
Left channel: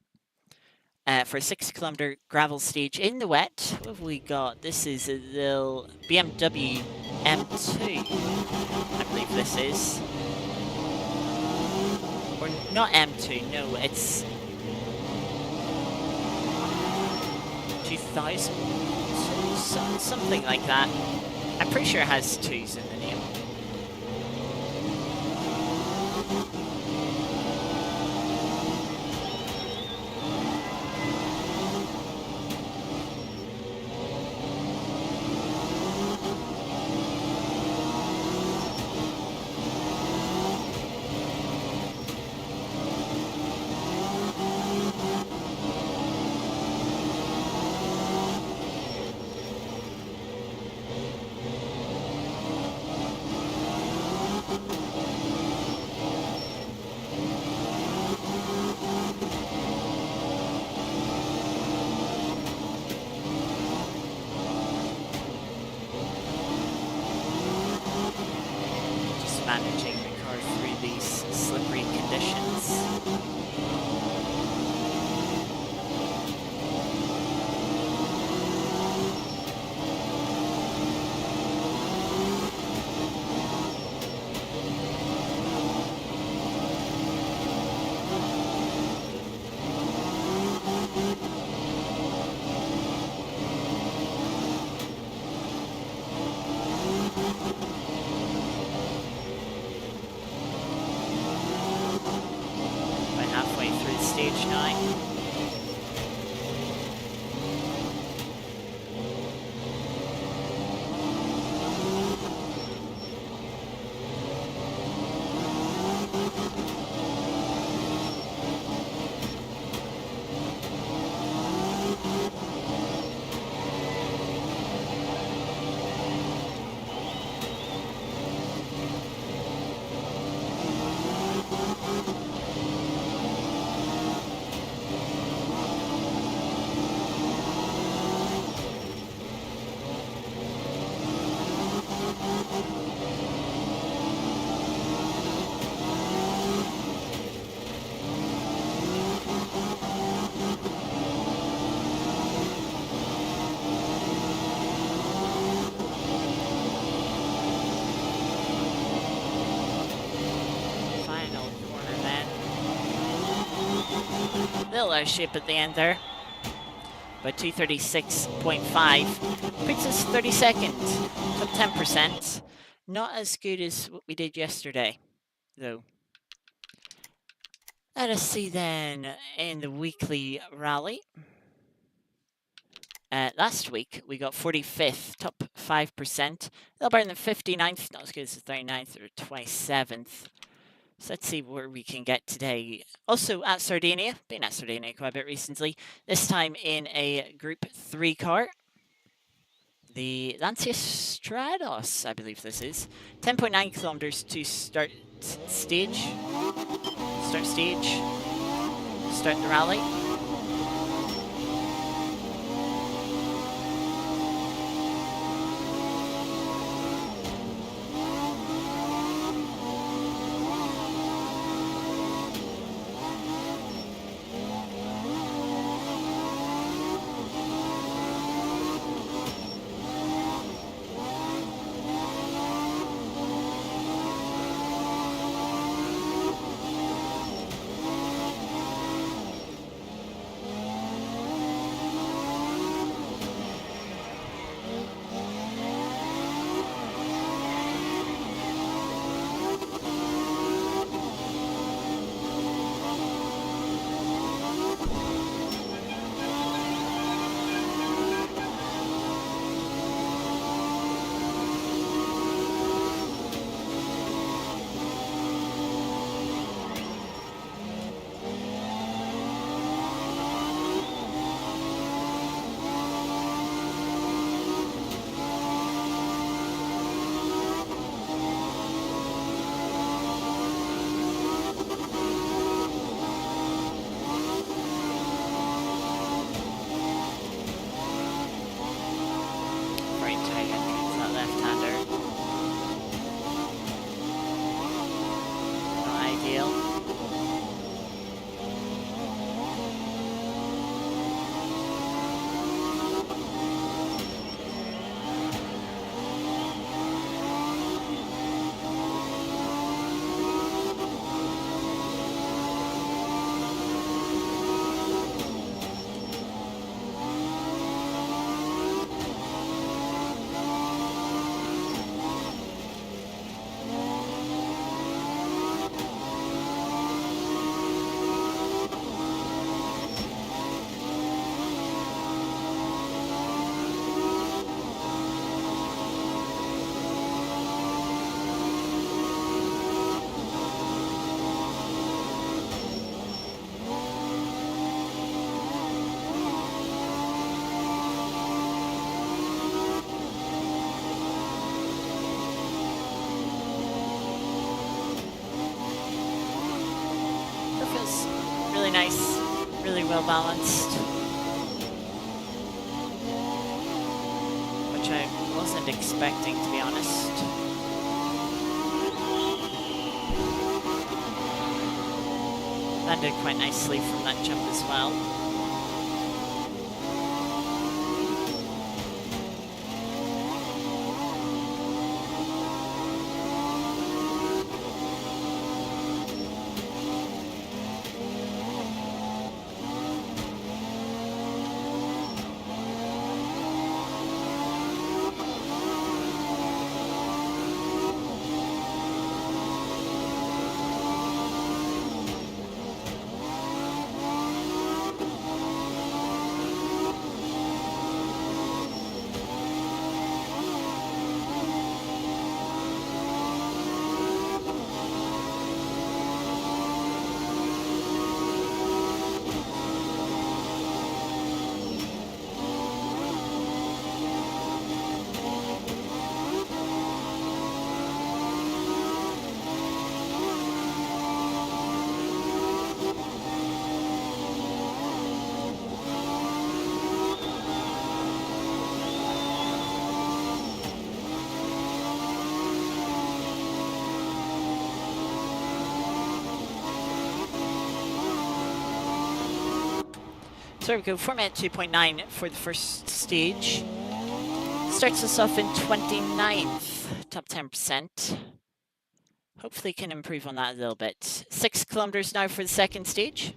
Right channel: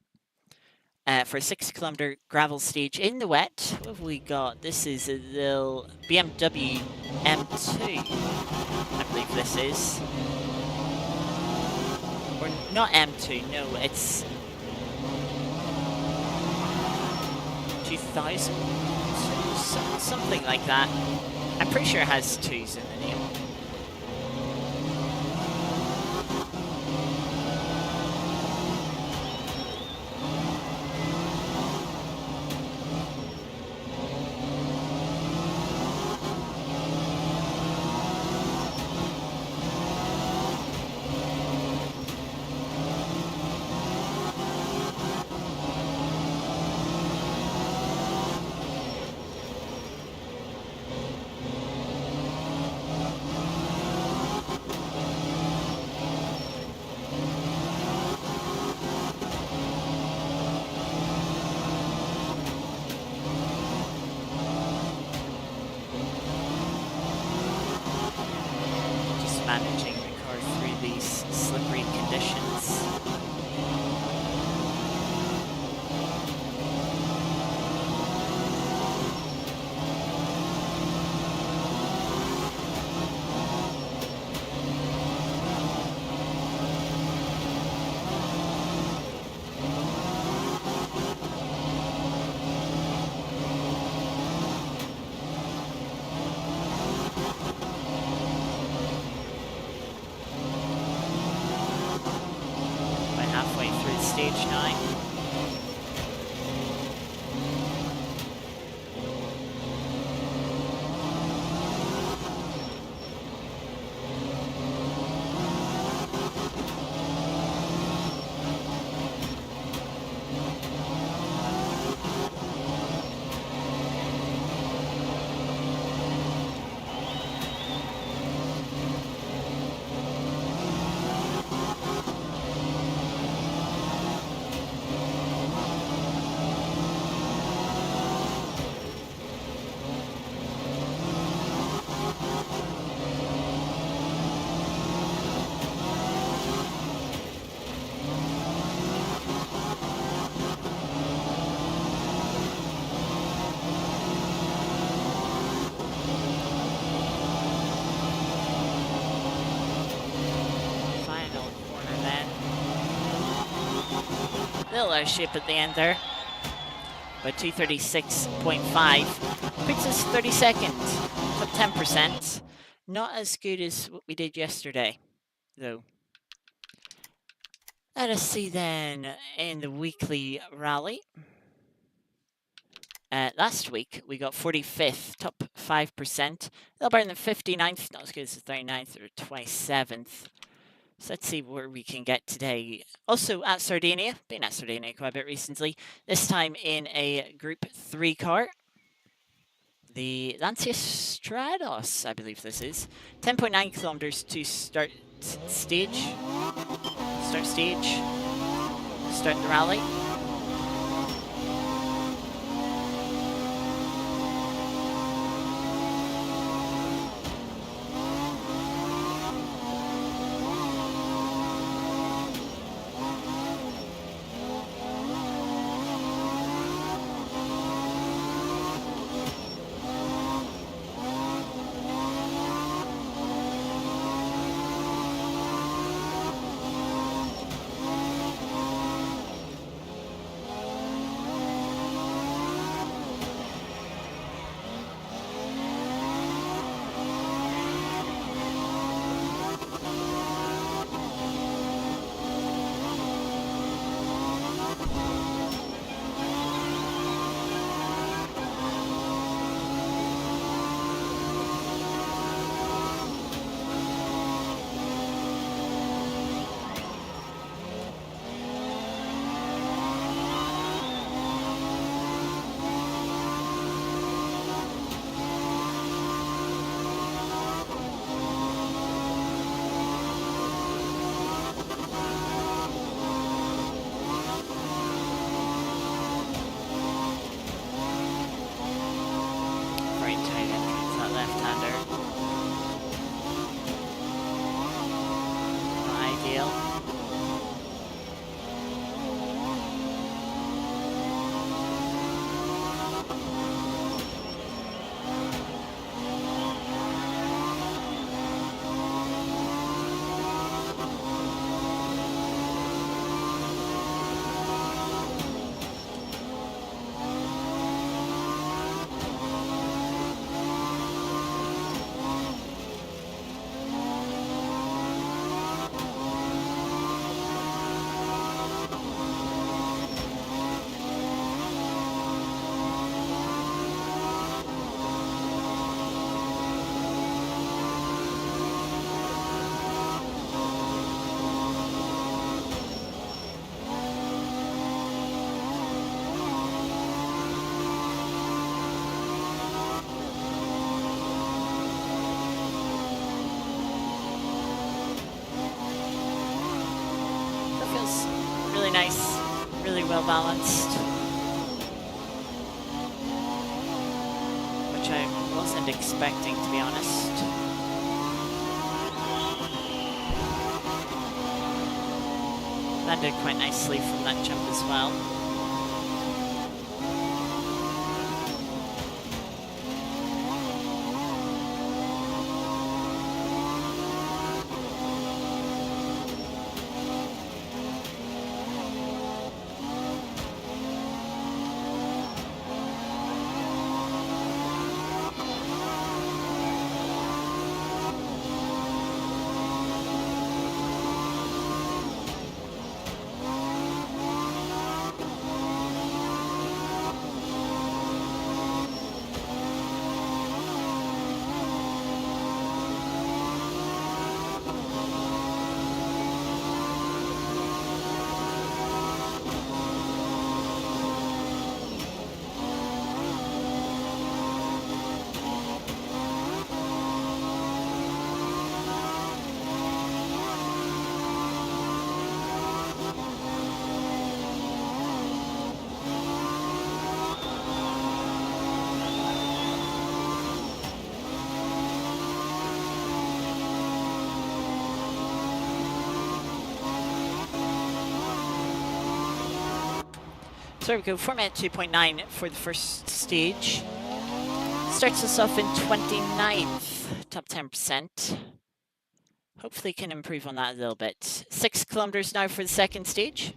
For a 6 kilometer gravel stage in the wet. What have we got? This is a little BMW M2, I believe this is. Or not M2, no, it's 2000, something like that. I'm pretty sure it has 2s in the name. Managing the car through these slippery conditions. Halfway through stage 9. Little out of shape at the end there. But 236.5 puts us 32nd, top 10%. Not as good as what we did yesterday, though. Let us see then in the weekly rally. Last week, we got 45th, top 5%. A little better than 59th, not as good as the 39th or 27th. So let's see where we can get today. Also at Sardinia, been at Sardinia quite a bit recently. This time in a Group 3 car. The Lancia Stratos, I believe this is. 10.9 kilometers to start stage. Start the rally. deal. That feels really nice, really well balanced, which I wasn't expecting, to be honest. Landed quite nicely from that jump as well. So there we go, format 2.9 for the first stage. Starts us off in 29th, top 10%. Hopefully can improve on that a little bit. 6 kilometers now for the second stage.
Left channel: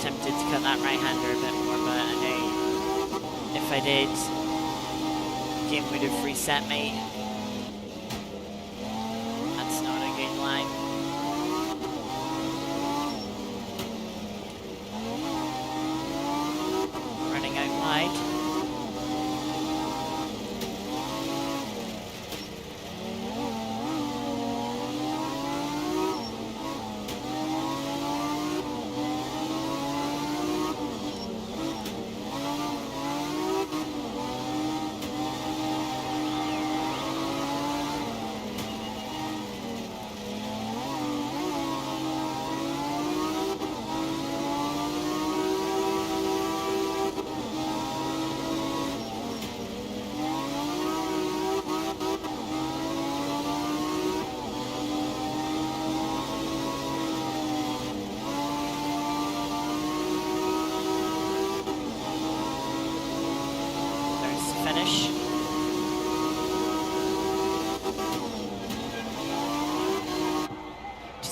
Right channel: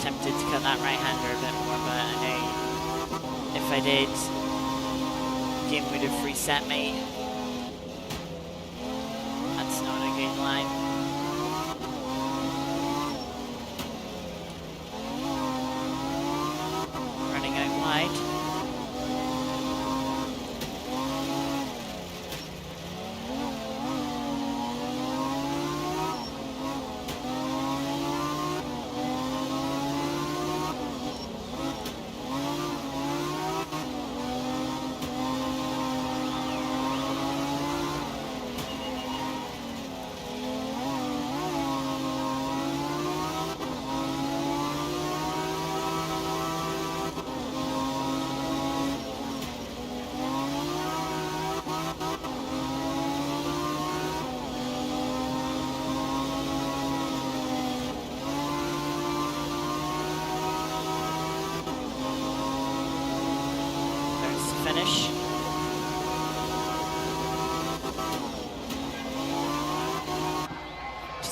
Tempted to cut that right-hander a bit more, but I know if I did, the game would have reset me. That's not a good line. Running out wide.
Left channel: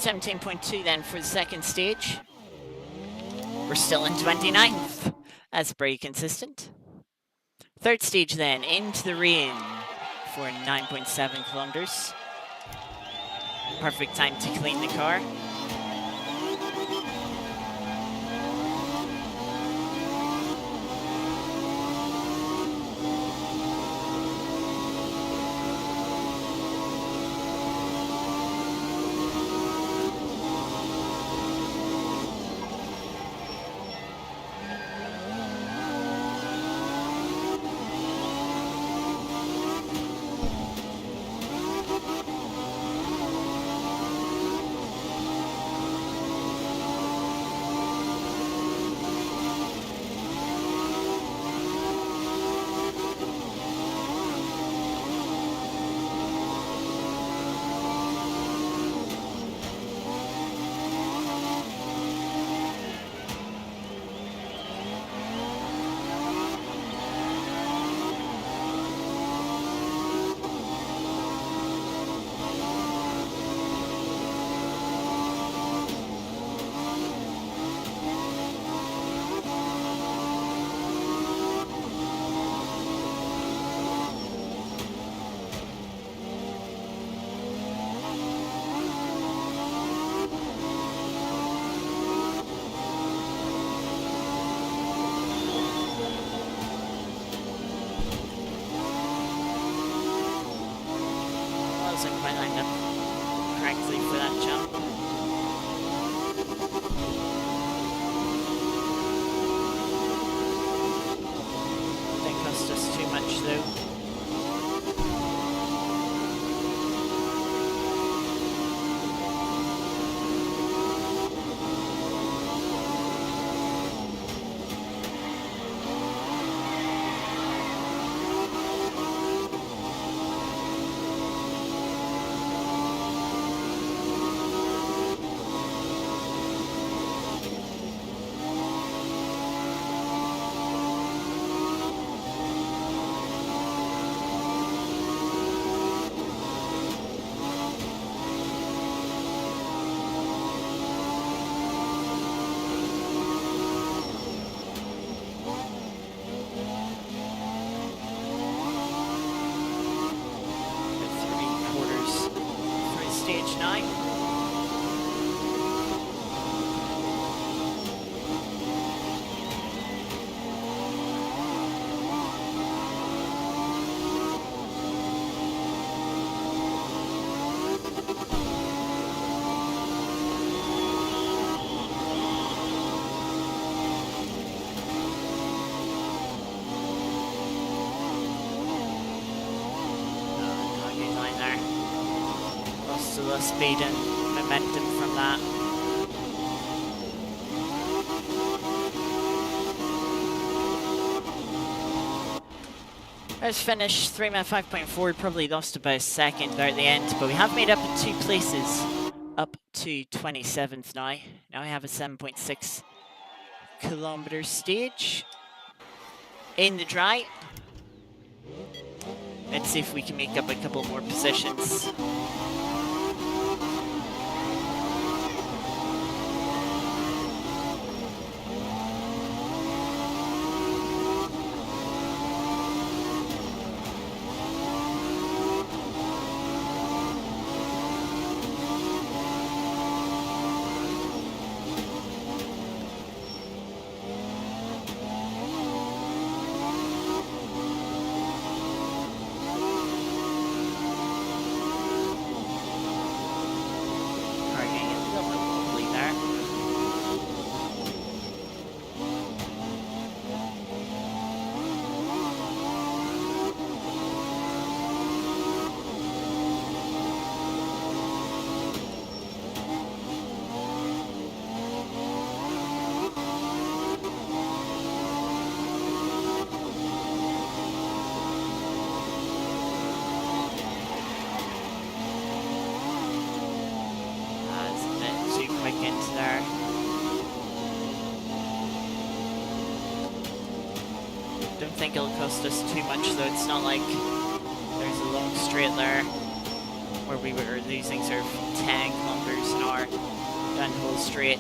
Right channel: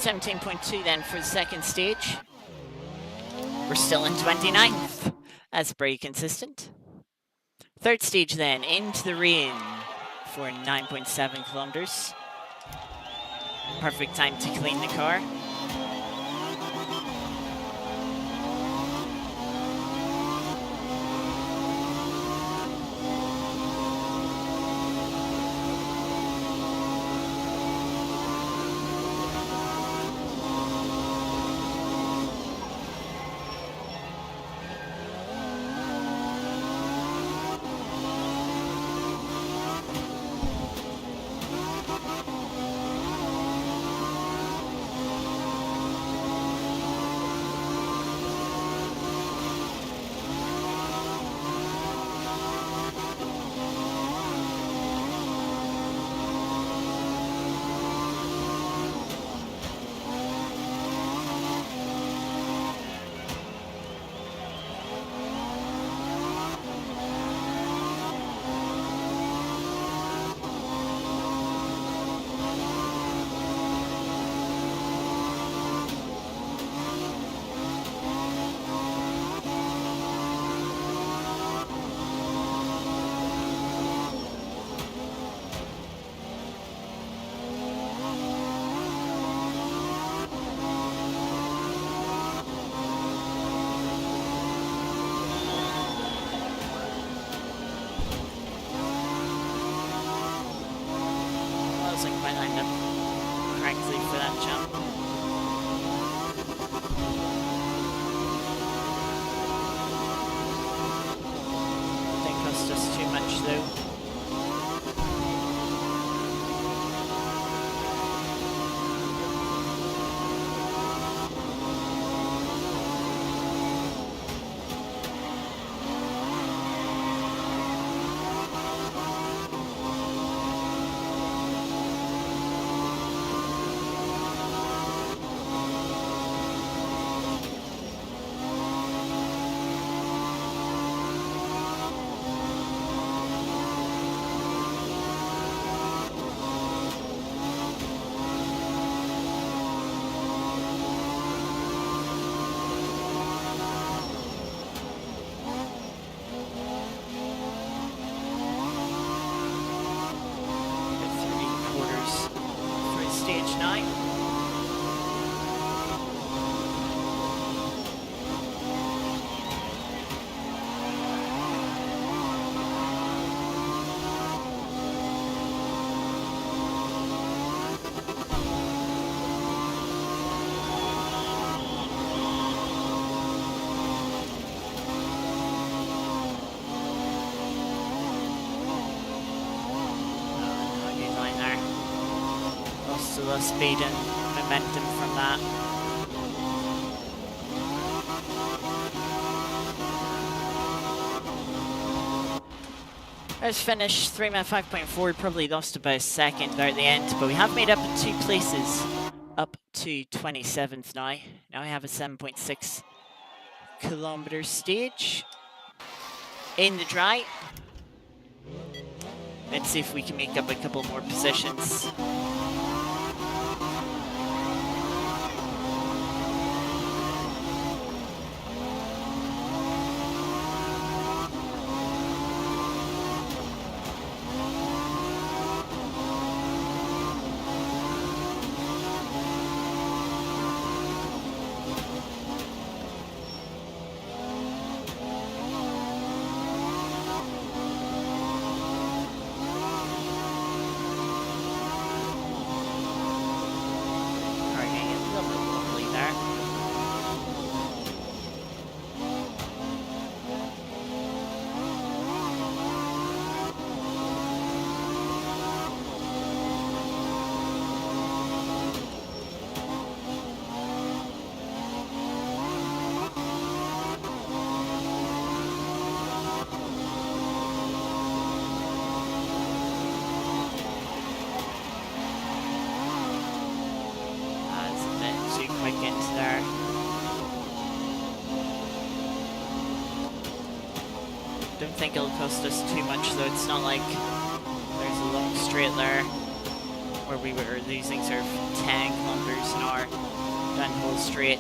17.2 then for the second stage. We're still in 29th. That's pretty consistent. Third stage then, into the rain for 9.7 kilometers. Perfect time to clean the car. Wasn't quite lined up correctly for that jump. Didn't cost us too much though. Stage 9. So the speed and momentum from that. Let's finish 3 minute 5.4, probably lost about a second there at the end, but we have made up 2 places, up to 27th now. Now we have a 7.6 kilometer stage in the dry. Let's see if we can make up a couple more positions. Into there. Don't think it'll cost us too much though. It's not like there's a long straight there where we were losing sort of 10 kilometers an hour down the whole straight.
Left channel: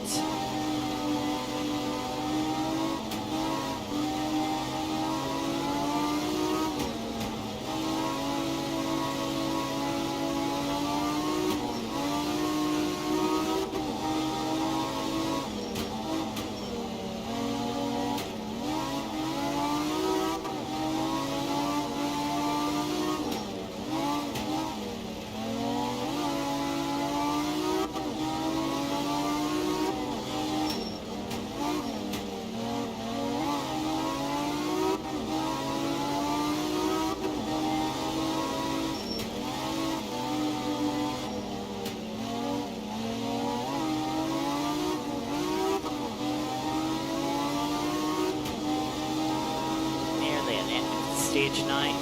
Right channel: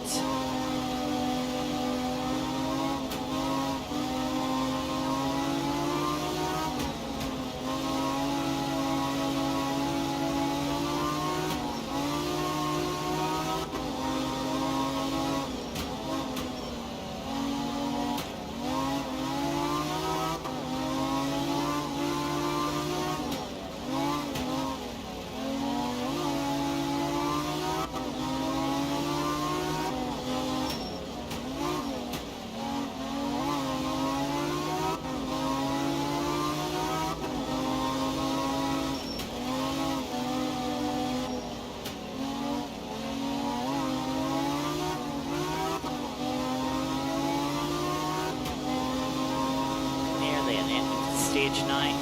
Nearly at the end of stage 9.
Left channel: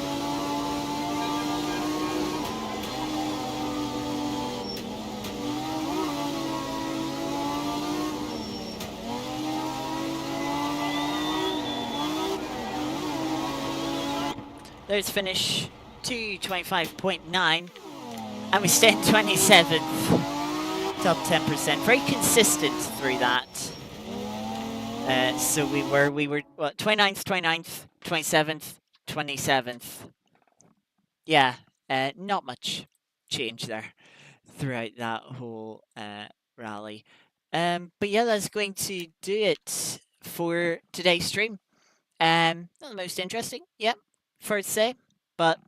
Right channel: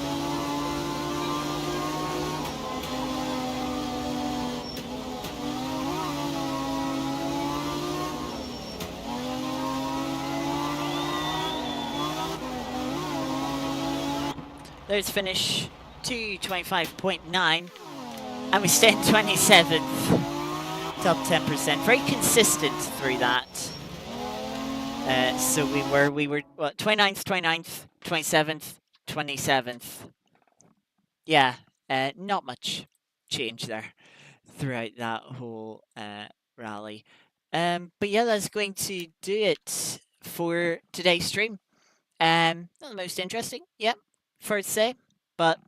There's finish 225.9, and we stay in 27th, top 10%. Very consistent through that. So we were what, 29th, 29th, 27th, 27th. Yeah, not much change there throughout that whole rally. But yeah, that's going to do it for today's stream. Not the most interesting, yep, fair to say, but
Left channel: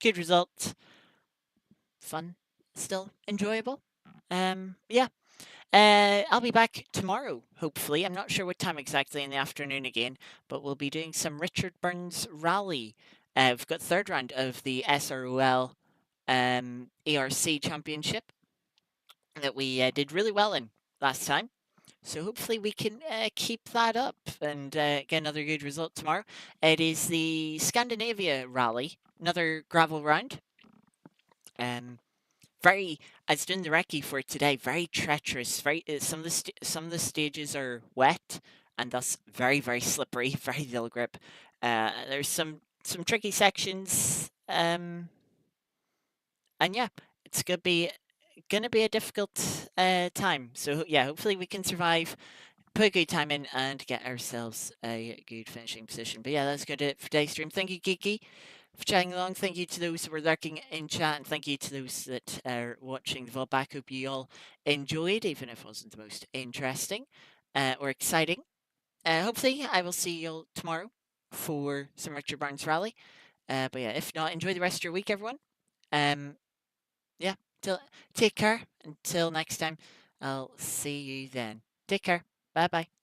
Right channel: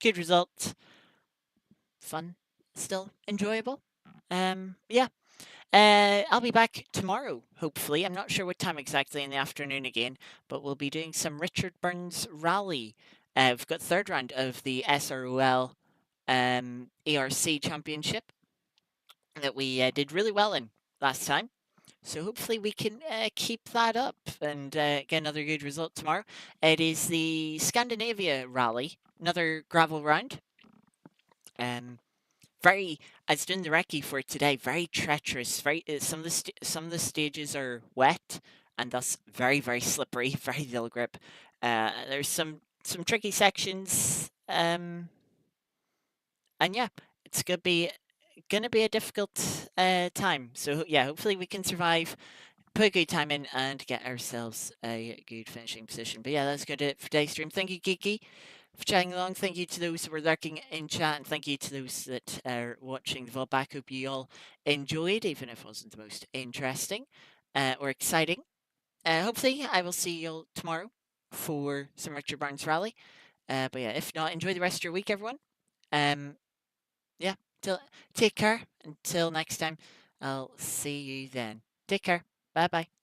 good result. Fun, still enjoyable. Yeah. I'll be back tomorrow, hopefully. I'm not sure what time exactly in the afternoon again, but we'll be doing some Richard Burns rally. We've got third round of the SROL ARC Championship that we did really well in last time. So hopefully we can keep that up and get another good result tomorrow. It is the Scandinavia Rally, another gravel round. Very, I was doing the recce for today. Very treacherous. Very some of the stages are wet and thus very slippery. Very little grip. There's some tricky sections. And yeah, it's gonna be a difficult time. So yeah, hopefully we can survive, put a good time in, and get ourselves a good finishing position. But yeah, that's good it for today's stream. Thank you, Geeky, for chatting along. Thank you to those who were lurking in chat, and thank you to those that are watching the VOD back. Hope you all enjoyed, even if it wasn't the most interesting or exciting. Hopefully, I will see you all tomorrow for some Richard Burns rally. But yeah, if not, enjoy the rest of your week, everyone. Um, yeah, take care. Until next time, I'll see you then. Take care. Bye bye.